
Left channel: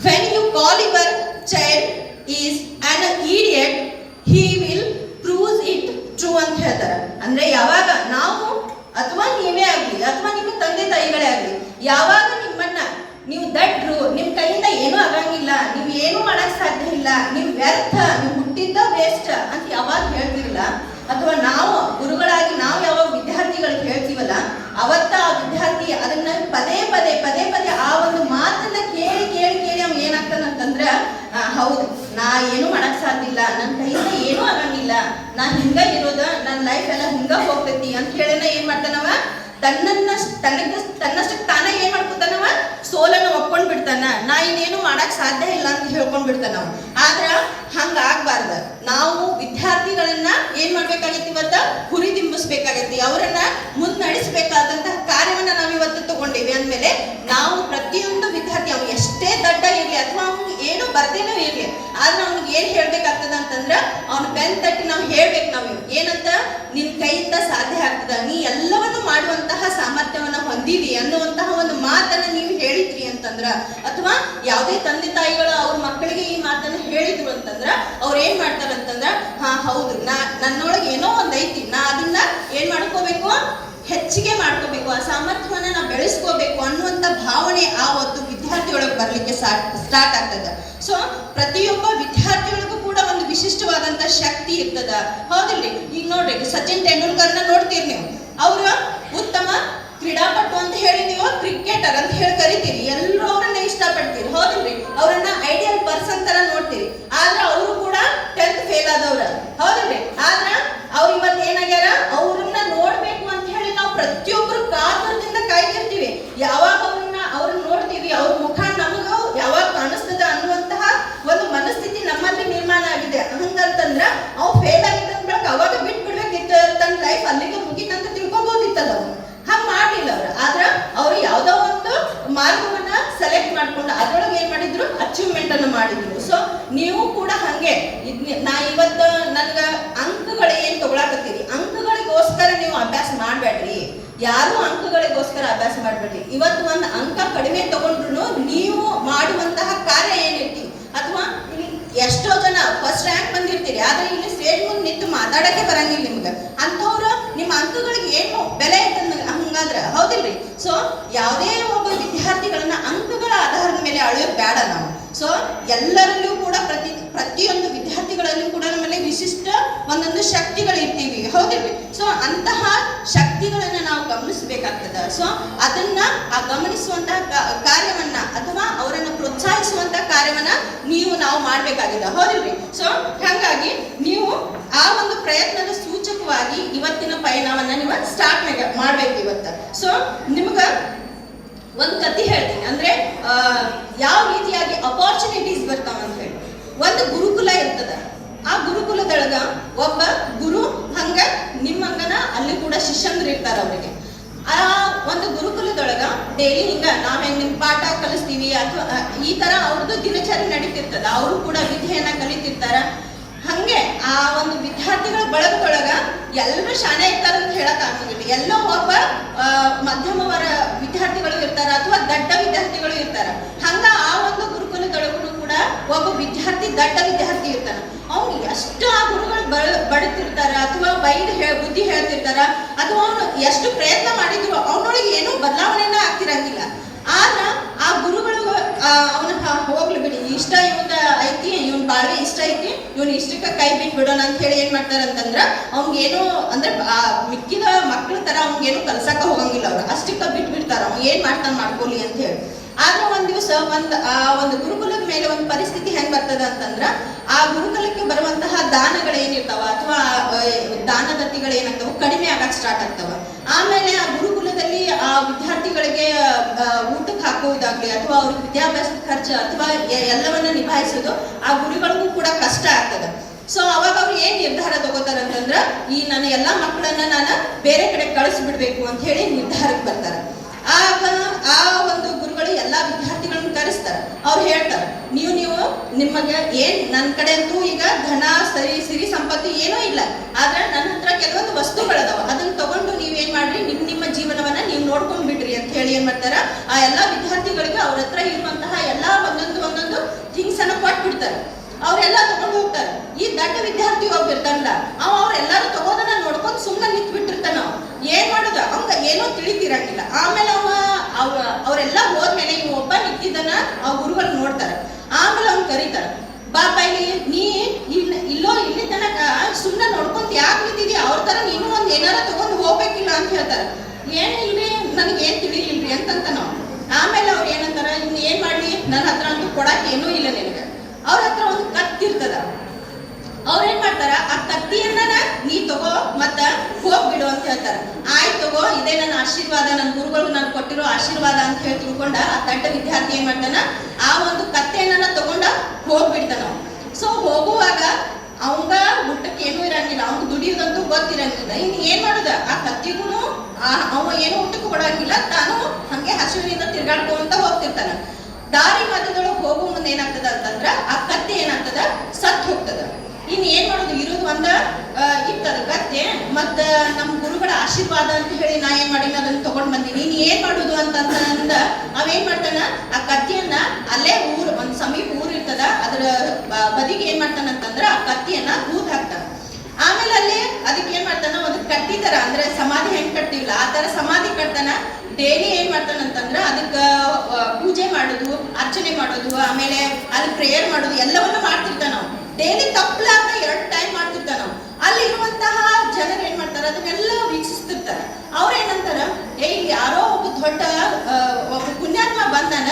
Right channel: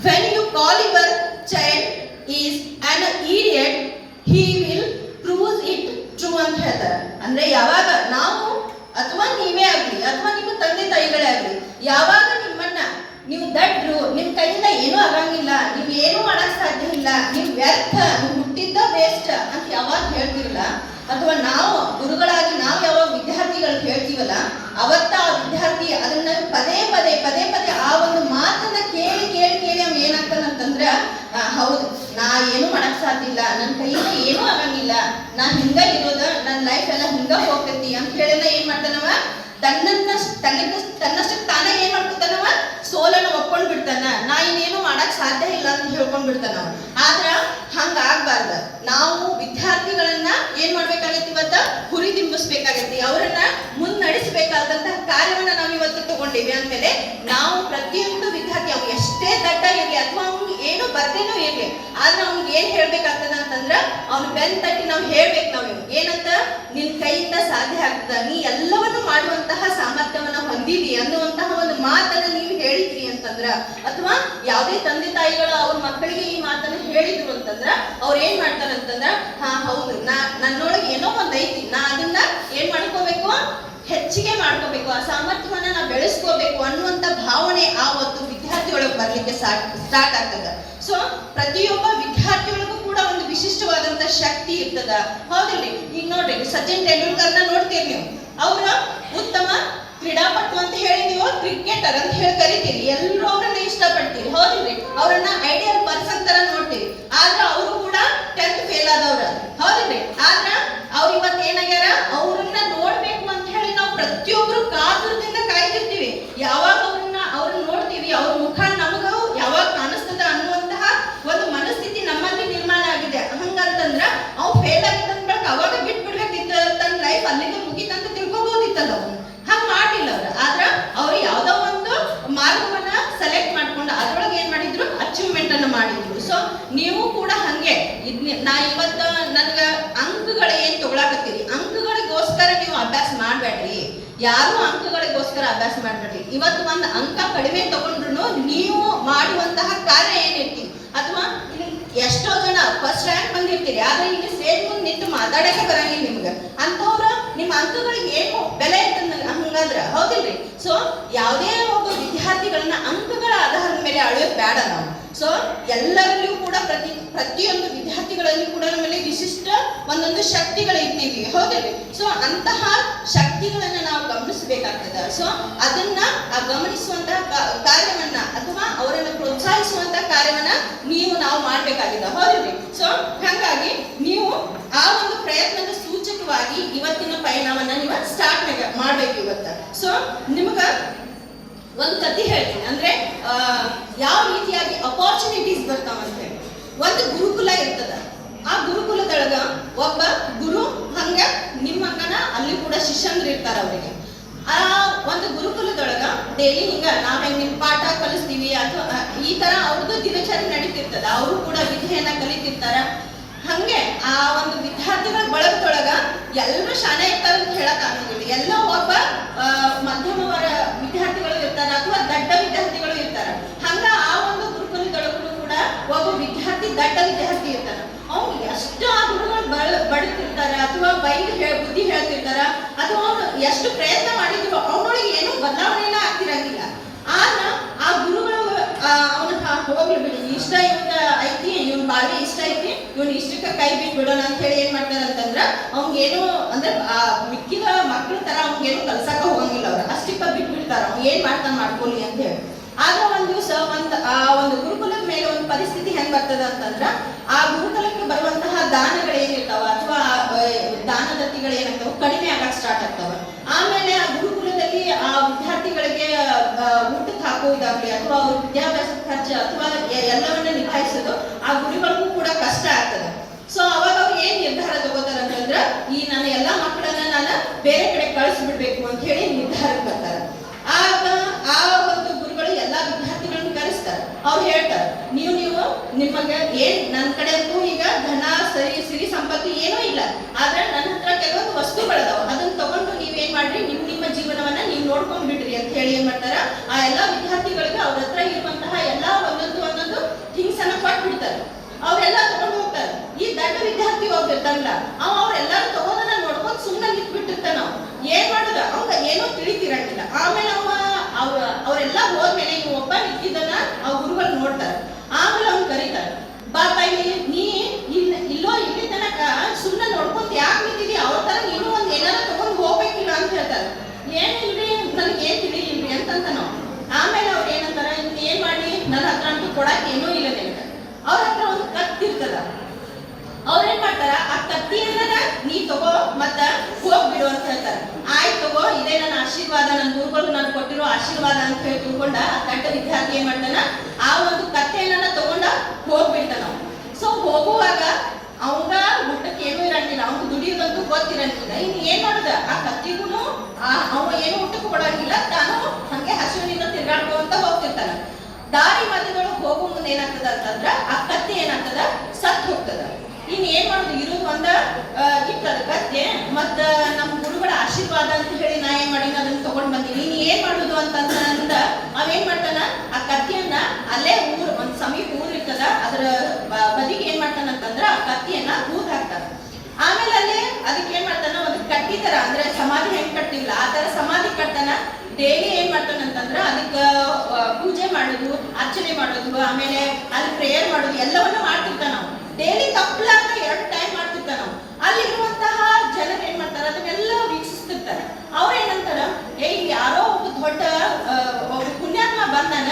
when you call your child is an idiot, he will prove it true ಅಂತ ಹೇಳ್ತಾರ. ಅಂದ್ರೆ ಯಾವಾಗ ನಾವು ಅಥವಾ ನೀವೇ ಆಗ್ಲಿ ಅಥವಾ ನಿಮ್ಮ ತಂದೆ ತಾಯಿಗಳೇ ಆಗ್ಲಿ, ಯಾವಾಗ ನಿಮ್ಮನ್ನ ನೀವು ದಡ್ರು, ನಿಮ್ ಕೈಯಿಂದ ಏನೂ ಆಗಂಗಿಲ್ಲ, ನೀವು ಏನೂ ಮಾಡಕ್ ಸಾಧ್ಯ ಇಲ್ಲ, ನೀವು ವ್ಯರ್ಥ, ನೀವು ಹುಟ್ಟಿದ್ದ ವೇಸ್ಟ್ ಅಂತ ಯಾವಾಗ ಹೇಳ್ತಿರಲ್ಲ, ಅಥವಾ ನಾವು ಗುರುಗಳಾಗಿ ನಾವು ಯಾವಾಗ ವಿದ್ಯಾರ್ಥಿಗಳಿಗೆ ಹೇಳ್ತೀವಲ್ಲ, ಅವತ್ತ ಆ ವಿದ್ಯಾರ್ಥಿ ಅದನ್ನ ಪದೇ ಪದೇ ಆ ಒಂದು ಮಾತನ್ನ ಕೇಳಿ ಅವ್ ಏನಾಗ್ತಾನಂತಂದ್ರ, ಹೌದು ನಾ ಏನೂ ಮಾಡಕ್ ಸಾಧ್ಯ ಇಲ್ಲ, ನನ್ನ ಕೈಯಿಂದ ಏನೂ ಆಗಂಗಿಲ್ಲ, ನಾ ಹಿಂಗ ಇರೋದ, ನನ್ನ ಲೈಫ್ ಎಲ್ಲ ಹಿಂಗ ಹೋಗ್ತೈತಿ ಅಂತ ಹೇಳಿನ ಏನ್ ಮಾಡ್ತಾನವ, ತನ್ನಷ್ಟಕ್ಕೆ ತಾನೇ ಏನ್ ಮಾಡ್ಕೊತಾನವ, ಸೋಲನ್ನ ಒಪ್ಕೊಂಡ್ ಬಿಡ್ತಾನ, ನಾ ಇನ್ನೇನು ಮಾಡಕ್ ಸಾಧ್ಯ ಇಲ್ಲ ಅಂತ ಹೇಳ್ಕೊಂಡ್ ಬಿಡ್ತಾನವ. ಆದ್ರ ಹಂಗ ಆಗ್ಬಾರ್ದ. ನಾವು ವಿದ್ಯಾರ್ಥಿಗಳನ್ನ ಏನ್ ಮಾಡ್ಬೇಕಾಗೈತಿ, ಇವತ್ತ ಹುರಿದಿಂಬಿಸ್ಬೇಕಾಗೈತಿ, ಅವರನ್ನ ಮುನ್ನಡೆಸಬೇಕಾದಂತಹ ಕಾರ್ಯವನ್ನ ನಾವ್ ಇವತ್ತು ತಗೊಂಡಿವಿ ಅಂದ್ಮೇಲೆ ನಾವು ಪ್ರತಿಯೊಂದು ವಿದ್ಯಾರ್ಥಿ ಅವ್ನು ಎಷ್ಟೇ ದಡ್ಡ ಇರ್ಲಿ ಅಥವಾ ಅವ್ನಿಗೆ ಏನು ಬರ್ದೇನೂ ಇರ್ಲಿ, ಆದ್ರೆ ಅವ್ನಿಗೆ ಏನ್ ಹೇಳ್ಬೇಕಾಗ್ತದ ಅಂತಂದ್ರ ಅವ್ನು ಬೆನ್ ತಟ್ಟಿ ನಾವು ಹೇಳ್ಬೇಕು, ನಾವು ಏನಂತ, ನಿನ್ ಕೈಯಿಂದ ಸಾಧ್ಯ ಆಗ್ತದ, ನೀ ಎಲ್ಲವನ್ನು ಮಾಡುವಂತಹ ಸಾಮರ್ಥ್ಯವನ್ನ ಹೊಂದಿದಿ ಅನ್ನುವಂತಹ ಒಂದು ಮಾತನ್ನ ನೀವು ಹೇಳಿದ್ರಿ ಅಂತಂದ್ರ, ಅಥವಾ ಯಾವುದೇ ತಂದೆ ತಾಯಿಗಳು ಅವ್ರ ಮಕ್ಕಳಿಗೆ ಈ ಮಾತನ್ನ ಹೇಳಿದ್ರು ಅಂತಂದ್ರ ಅವ್ರು ಏನ್ ಮಾಡ್ತಾರಂತಂದ್ರ, ಹೌದು ನನ್ನೊಳಗೆ ಏನೋ ಒಂದ್ ಐತಿ, ನಾ ಅದನ್ನ ಏನ್ ಮಾಡ್ಕೋಬೇಕು, ಹೆಚ್ಚಿಗೆ ಮಾಡ್ಕೋಬೇಕು, ಆ ಸಾಮರ್ಥ್ಯವನ್ನ ನಾವು ಬೆಳೆಸ್ಕೋಬೇಕು ಅನ್ನುವಂತ ಭಾವನೆ ಆ ಒಂದು ವಿದ್ಯಾರ್ಥಿಯೊಳಗೆ ಬರ್ಲಿಕ್ಕೆ ಸ್ಟಾರ್ಟ್ ಆಗ್ತದ. ಸೊ ಪ್ರತಿಯೊಬ್ಬ ವಿದ್ಯಾರ್ಥಿಗಳಿಗೂ ಕೂಡ ಒಂದು ವಿಶಿಷ್ಟವಾದಂತ ಶಕ್ತಿ ಇರ್ತದ, ಹೌದಿಲ್ರಿ? ಈಗ ನೋಡ್ರಿ, ಸಚಿನ್ ತೆಂಡೂಲ್ಕರ್ನ ನೋಡ್ತೀರಿ ನೀವು, ಅವ್ರ ಉತ್ತಮ ಕ್ರೀಡಾಪಟು ಅಂತ ಹೇಳಿ ನೀವು ಕ್ರಿಕೆಟರ್ ಅಂತ ಹೇಳಿ ಕರಿತೀರಿ, ಎಲ್ಲರೂ ಅವ್ರನ್ನ ಇಷ್ಟ ಇಷ್ಟಪಡ್ತೀರಿ, ಹೌದಿಲ್ರಿ? ಅವ್ರನ್ನ ಐಡಿಯಲ್ ಪರ್ಸನ್ ತರ ನೋಡ್ತೀವಿ. ಆದ್ರೆ ಅವರು ಕೂಡ 10th ಫೇಲ್ ಆದವ್ರ, ಹೌದಿಲ್ರಿ? ಆದ್ರ ಅವ್ರು ಇವತ್ತು ಏನಾಗ್ಯಾರ, ಅವ್ರನ್ನ ನೋಡ್ಬೇಕು ಅಂತ ಹೇಳಿ ನಾವು ಪ್ರತಿಯೊಬ್ರು ಕಾತುರದಿಂದ ಕಾಯ್ತಿರ್ತೀವಿ. ಯಾವಾಗ ಅವ್ರನ್ನ ನೋಡ್ತೀವಿ, ಅವ್ರ ಮುಖ ನಮಗ ಯಾವಾಗ ಕಾಣಿಸ್ತದ ಅನ್ನುವಂತಹ ಒಂದು ಮನಸ್ಥಿತಿ ನಮ್ಮಲ್ಲಿ ನಿರ್ಮಾಣ ಆಗಿದೆ. ಹಂಗಂತಂದ್ರ ಅವ್ ಫೇಲ್ ಆಗಿದ್ದಂದ್ರ ಅವಾಗ ಬಿಟ್ಬಿಡ್ಬೇಕಿತ್ತು, ತನ್ನ ಲೈಫ್ ಅಲ್ಲಿಗೆ ಮುಗಿತಂತ ತಿಳ್ಕೊಬೋದಿತ್ತಲ್ಲ. ಅವ್ರು ಹಂಗ ಮಾಡಿಲ್ಲ ಅವ್ರು. ಆದ್ರ ಅವ್ರು ಯಾವ್ದೋ ಒಂದು ಮಾರ್ಗವನ್ನ ಸೆಲೆಕ್ಟ್ ಮಾಡ್ಕೊಂಡು ಅದ್ರೊಳಗೆ ಏನ್ ಮಾಡಿದ್ರು, ಅಚೀವ್ಮೆಂಟ್ ಅನ್ನು ಮಾಡಿದ್ರು. ಸೊ ನೀವು ಕೂಡ ಹಂಗೆ ನಾ ಇವತ್ತು ನನ್ಗ ಅಂಕಗಳು ಏನ್ ತಗೊಳಕತ್ತೀರಿ, ಅಂಕಗಳಿಗೋಸ್ಕರ ನೀವು ಅಭ್ಯಾಸ ಮಾಡ್ಬೇಡ್ರಿ. ಯಾರು ಅಂಕಗಳಿಗೋಸ್ಕರ ಅಭ್ಯಾಸ ಮಾಡ್ಬೇಡ್ರಿ. ಇವತ್ತು ಒಂದು ಅಂಕ ಕಡಿಮೆ ತಗೊಂಡ್ರು ನೀವು ಮಾಡುವಂತಹ ಕಾರ್ಯ ಏನಿರ್ತಿ, ಅಥವಾ ಎಷ್ಟೋ ಜನ ಫಸ್ಟ್ ರ್ಯಾಂಕ್ ಬಂದಿರ್ತೀರಿ, ಆದ್ರೆ ಇಲ್ಲಿ ಸ್ಟೇಜ್ ಮುಂದೆ ನಿಂತು ಮಾತಾಡಕ್ಕೆ ಬರಂಗಿಲ್ಲ ನಿಮ್ಗೆ. ಅಂಥವ್ರು ನಿಮ್ಮ ಅಂಕಗಳಿಗೆ ಏನು ಬೆಲೆ ಇರ್ತಂದ ಹಂಗಾದ್ರ, ಹೌದಿಲ್ರಿ? ಸೊ ಯಾವುದೇ ಒಬ್ಬ ವಿದ್ಯಾರ್ಥಿಗಳನ್ನ ಅಂಕಗಳ ಆಧಾರದ ಮೇಲೆ ಅಳೆಯೋದು ಬೇಡ ನಾವು. ಸೊ ಎಲ್ಲರಲ್ಲೂ ಕೂಡ ಪ್ರತಿಯೊಂದು ವಿದ್ಯಾರ್ಥಿಗಳಲ್ಲೂ ಕೂಡ ನಮ್ಮಲ್ಲಿ ವಿಶಿಷ್ಟ ಒಂದೊಂದು ಶಕ್ತಿಗಳು ಇರ್ತೀವಿ, ಹೌದಿಲ್ರಿ? ಸೊ ಅಂತಹ ಶಕ್ತಿಗಳನ್ನ ನಾವು ಗಮನಿಸಬೇಕಾಗ್ತದ. ಸೊ ಅದನ್ನ ಆ ಗಮನಿಸುವಂತಹ ಕಾರ್ಯವನ್ನ ಅಥವಾ ಅವರನ್ನ ಪ್ರೋತ್ಸಾಹಿಸುವಂತಹ ಕಾರ್ಯವನ್ನ ನಾವು ಮಾಡ್ಬೇಕಾಗಿದೆ, ಹೌದಿಲ್ರಿ? ಸೊ ಹಾಗಾಗಿ ನೀವು ಆ ಒಂದು ಪ್ರಯತ್ನದ ಸೂಚಕವಾಗಿ ಇವತ್ತಿನ ಪಯಣವನ್ನ ನೀವು ಸ್ಟಾರ್ಟ್ ಮಾಡ್ಬೇಕು ಇವತ್ತ. ಸೊ ನಿಮ್ಗ ಒಂದು ಕಥೆ ಹೇಳ್ತೀನಿ. ಅಂದ್ರೆ ಯಾವ ರೀತಿಯಾಗಿ ಅಪಾರ್ಚುನಿಟೀಸ್ ಬರ್ತಾವ ಅಂತ ಹೇಳಿ. ಒಂದು ಗುರುಕುಲ ಇರ್ತದ. ಆ ಗುರುಕುಲದೊಳಗ ಒಬ್ಬ ಗುರು ಹಂಗ ನಿಮ್ಮಂಗನ ಅಲ್ಲಿ ಕೂಡ ಶಿಷ್ಯಂದ್ರು ಇರ್ತಾರ ಅವರಿಗೆ. ಆ ಒಂದು ಗುರುಕುಲದೊಳಗ ಡೈಲಿ ಹಿಂಗ ನಾವ್ ಹೆಂಗ್ ನಿಮ್ ಪಾಠ ಕಲಿಸ್ತೀವಿ ಅಥವಾ ಈ ತರ ಅವ್ರದ್ದು ದಿನಚರಿ ನಡೀತಿರ್ತದ. ಅವರು ಕೂಡ ವಿದ್ಯೆಯನ್ನ ಕಲಿತಿರ್ತಾರ. ಹಂಗೆ ಆ ಒಂದು ವಿದ್ಯಾರ್ಥಿಗಳ ಬಳಗದೊಳಗ ಎಲ್ಲರೂ ಶಾಣೆ ಇರ್ತಾರ ಅಂತ ಹೇಳಕ್ ಆಗಂಗಿಲ್ಲ. ಎಲ್ಲೋ ಒಬ್ಬ ಮಧ್ಯಮ ವಿದ್ಯಾರ್ಥಿಗಳು ಇರ್ತಾರ ಅಥವಾ ದಡ್ಡ ವಿದ್ಯಾರ್ಥಿಗಳು ಇರ್ತಾರ. ಹಂಗ ಆ ಒಂದು ಗುರುಕುಲದೊಳಗೂ ಕೂಡ ಒಬ್ಬ ವಿದ್ಯಾರ್ಥಿ ದಡ್ಡ ವಿದ್ಯಾರ್ಥಿ ಇರ್ತಾರ. ಅವ್ನಿಗೆ ಎಷ್ಟು ಆ ಗುರುಗಳು ಬಡುತ್ತಿರ್ತಾರ ಅಥವಾ ಬುದ್ಧಿ ಹೇಳ್ತಿರ್ತಾರ, ಅಥವಾ ಅವನು ಎಷ್ಟು ಪ್ರಯತ್ನ ಮಾಡಿದ್ರು ಅವನೊಳಗೆ ಏನೂ ಬದಲಾವಣೆನ ಆಗ್ತಿರಂಗಿಲ್ಲ. ಆದ್ರ ಆ ಗುರುಗಳು ಅವನ ಹೋಗ್ಲಿ ಬಿಡಿ, ಇಷ್ಟ ಇವತ್ತ ಐತಿ, ಇವ್ನ ಬಾಳ್ವೆ ಇಷ್ಟ ಐತಿ, ಇವ್ನ ಇಷ್ಟಕ್ಕ ಕೈ ಬಿಟ್ಬಿಡೋಣ ಅಂತ ಹೇಳಿ ಏನ್ ಮಾಡ್ತಾರ ಅಂತಂದ್ರ ಅವ್ನಿಗೇನು ಅಂದ್ರೆ ಮಿಕ್ಕಿದ ಮಕ್ಳ ತರ ಅವ್ನಿಗೇನು ಕಲ್ಸಕ್ಕ ಹೋಗಂಗಿಲ್ಲ. ಅವ್ರು ಅಷ್ಟಕ್ಕ ಬಿಟ್ಬಿಡ್ತಾರ, ಅವ್ನು ಏನ್ ಮಾಡ್ತಾನ ಮಾಡ್ಕೊಲಿ ಅಂತ ಹೇಳಿ. ಆದ್ರೆ ಒಂದ್ ದಿವ್ಸ ಆ ಒಂದು ಗುರುಕುಲದ ಮೇಲೆ ಒಂದು ಪರಿಸ್ಥಿತಿ ಹೆಂಗ್ ಬರ್ತದ ಅಂತಂದ್ರ, ಆ ಗುರುಕುಲಕ್ಕೆ ಬರುವಂತಹ ದಾನಗಳೇನಿರ್ತಾವ ಅಥವಾ ದಾನದತ್ತಿಗಳು ಏನಾಗ್ತಾವ ಕಡಿಮೆ ಆಗಕ್ ಸ್ಟಾರ್ಟ್ ಆಗ್ತಾವ. ಆಮೇಲೆ ಆ ಗುರುಕುಲದಲ್ಲಿ ಆ ವಿದ್ಯಾರ್ಥಿಗಳಿಗೆ ಊಟಕ್ಕೆ ಹಾಕುವುದಾಗ್ಲಿ ಅಥವಾ ಅವ್ರ ವಿದ್ಯಾಭ್ಯಾಸದ ಖರ್ಚು ಅಥವಾ ಎಲ್ಲವನ್ನ ನಿಭಾಯಿಸೋದು ಆ ಗುರುಗಳಿಗೂ ಕೂಡ ಕಷ್ಟ ಆಗ್ತದ. ಸೊ ಅವಾಗ ಅವ್ರು ಏನ್ ನಿರ್ಧಾರ ತಗೋತಾರ ಅಂತಂದ್ರ, ಈ ನನ್ನ ಎಲ್ಲಾ ಮಕ್ಕಳನ್ನ ನಾನು ಬೇರೆ ಕಡೆ ಕಳಿಸ್ಬಿಡ್ಬೇಕು ಅಂತ ಹೇಳಿ ನಿರ್ಧಾರಕ್ಕೆ ಬರ್ತಾರ. ಆಗ ಆ ಒಂದು ಗುರುಗಳು ಎಲ್ಲಾ ವಿದ್ಯಾರ್ಥಿಗಳನ್ನ ಕರೆಸ್ತಾರ. ಅವ್ರು ಹೇಳ್ತಾರ, ನೀವು ನಿಮಗೆ ಏನ್ ನನ್ನ ಕಡೆ ಅಂತೂ ಈಗ ಧನ ಸಿರಿ ಸಂಪತ್ತು ಏನೂ ಇಲ್ಲ, ಆದ್ರೆ ನನ್ನ ಹತ್ರ ಕೆಲವೊಂದು ವಸ್ತುಗಳದಾವ, ಅದನ್ನ ತಗೊಂಡು ನೀವೇನ್ ಮಾಡ್ರಿ, ನಿಮ್ಮ ಜೀವನವನ್ನ ನೀವು ನೋಡ್ಕೊಂಡ್ ಬಿಡ್ರಿ ಅಂತ ಹೇಳಿ ಏನ್ ಮಾಡ್ತಾರ, ಆ ಎಲ್ಲಾ ವಿದ್ಯಾರ್ಥಿಗಳಿಗೆ ಅವ್ರ ಹತ್ರ ಇರುವಂತಹ ಎಲ್ಲಾ ಒಂದೊಂದು ಥಿಂಗ್ಸ್ ಅನ್ನ ಕೊಟ್ಬಿಡ್ತಾರೆ. ಅವ್ರೆಲ್ಲಾ ತಗೊಂಡು ಹೋಗ್ತಾರೆ. ಈ ದಡ್ಡ ವಿದ್ಯಾರ್ಥಿ ಒಬ್ಬಿರ್ತಾನಲ್ಲ, ಅವ್ರೆಲ್ಲಾರು ತಗೋದನ್ನ ನೋಡ್ಕೊಂಡು ಸುಮ್ಮನೆ ನಿಂತ್ ಬಿಟ್ಟಿರ್ತಾನ. ಏನ್ ಮಾಡುದ ಅವಂಗ ಏನೋ ತಿಳಿತಿರಂಗಿಲ್ಲ. ಆಮೇಲೆ ಅವರೆಲ್ಲ ಹೋದ್ಮೇಲೆ ಇವ್ ಒಬ್ಬ ನಿಂತಿದ್ದನ್ನ ಆ ಗುರುಗಳು ನೋಡ್ತಾರ. ಆಮೇಲೆ ಅವ್ನ್ ಕರೀತಾರ, ಬಾಬಾ ನೀ ಇಲ್ಲಿ ತನಕ ಸುಮ್ಮನೆ ನೋಡ್ಕೊಂತ ಯಾಕೆ ನಿಂತಿದಿ, ಅವ್ರ ತರ ನೀನು ಒಂದ್ ಏನಾರ ತಗೊಂಡು ಹೋಗ್ಬೇಕಿಲ್ಲ ಅಂತ ಹೇಳ್ತಾರ. ಏನಿಲ್ರಿ ನನಗೆ ಏನ್ ತಿಳಿಲಿಲ್ರಿ ಅಂತಂತ ನಾವು. ಆಮೇಲೆ ಅವ್ರು ಏನಂತಾರ, ಇನ್ನು ಏನ್ ಮಾಡ್ಲಿ, ನನ್ನ ಹತ್ರ ಅಂತೂ ಕೊಡಕ್ ಏನೂ ಇಲ್ಲ ನಿನಗೆ. ಅವ್ರ ಹತ್ರ ಒಂದು ಕತ್ತಿರ್ತದ. ಅವ್ರೇನ್ ಮಾಡ್ತಾರ, ಆ ಕತ್ತಿಯನ್ನ ನೀ ತಗೋ ಮತ್ತ ಹೋಗ್ಬಿಡು ಅಂತ ಹೇಳ್ತಾರ. ಆಯ್ತು ತಗೋ, ಇದೇ ನನ್ನ ಆಶೀರ್ವಾದ, ನನ್ನ ಗುರುಗಳು ನಾನು ಕೊಟ್ಟಿರೋ ಆಶೀರ್ವಾದ ಅಂತ ಹೇಳಿ ತಿಳ್ಕೊಂಡ ಆ ದಡ್ಡ ವಿದ್ಯಾರ್ಥಿ ಏನ್ ಮಾಡ್ತಾನ, ಆ ಒಂದು ಕತ್ತೆಯನ್ನ ತಗೊಂಡ ಹೋಗ್ಬಿಡ್ತಾನ. ಸೊ ಹೋಗುವಾಗ ಅವಂಗ ಊಟಕ್ಕೆ ಏನೂ ಇರಂಗಿಲ್ಲ, ಅವ್ನು ದುಡಿಯೋದಂತೂ ಗೊತ್ತಿರಂಗಿಲ್ಲ. ಇನ್ನು ಏನ್ ಮಾಡುದ, ಆ ಕತ್ತಿಗೂ ಅವ ಏನು ಊಟಕ್ಕೂ ಕೊಡಂಗಿಲ್ಲ, ತಾನು ಹಂಗೆ ಹಸಿವಿನಿಂದ ತಿರ್ಗಾಡ್ಕೊಂತ ಹೋಗ್ತಿರ್ತಾನ. ದಾರಿ ಮಧ್ಯದೊಳಗೆ ಹೋಗೋ ಮುಂದೆ ಏನಾಗ್ತದ ಅಂತಂದ್ರ ಆ ಕತ್ತಿ ಏನಾಗ್ತದ, ಸತ್ ಹೋಗ್ತದ. ಇನ್ ಏನ್ ಮಾಡೋದು, ಇರೋದು ಇರ್ತದ ಕತ್ತೆ, ಮತ್ತ ನಮ್ ಗುರುಗಳ ಆಶೀರ್ವಾದ ಅಂತ ಹೇಳಿ ನಾ ಏನ್ ಮಾಡೀನಿ ಅದನ್ನ ತಗೊಂಡ್ ಬಂದೀನಿ, ಇನ್ ಏನ್ ಮಾಡುದು ಅಂತಂದ ಅವೇನ್ ಮಾಡ್ತಾನ, ಆ ಕತ್ತಿಯನ್ನ ಅಲ್ಲೇ ಒಂದ್ ಸಮೀಪ ಊರ್ ಇರ್ತದ, ಅದ್ರ ಬದಿಗೆ ಏನ್ ಮಾಡ್ತಾನ ಅಂತಂದ್ರ ಆ ಕತ್ತಿಯನ್ನ ಊದ್ ಹಾಕ್ತಾನ. ಆಮೇಲೆ ಅಲ್ಲೇ ಅದಕ್ಕೆ ಏನ್ ಮಾಡ್ತಾನ, ಒಂದು ಕಟ್ಟಿ ತರ, ಅಂದ್ರೆ ಸಮಾಧಿ ಹೆಂಗ್ ಕಟ್ಟಿಲ್ಲ ಆ ತರ ಸಮಾಧಿ ಕಟ್ತಾನ. ಡೈಲಿ ಏನ್ ಮಾಡ್ತಾನ ಅಂತಂದ್ರ ಅದಕ್ಕ ಪೂಜೆ ಮಾಡೋದು, ಅರ್ಚನೆ ಮಾಡೋದು, ಆಮೇಲೆ ಅಲ್ಲಿ ಪ್ರೇಯರ್ ಮಾಡೋದು ಎಲ್ಲವನ್ನ ಮಾಡ್ತಿರ್ತಾನ ನಾವು. ಡೈಲಿ ತಪ್ಪಲಾಗ 2 ಟೈಮ್ ಮಾಡ್ತಿರ್ತಾನ ನಾವು. ಅಲ್ಲಿರುವಂತಹ ಜನರು ಏನ್ ಮಾಡ್ತಾರ, ಅದನ್ನೆಲ್ಲ ವೀಕ್ಷಿಸ್ತಿರ್ತಾರೆ. ಅವ್ರ ಏನಂತಾರ, ಯಾರೋ ಒಬ್ಬ ದೊಡ್ಡ ಒಬ್ಬ ಪುಣ್ಯಾತ್ಮ ಬಂದಾನ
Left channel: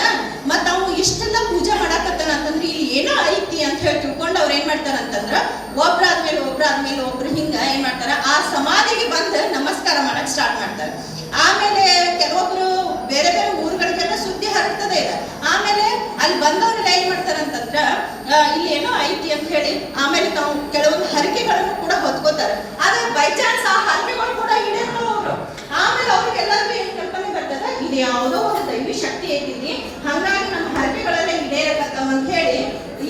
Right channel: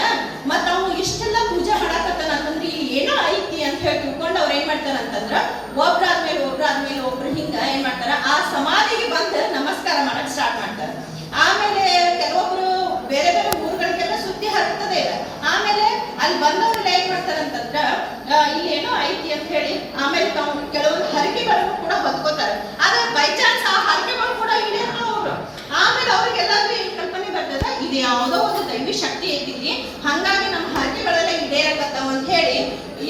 ಮತ್ತು ಅವ್ನು ಇಷ್ಟೆಲ್ಲ ಪೂಜೆ ಮಾಡಾಕತ್ತಾನ ಅಂತಂದ್ರೆ ಇಲ್ಲಿ ಏನೋ ಐತಿ ಅಂತ ಹೇಳಿ ತಿಳ್ಕೊಂಡು ಅವ್ರು ಏನು ಮಾಡ್ತಾರ ಅಂತಂದ್ರೆ ಒಬ್ರಾದ್ಮೇಲೆ ಒಬ್ರು ಹಿಂಗೆ ಏನು ಮಾಡ್ತಾರ ಆ ಸಮಾಧಿಗೆ ಬಂದು ನಮಸ್ಕಾರ ಮಾಡಕ್ಕೆ ಸ್ಟಾರ್ಟ್ ಮಾಡ್ತಾರೆ. ಆಮೇಲೆ ಕೆಲವೊಬ್ರು ಬೇರೆ ಬೇರೆ ಊರುಗಳಿಗೆಲ್ಲ ಸುದ್ದಿ ಹರಡ್ತದೆ ಇದೆ. ಆಮೇಲೆ ಅಲ್ಲಿ ಬಂದವರೆಲ್ಲ ಏನ್ ಮಾಡ್ತಾರಂತಂದ್ರ ಇಲ್ಲಿ ಏನೋ ಐತಿ ಅಂತ ಹೇಳಿ ಆಮೇಲೆ ತಾವು ಕೆಲವೊಂದು ಹರಕೆಗಳನ್ನು ಕೂಡ ಹೊತ್ಕೋತಾರೆ. ಆದ್ರೆ ಬೈ ಚಾನ್ಸ್ ಆ ಹರಕೆಗಳು ಕೂಡ ಈಡೇರಲ್ಲ ಅವರು. ಆಮೇಲೆ ಅವ್ರಿಗೆಲ್ಲರಿಗೂ ಏನ್ ಕಲ್ಪನೆ ಬರ್ತದ, ಇದು ಯಾವುದೋ ಒಂದು ದೈವಿ ಶಕ್ತಿ ಐತಿ, ಹಂಗಾಗಿ ನಮ್ಮ ಹರಕೆಗಳೆಲ್ಲ ಈಡೇರಕತ್ತಾವ ಅಂತ ಹೇಳಿ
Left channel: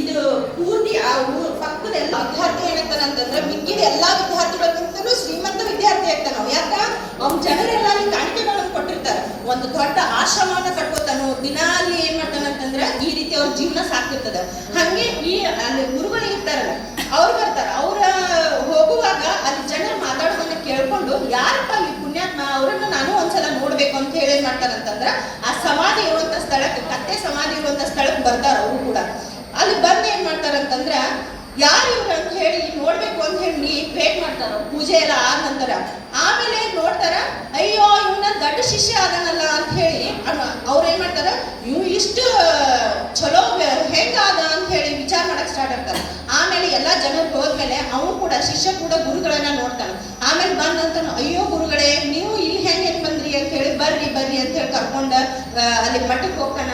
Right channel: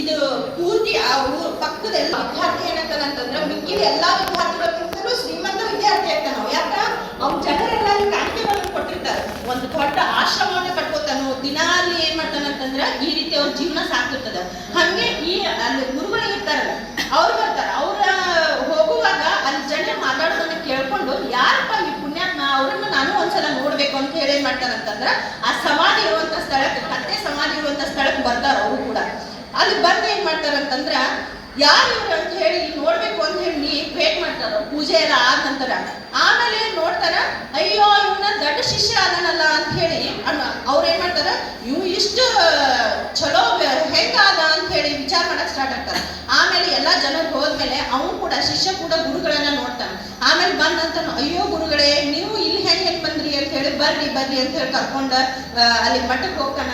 ಇದು ಪೂರ್ತಿ ಆ ಊರು ಪಕ್ಕದ ಎಲ್ಲ ವಿದ್ಯಾರ್ಥಿ ಏನಾಗ್ತಾನಂತಂದ್ರೆ ಮಿಕ್ಕಿದ ಎಲ್ಲಾ ವಿದ್ಯಾರ್ಥಿಗಳಿಗಿಂತಲೂ ಶ್ರೀಮಂತ ವಿದ್ಯಾರ್ಥಿ ಆಗ್ತಾನ. ಯಾಕ ಅವ್ನ ಜನರೆಲ್ಲ ಕಾಣಿಕೆಗಳನ್ನು ಕೊಟ್ಟಿರ್ತಾರೆ. ಒಂದು ದೊಡ್ಡ ಆಶ್ರಮವನ್ನು ಕಟ್ಕೋತಾನು. ದಿನ ಅಲ್ಲಿ ಏನ್ ಮಾಡ್ತಾನಂತಂದ್ರೆ ಈ ರೀತಿ ಅವ್ರ ಜೀವನ ಸಾಕ್ತಿರ್ತದ. ಹಂಗೆ ಈ ಅಲ್ಲಿ ಗುರುಗಳು ಇರ್ತಾರಲ್ಲ ಅವ್ರು ಬರ್ತಾರ. ಅವ್ರ ಹೋಗುವಾಗ ಅಲ್ಲಿ ಜನರು ಮಾತಾಡೋದನ್ನ ಕೇಳ್ಕೊಂಡು ಯಾರಪ್ಪ ಈ ಪುಣ್ಯಾತ್ಮ, ಅವ್ರನ್ನ ನಾನು ಒಂದ್ಸಲ ನೋಡ್ಬೇಕು ಅಂತ ಹೇಳಿ ಏನ್ ಮಾಡ್ತಾರಂತಂದ್ರ ಆ ಸಮಾಧಿ ಇರುವಂತ ಸ್ಥಳಕ್ಕೆ, ಕತ್ತೆ ಸಮಾಧಿ ಇರುವಂತ ಸ್ಥಳಕ್ಕೆ ಬರ್ತಾರ. ಅವರು ಕೂಡ ಅಲ್ಲಿ ಬಂದು ಏನ್ ಮಾಡ್ತಾರಂತಂದ್ರ ಯಾರು ಇವ್ರು ಅಂತ ಹೇಳಿ ನೋಡ್ಬೇಕು ಅಂತ ಹೇಳಿ ವೇಟ್ ಮಾಡ್ತಾರ ಪೂಜೆ ಎಲ್ಲ ಆದ ನಂತರ. ಆಮೇಲೆ ನೋಡ್ತಾರ, ಅಯ್ಯೋ ಇವನ ದೊಡ್ಡ ಶಿಷ್ಯ ಆದನಲ್ಲ ಅಂತ ಹೇಳಿ ಅವ್ರು ಏನ್ ಮಾಡ್ತಾರ, ಇವ್ ಇಷ್ಟು ಚಲೋ ಹೆಂಗಾದ ಅಂತ ಹೇಳಿ ವಿಚಾರ ಮಾಡಕ್ ಸ್ಟಾರ್ಟ್ ಆಗ್ತಾರ. ಆಮೇಲೆ ಎಲ್ಲಾ ಜನರು ಹೋದ್ಮೇಲೆ ಅವನು ಕೂಡ ಶಿಷ್ಯ ಕೂಡ ಗುರುಗಳನ್ನ ನೋಡ್ತಾನೆ. ಆಮೇಲೆ ಬಂದಂತ ಅಯ್ಯೋ ಗುರುಗಳೇ ನೀವು ಇಲ್ಲಿ ಹೆಂಗ್ ಬಂದ್ರಿ ಅಂತ ಹೇಳಿ ಬರ್ರಿ ಅಂತ ಹೇಳಿ ಕರ್ಕೊಂಡ ಅಲ್ಲಿ ಮಠಕ್ಕೆ ಹೋಗ್ತಾನ.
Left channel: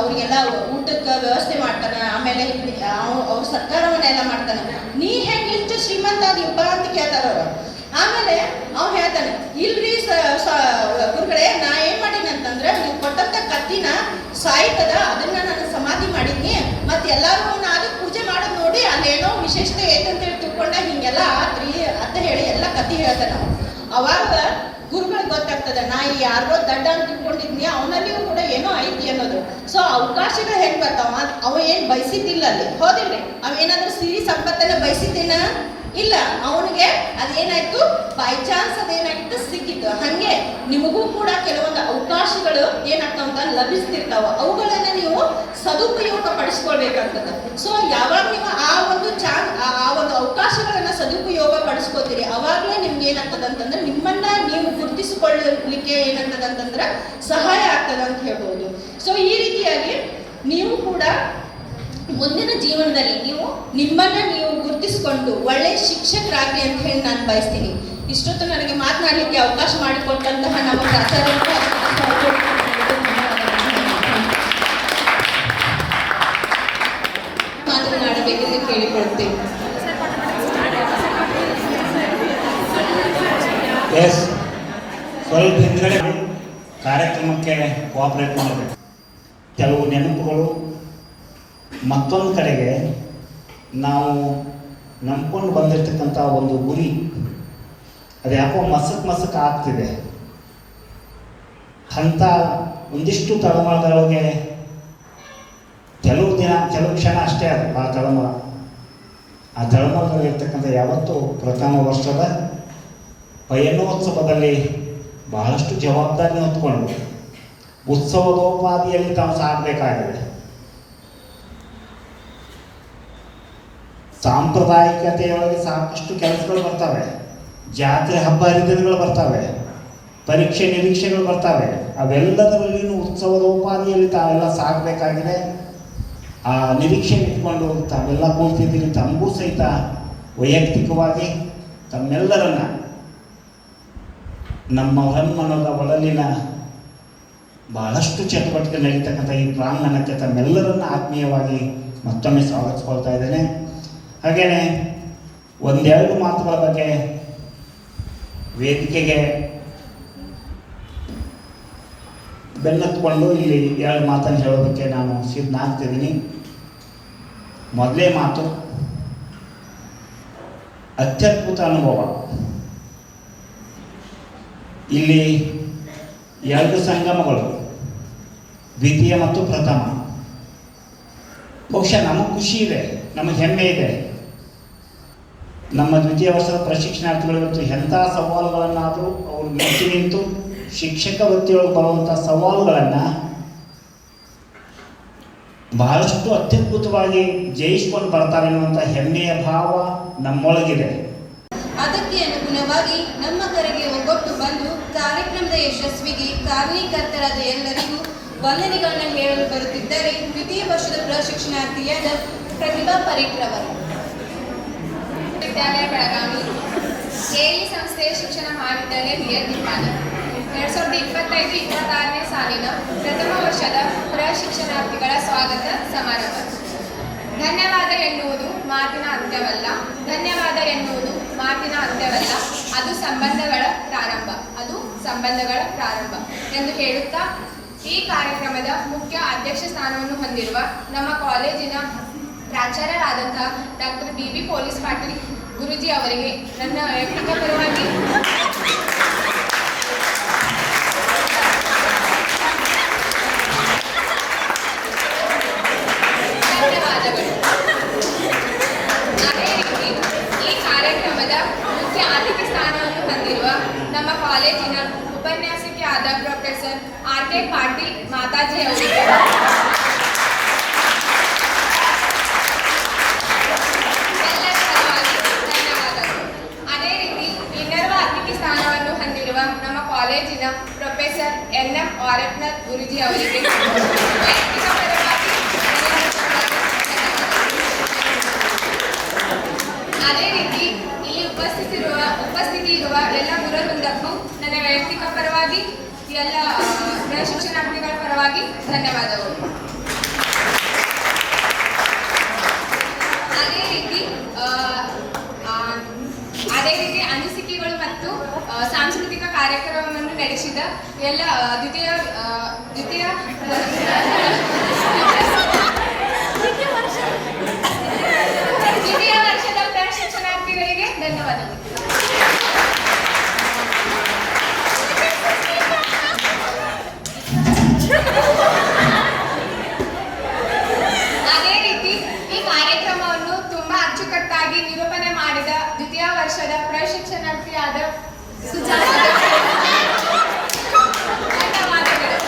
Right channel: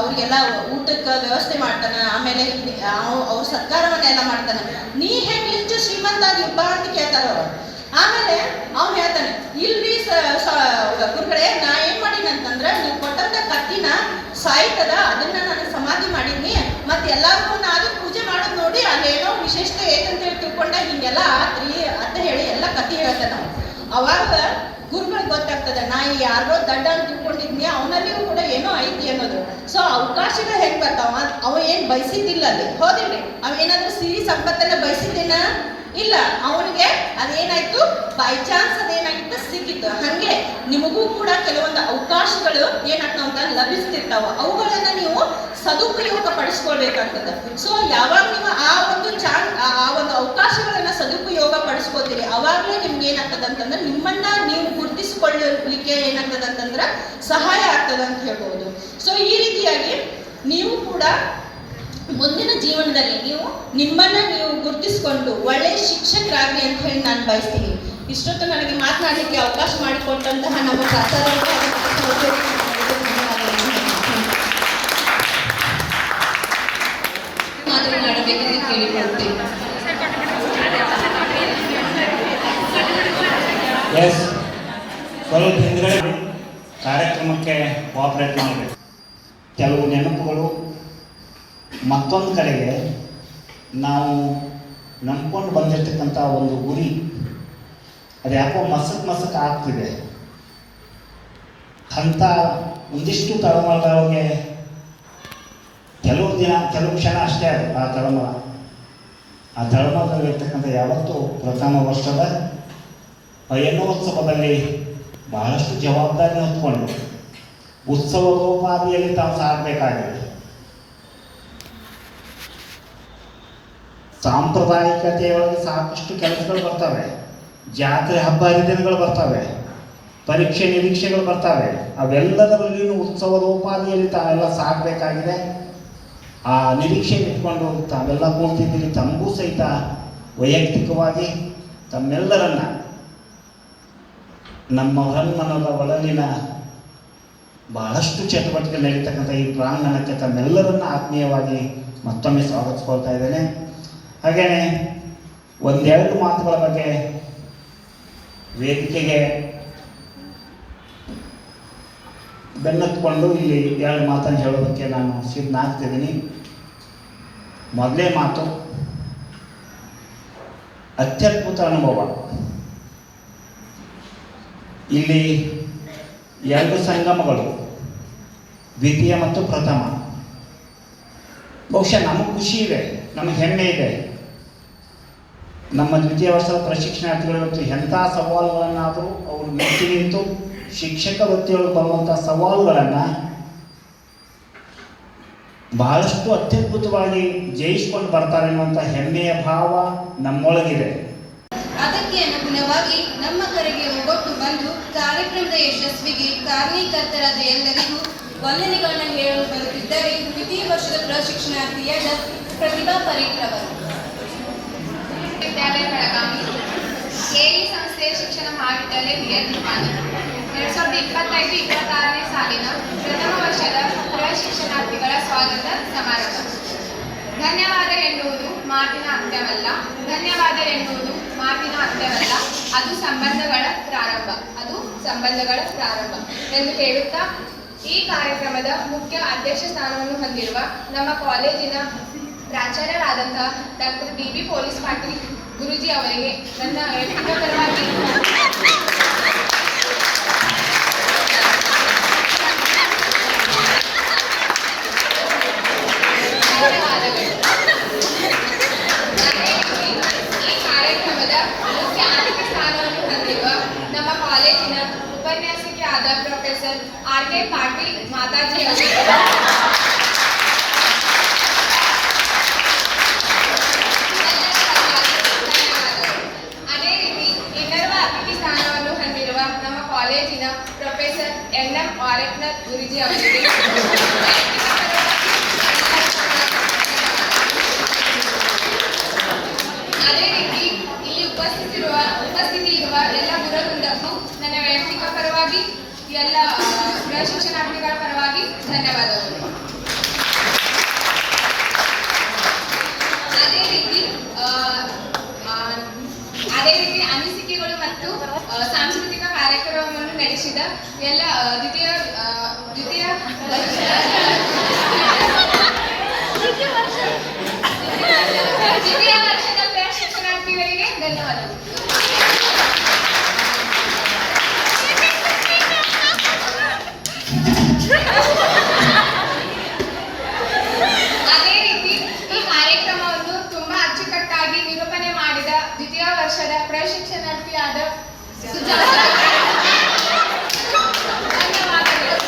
ಅವ್ರಿಗೆಲ್ಲ ಊಟಕ್ಕೆ ವ್ಯವಸ್ಥೆ ಮಾಡ್ತಾನ. ಆಮೇಲೆ ಅವ್ರ ಸತ್ಕಾರವನ್ನೆಲ್ಲ ಮಾಡ್ತಾನೆ. ನೀ ಹೆಂಗ್ ಇಷ್ಟು ಶ್ರೀಮಂತ ಆಗಿಪ್ಪ ಅಂತ ಕೇಳ್ತಾರ ಅವ್ರು. ಆಮೇಲೆ ಅವ್ನು ಹೇಳ್ತಾನೆ, ಇಲ್ರಿ ಗುರುಗಳೇ ನಾ ಏನ್ ಮಾಡೀನಿ ಅಂತಂದ್ರೆ ನೀವು ಕೊಟ್ಟಂತ ಕತ್ತಿನ ಸಾಯ್ತದ ಅದನ್ನ ನಾನು ಸಮಾಧಿ ಮಾಡೀನಿ. ಮತ್ತೆ ಎಲ್ಲಾರು ನಾನು ಪೂಜೆ ಮಾಡೋದು ನೋಡಿ ಅಲ್ಲೇನೋ ವಿಶೇಷತೆ ಐತಂತ ಹೇಳಿ ತಿಳ್ಕೊಂಡ ಹಿಂಗೆಲ್ಲ ಆತ್ರಿ ಅಂತ ಹೇಳಿ ಎಲ್ಲ ಕತ್ತಿ ಹೇಳ್ತಾನ. ಅವಾಗ ಗುರುಗಳಿಗೆ ಗೊತ್ತಾಗ್ತದೆ ನಾ ಯಾರೋ ದಡ್ಡ ಅಂತ ತಿಳ್ಕೊಂಡಿದ್ನಿ, ಅವನಲ್ಲಿಯೂ ಕೂಡ ಏನೋ ಐತಿ ಅನ್ನೋದು. ಸೊ ಅವಕಾಶಗಳು ಹೆಂಗ್ ಬರ್ತಾವ, ಅವ ಏನ್ ಬಯಸಿದ್ದಿಲ್ಲ ಅಲ್ಲಿ, ಹೋದಿಲ್ರಿ ಅವೇನಾದ್ರೂ ಸಿರಿ ಸಂಪತ್ತನ್ನ ಬಯಸಿದ್ದೇನ ಇಲ್ಲ. ಅವನಿಗೆ ಅದೇನಾಯ್ತು, ಬೈ ಚಾನ್ಸ್ ಅದೇನಾಗಿತ್ತು ಸಿಕ್ಕಿತ್ತು. ಹಂಗೆ ನಿಮಗೂ ಕೂಡ ಕೆಲವೊಂದು ಅವಕಾಶಗಳು ಏನಾಗ್ತಾವ ಅಂತ ಲಭಿಸ್ತಿರ್ತಾವ. ಅವುಗಳನ್ನ ನೀವು ಸದುಪಯೋಗ ಪಡಿಸ್ಕೊಳ್ಬೇಕಾಗ್ತದೆ. ಸೊ ಯಾವಾಗ ನೀವು ಆ ಒಂದು ಅವಕಾಶಗಳನ್ನ ಸದುಪಯೋಗ ಪಡಿಸ್ಕೋತೀರಿ ಅವಾಗಲೇ ನಿಮ್ಗೆ ಏನಾಗ್ತದೆ ಅಂತಂದ್ರೆ ನಿಮ್ಮನ್ನ ನೀವು ಗುರುತಿಸಿಕೊಳ್ಳಲಿಕ್ಕೆ ಏನಾಗ್ತದೆ ಅಂತಂದ್ರೆ ಸಹಾಯ ಆಗ್ತದೆ ಅಂತ ಹೇಳ್ಬೋದು. ಸೊ ಈ ರೀತಿಯಾಗಿ ನೀವು ಕೂಡ ಮುಂದಿನ ಜೀವನದಲ್ಲಿ ನಿಮ್ಮನ್ನ ನೀವು ಗುರುತಿಸಿಕೊಂಡು ಒಳ್ಳೆ ಶಿಕ್ಷಕರಾಗ್ಲಿ ಅಂತ ಹೇಳಿ ನಾನು ಬಯಸ್ತೀನಿ. ಇಷ್ಟೊತ್ತು ನನಗೆ ಮಾತನಾಡಲಿಕ್ಕೆ ಅವಕಾಶ ಮಾಡಿಕೊಟ್ಟಂತಹ ನಮ್ಮ ಪ್ರಾಚಾರ್ಯರಿಗೆ ಮಾತನಾಡಬೇಕೆಂದು ಕೇಳಿಕೊಳ್ತೇನೆ. ಸ್ವಲ್ಪ ಹಿಂದ್ಗಡೆ ಕಾರ್ಯಕ್ರಮಕ್ಕೆ ಕೋಆಪರೇಟ್ ಮಾಡಬೇಕು. ಕೆಲವು ನೆನಪುಗಳು ಮತ್ತೊಂದು ಕಡೆಗೆ ನಾವು ನಂಬ್ಕೊಂಡು ಬಂದಿರತಕ್ಕಂಥ ಒಂದು ಗುರಿ ಅದು ಯಾಕೋ ಮಸಕ್ ಆಗ್ತಿದೆ ಅಂತ ಒಂದಿಷ್ಟು ತಳಮಳಗಳಿಗೆ ಕೆಲವು ಕ್ಷಣ ಅಷ್ಟೇ ಅದು ಆ ತಳಮಳ. ಆ ತಳಮಳದಲ್ಲಿರ್ತಕ್ಕಂಥ ಯಾವತ್ತೂ ಪ್ರಥಮ ವರ್ಷದ ಪಯಣೋತ್ಸವದಲ್ಲಿ ಬಹಳಷ್ಟು ಜವಾಬ್ದಾರಿ ಹೊತ್ಕೊಂಡು ಉತ್ಸವದೋಪಾದಿಯಲ್ಲಿ ತಾವು ಸಾಗಬೇಕಾಗಿದೆ. ಸಾಂಪ್ರದಾಯಿಕತೆಯೊಳಗೆ ಸಾಕಷ್ಟು ಕೆಲಸಗಳು ಬರ್ತವೆ, ಜಾತ್ರೆ ಹಬ್ಬ ಹರಿದಿನಗಳು ಬರ್ತವೆ, ಪರೀಕ್ಷೆ ನಿರೀಕ್ಷೆಗಳು ಬರ್ತವೆ. ಅವೆಲ್ಲದರಲ್ಲಿಯೂ ಉತ್ಸವದೋಪಾದಿಯಲ್ಲಿ ತಾವೆಲ್ಲ ಸಾಗಬೇಕಾಗಿದೆ. ಆ ನಿರೀಕ್ಷೆ ಇಟ್ಕೊಂಡು ತಾವೆಲ್ಲ ಕೂಡ್ತಿದ್ದೀರಿ. ತಮಗೂ ಸಹಿತ ವೈಯಕ್ತಿಕವಾಗಿ ತಮ್ಮೆಲ್ಲರನ್ನ ನಮ್ಮ ಹೊರಮನದ ಒಳಲಿನ ಬಹಳಷ್ಟು ಚಟುವಟಿಕೆ ನಡೀತಕ್ಕಂಥ ಈ ಪ್ರಾಂಗಣಕ್ಕೆ ತಮ್ಮೆಲ್ಲರನ್ನ ಆತ್ಮೀಯವಾಗಿ ಮತ್ತೊಮ್ಮೆ ಸ್ವಾಗತಿಸ್ಕೊಳ್ತಾ ಇದ್ದೇನೆ. ಹಾಗೆಯೇ ಒಂದೆರಡು ಮಾತುಗಳ ಬಗ್ಗೆ ವೇದಿಕೆಗೆ ಬೆನ್ನತ್ಕೊಂಡು ಇಲ್ಲಿ ಎರಡು ಮಾತನ್ನು ಹೇಳೋದಕ್ಕೆ ನಾನು ಸಿದ್ಧನಾಗ್ತಿದ್ದೀನಿ. ಮೊದಲೇ ಮಾತು, ಅತ್ಯದ್ಭುತ ಅನುಭವ. ಇಲ್ಲಿ ಎರಡು ಸಂಗಮಗಳು, ದ್ವಿತೀಯ ಮತ್ತು ಪ್ರಥಮ. ಬಹುಶಃ ನಮಗೆ ಖುಷಿ ಇದೆ, ನಮಗೆ ಹೆಮ್ಮೆ ಇದೆ. ನಮ್ಮ ದ್ವಿತೀಯ ವರ್ಷದ ಪ್ರಶಿಕ್ಷಣಾರ್ಥಿಗಳು ಇವತ್ತು ಎಂಥ ಸವಾಲುಗಳನ್ನಾದರೂ ಅವರು ಮೆಟ್ಟಿ ನಿಂತು ಶಿಕ್ಷಕ ವೃತ್ತಿಯೊಳಗೆ ಬರುವಂಥ ಸವಾಲುಗಳನ್ನು ಬಹಳಷ್ಟು ಅತ್ಯದ್ಭುತವಾಗಿ ಜಯಿಸ್ಕೊಂಡು ಬರ್ತಾರೆ ಅನ್ನುವಂಥ ಹೆಮ್ಮೆಯ ಭಾವ ನಮ್ಮೊಳಗಿದೆ. ಅದಕ್ಕೆ ಅನುಗುಣವಾಗಿ ನಮ್ಮ ಕರೆಗೆ ಒಗ್ಗಟ್ಟು ಬಂದು ಕಾರ್ಯಕ್ರಮದ ಯಶಸ್ವಿಗೆ ಕಾರಣೀಕರ್ತರಾದ ಎಲ್ಲರಿಗೂ ವಂದನೆಗಳನ್ನು ಹೇಳಲು ಬರುತ್ತಿದ್ದರೆ ದ್ವಿತೀಯ ವರ್ಷದ ಪ್ರಶಿಕ್ಷಣಾರ್ಥಿಯಾದ ಪ್ರತಿಭಾ ಪರೀಕ್ಷರವರು. ವಿದ್ಯಾಲಯ ಬೆಳಗಾವಿ ಎಇ ಸಂಸ್ಥೆಯ ಶಿಕ್ಷಣ ಮಹಾವಿದ್ಯಾಲಯ ಹಿರಿಯ ನಿಪ್ಪಾಣಿ 2025-26ನೇ ಸಾಲಿನ ಪ್ರಥಮ ವರ್ಷದ ಪ್ರಶಿಕ್ಷಣಾರ್ಥಿಗಳ ಸ್ವಾಗತ ಸಮಾರಂಭ. ಧನ್ಯವಾದ ಎನ್ನುವುದು ಮಾತಿನ ಅಂತ್ಯವಲ್ಲ, ಧನ್ಯವಾದ ಎನ್ನುವುದು ಮಾತಿನ ಅಂತ್ಯವಲ್ಲ, ಅದು ಸಂಬಂಧಗಳ ಪ್ರಾರಂಭ ಎಂದು ಹೇಳುತ್ತಾ ಈ ಕಾರ್ಯಕ್ರಮದ ಮುಖ್ಯ ಅಧ್ಯಕ್ಷ ಸ್ಥಾನವನ್ನು ಹೊಂದಿರುವ ನಮ್ಮ ಕಾಲೇಜಿನ ಪ್ರಾಚಾರ್ಯರಾದಂತಹ doctor BB police Patil guruji ಅವರಿಗೆ ನನ್ನ ವೈಯಕ್ತಿಕ ಪರವಾಗಿ ಧನ್ಯವಾದಗಳು. ಅದೇ ರೀತಿ ಈ ಕಾರ್ಯಕ್ರಮದ ಮುಖ್ಯ ಅತಿಥಿ ಸ್ಥಾನವನ್ನು ಹೊಂದಿರುವ ನಮ್ಮ ಕಾಲೇಜಿನ ಉಪನ್ಯಾಸಕಿ ಆದ ಪ್ರೊಫೆಸರ್ RK ಪಾಟೀಲ್ ಮಾತಾಜಿ ಅವರಿಗೆ ಅದೇ ರೀತಿ ಇನ್ನರ್ವ ಅತಿಥಿ ಸ್ಥಾನವನ್ನು ಹೊಂದಿರುವ ನಮ್ಮ ಕಾಲೇಜಿನ ಪ್ರೊಫೆಸರ್ NM ಆರಕ್ನಾಥ್ ಗುರೂಜಿ ಅವರಿಗೆ ವೈಯಕ್ತಿಕ ಪರವಾಗಿ ಅದೇ ರೀತಿ ಇಲ್ಲಿ ಉಪಸ್ಥಿತಿ ಇರುವ ಎಲ್ಲ ಗುರುವೃಂದಕ್ಕೂ ನನ್ನ ವೈಯಕ್ತಿಕ ಪರವಾಗಿ ಎಲ್ಲ ಪ್ರಶಿಕ್ಷಣಾರ್ಥಿಗಳ ಪರವಾಗಿ ಧನ್ಯವಾದಗಳು. ಅದೇ ರೀತಿ ಅನಿಸಿಕೆಗಳು ಮತ್ತು ಸಾಂಸ್ಕೃತಿಕ ಕಾರ್ಯಕ್ರಮವನ್ನು ನಡೆಸಿದ ಎಲ್ಲ ದ್ವಿತೀಯ ವರ್ಷದ ಪ್ರಶಿಕ್ಷಣಾರ್ಥಿಗಳಿಗೆ ಧನ್ಯವಾದಗಳು. ಅದೇ ರೀತಿ ಈ ಕಾರ್ಯಕ್ರಮವನ್ನು ತುಂಬಾ ಅಚ್ಚುಕಟ್ಟಾಗಿ ನಿರೂಪಣೆ ಮಾಡಿದ ದ್ವಿತೀಯ ವರ್ಷದ ಪ್ರಶಿಕ್ಷಣಾರ್ಥಿಯಾದ ಸುಜಾತ ಧನ್ಯವಾದಗಳು.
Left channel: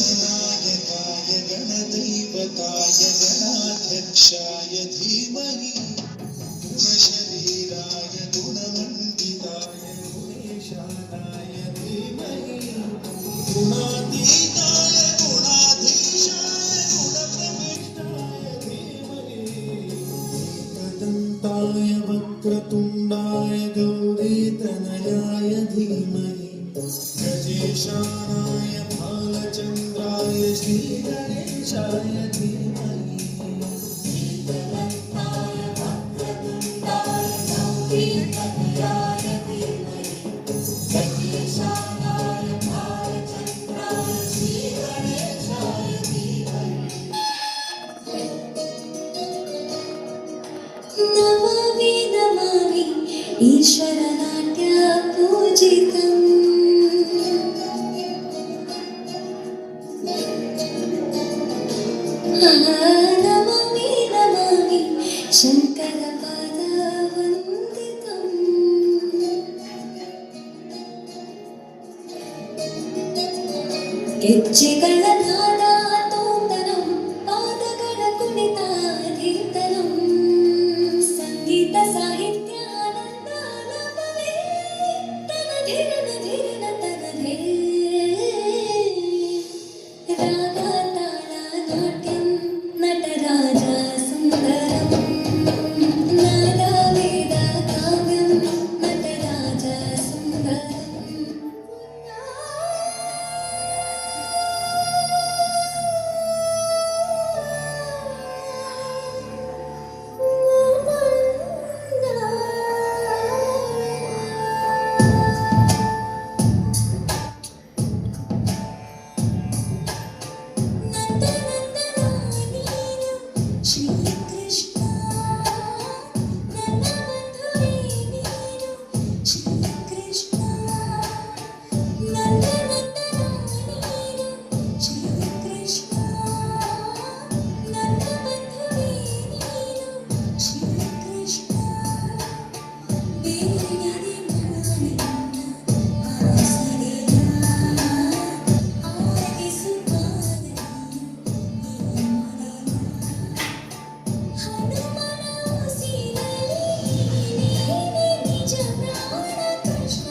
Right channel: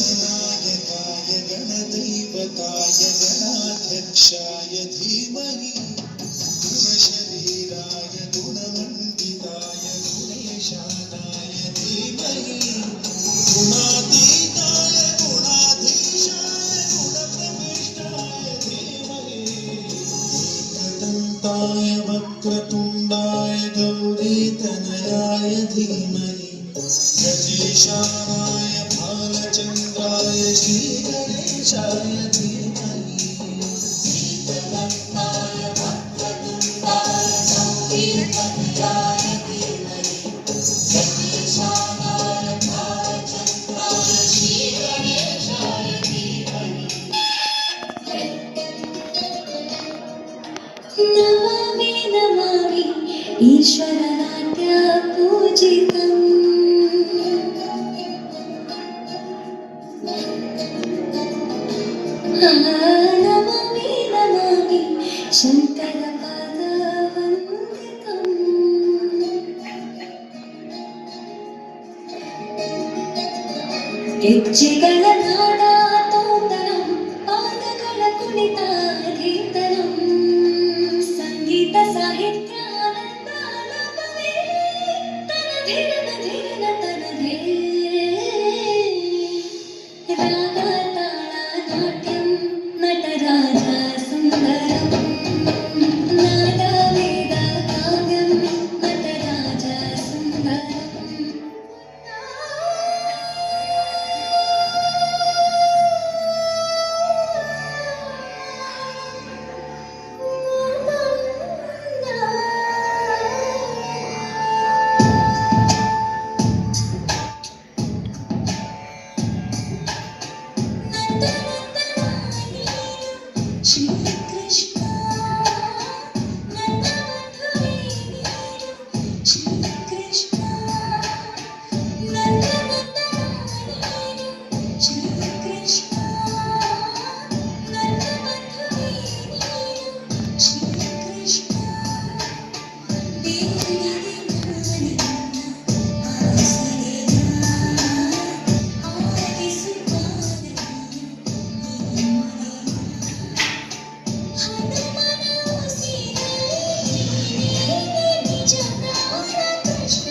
गणनायकाय गणदैवताय गणाध्यक्षाय धीमहि गुणशरीराय गुणमण्डिताय गुणेशानाय धीमहि गुणातीताय गुणाधीशाय गुणप्रविष्टाय धीमहि एकदन्ताय वक्रतुण्डाय गौरीतनयाय धीमहि गणेशानाय भालचन्द्राय श्रीगणेशाय धीमहि एकदन्ताय वक्रतुण्डाय गौरीतनयाय धीमहि गणेशानाय भालचन्द्राय श्रीगणेशाय धीमहि नमामि नमामि ईश्वरनाट्य पूजितम् नमामि नमामि शङ्करपादवन्दितम् ಹೆಜ್ಜೆಗಳ ನಾಡಾತೋಂದನಂ ಪಾದಗಳ ಕುಣಿತಾಧೀತನಂ ಸಂಗೀತ ಸಾಹಿತ್ಯಾನಂದಾಲಪವೇ ತನಧಿರನ ಧಿರನ ತನಧೇ ರಾಗ ತಾಳ ನಾಟ್ಯಂ ನಟರಾಜ ಸುಂದರಂ ನಾದ ವೇದ ಕಾವ್ಯಂ ನಟರಾಜ ಸುಂದರಂ ಶ್ರೀ ಕೃಷ್ಣ ನನ್ನ ಬಂಧುವೇ ನೀನು ಶ್ರೀ ಕೃಷ್ಣ ನನ್ನ ಬಂಧನ ನೀನು ಶ್ರೀ ಕೃಷ್ಣ ನನ್ನ ಬಂಧುವೇ ನೀನು ಶ್ರೀ ಕೃಷ್ಣ ಬೇರೆ ನಾನಿನ್ನ ಆಸರೆಯ ಆರಗಿಸುತ್ತಾನೆ ಹನುಮನ ಉಸಿರಲ್ಲಿ ನೀನೇ ನಿಜ ಪ್ರಾಣ ಕೃಷ್ಣ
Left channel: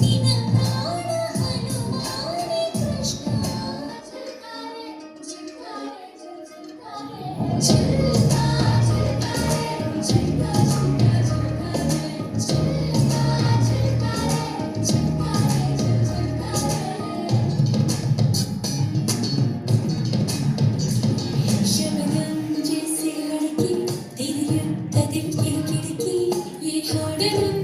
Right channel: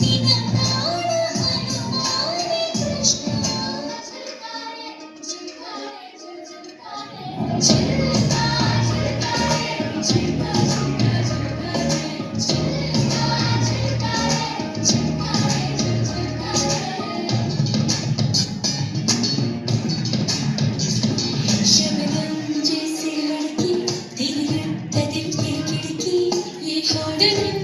ನಿನ್ನ ಪ್ರಾಣ ಹನುಮಾನೇ ಕೃಷ್ಣ शबनम जैसी लड़की तेरी लटती खिड़की ये छोड़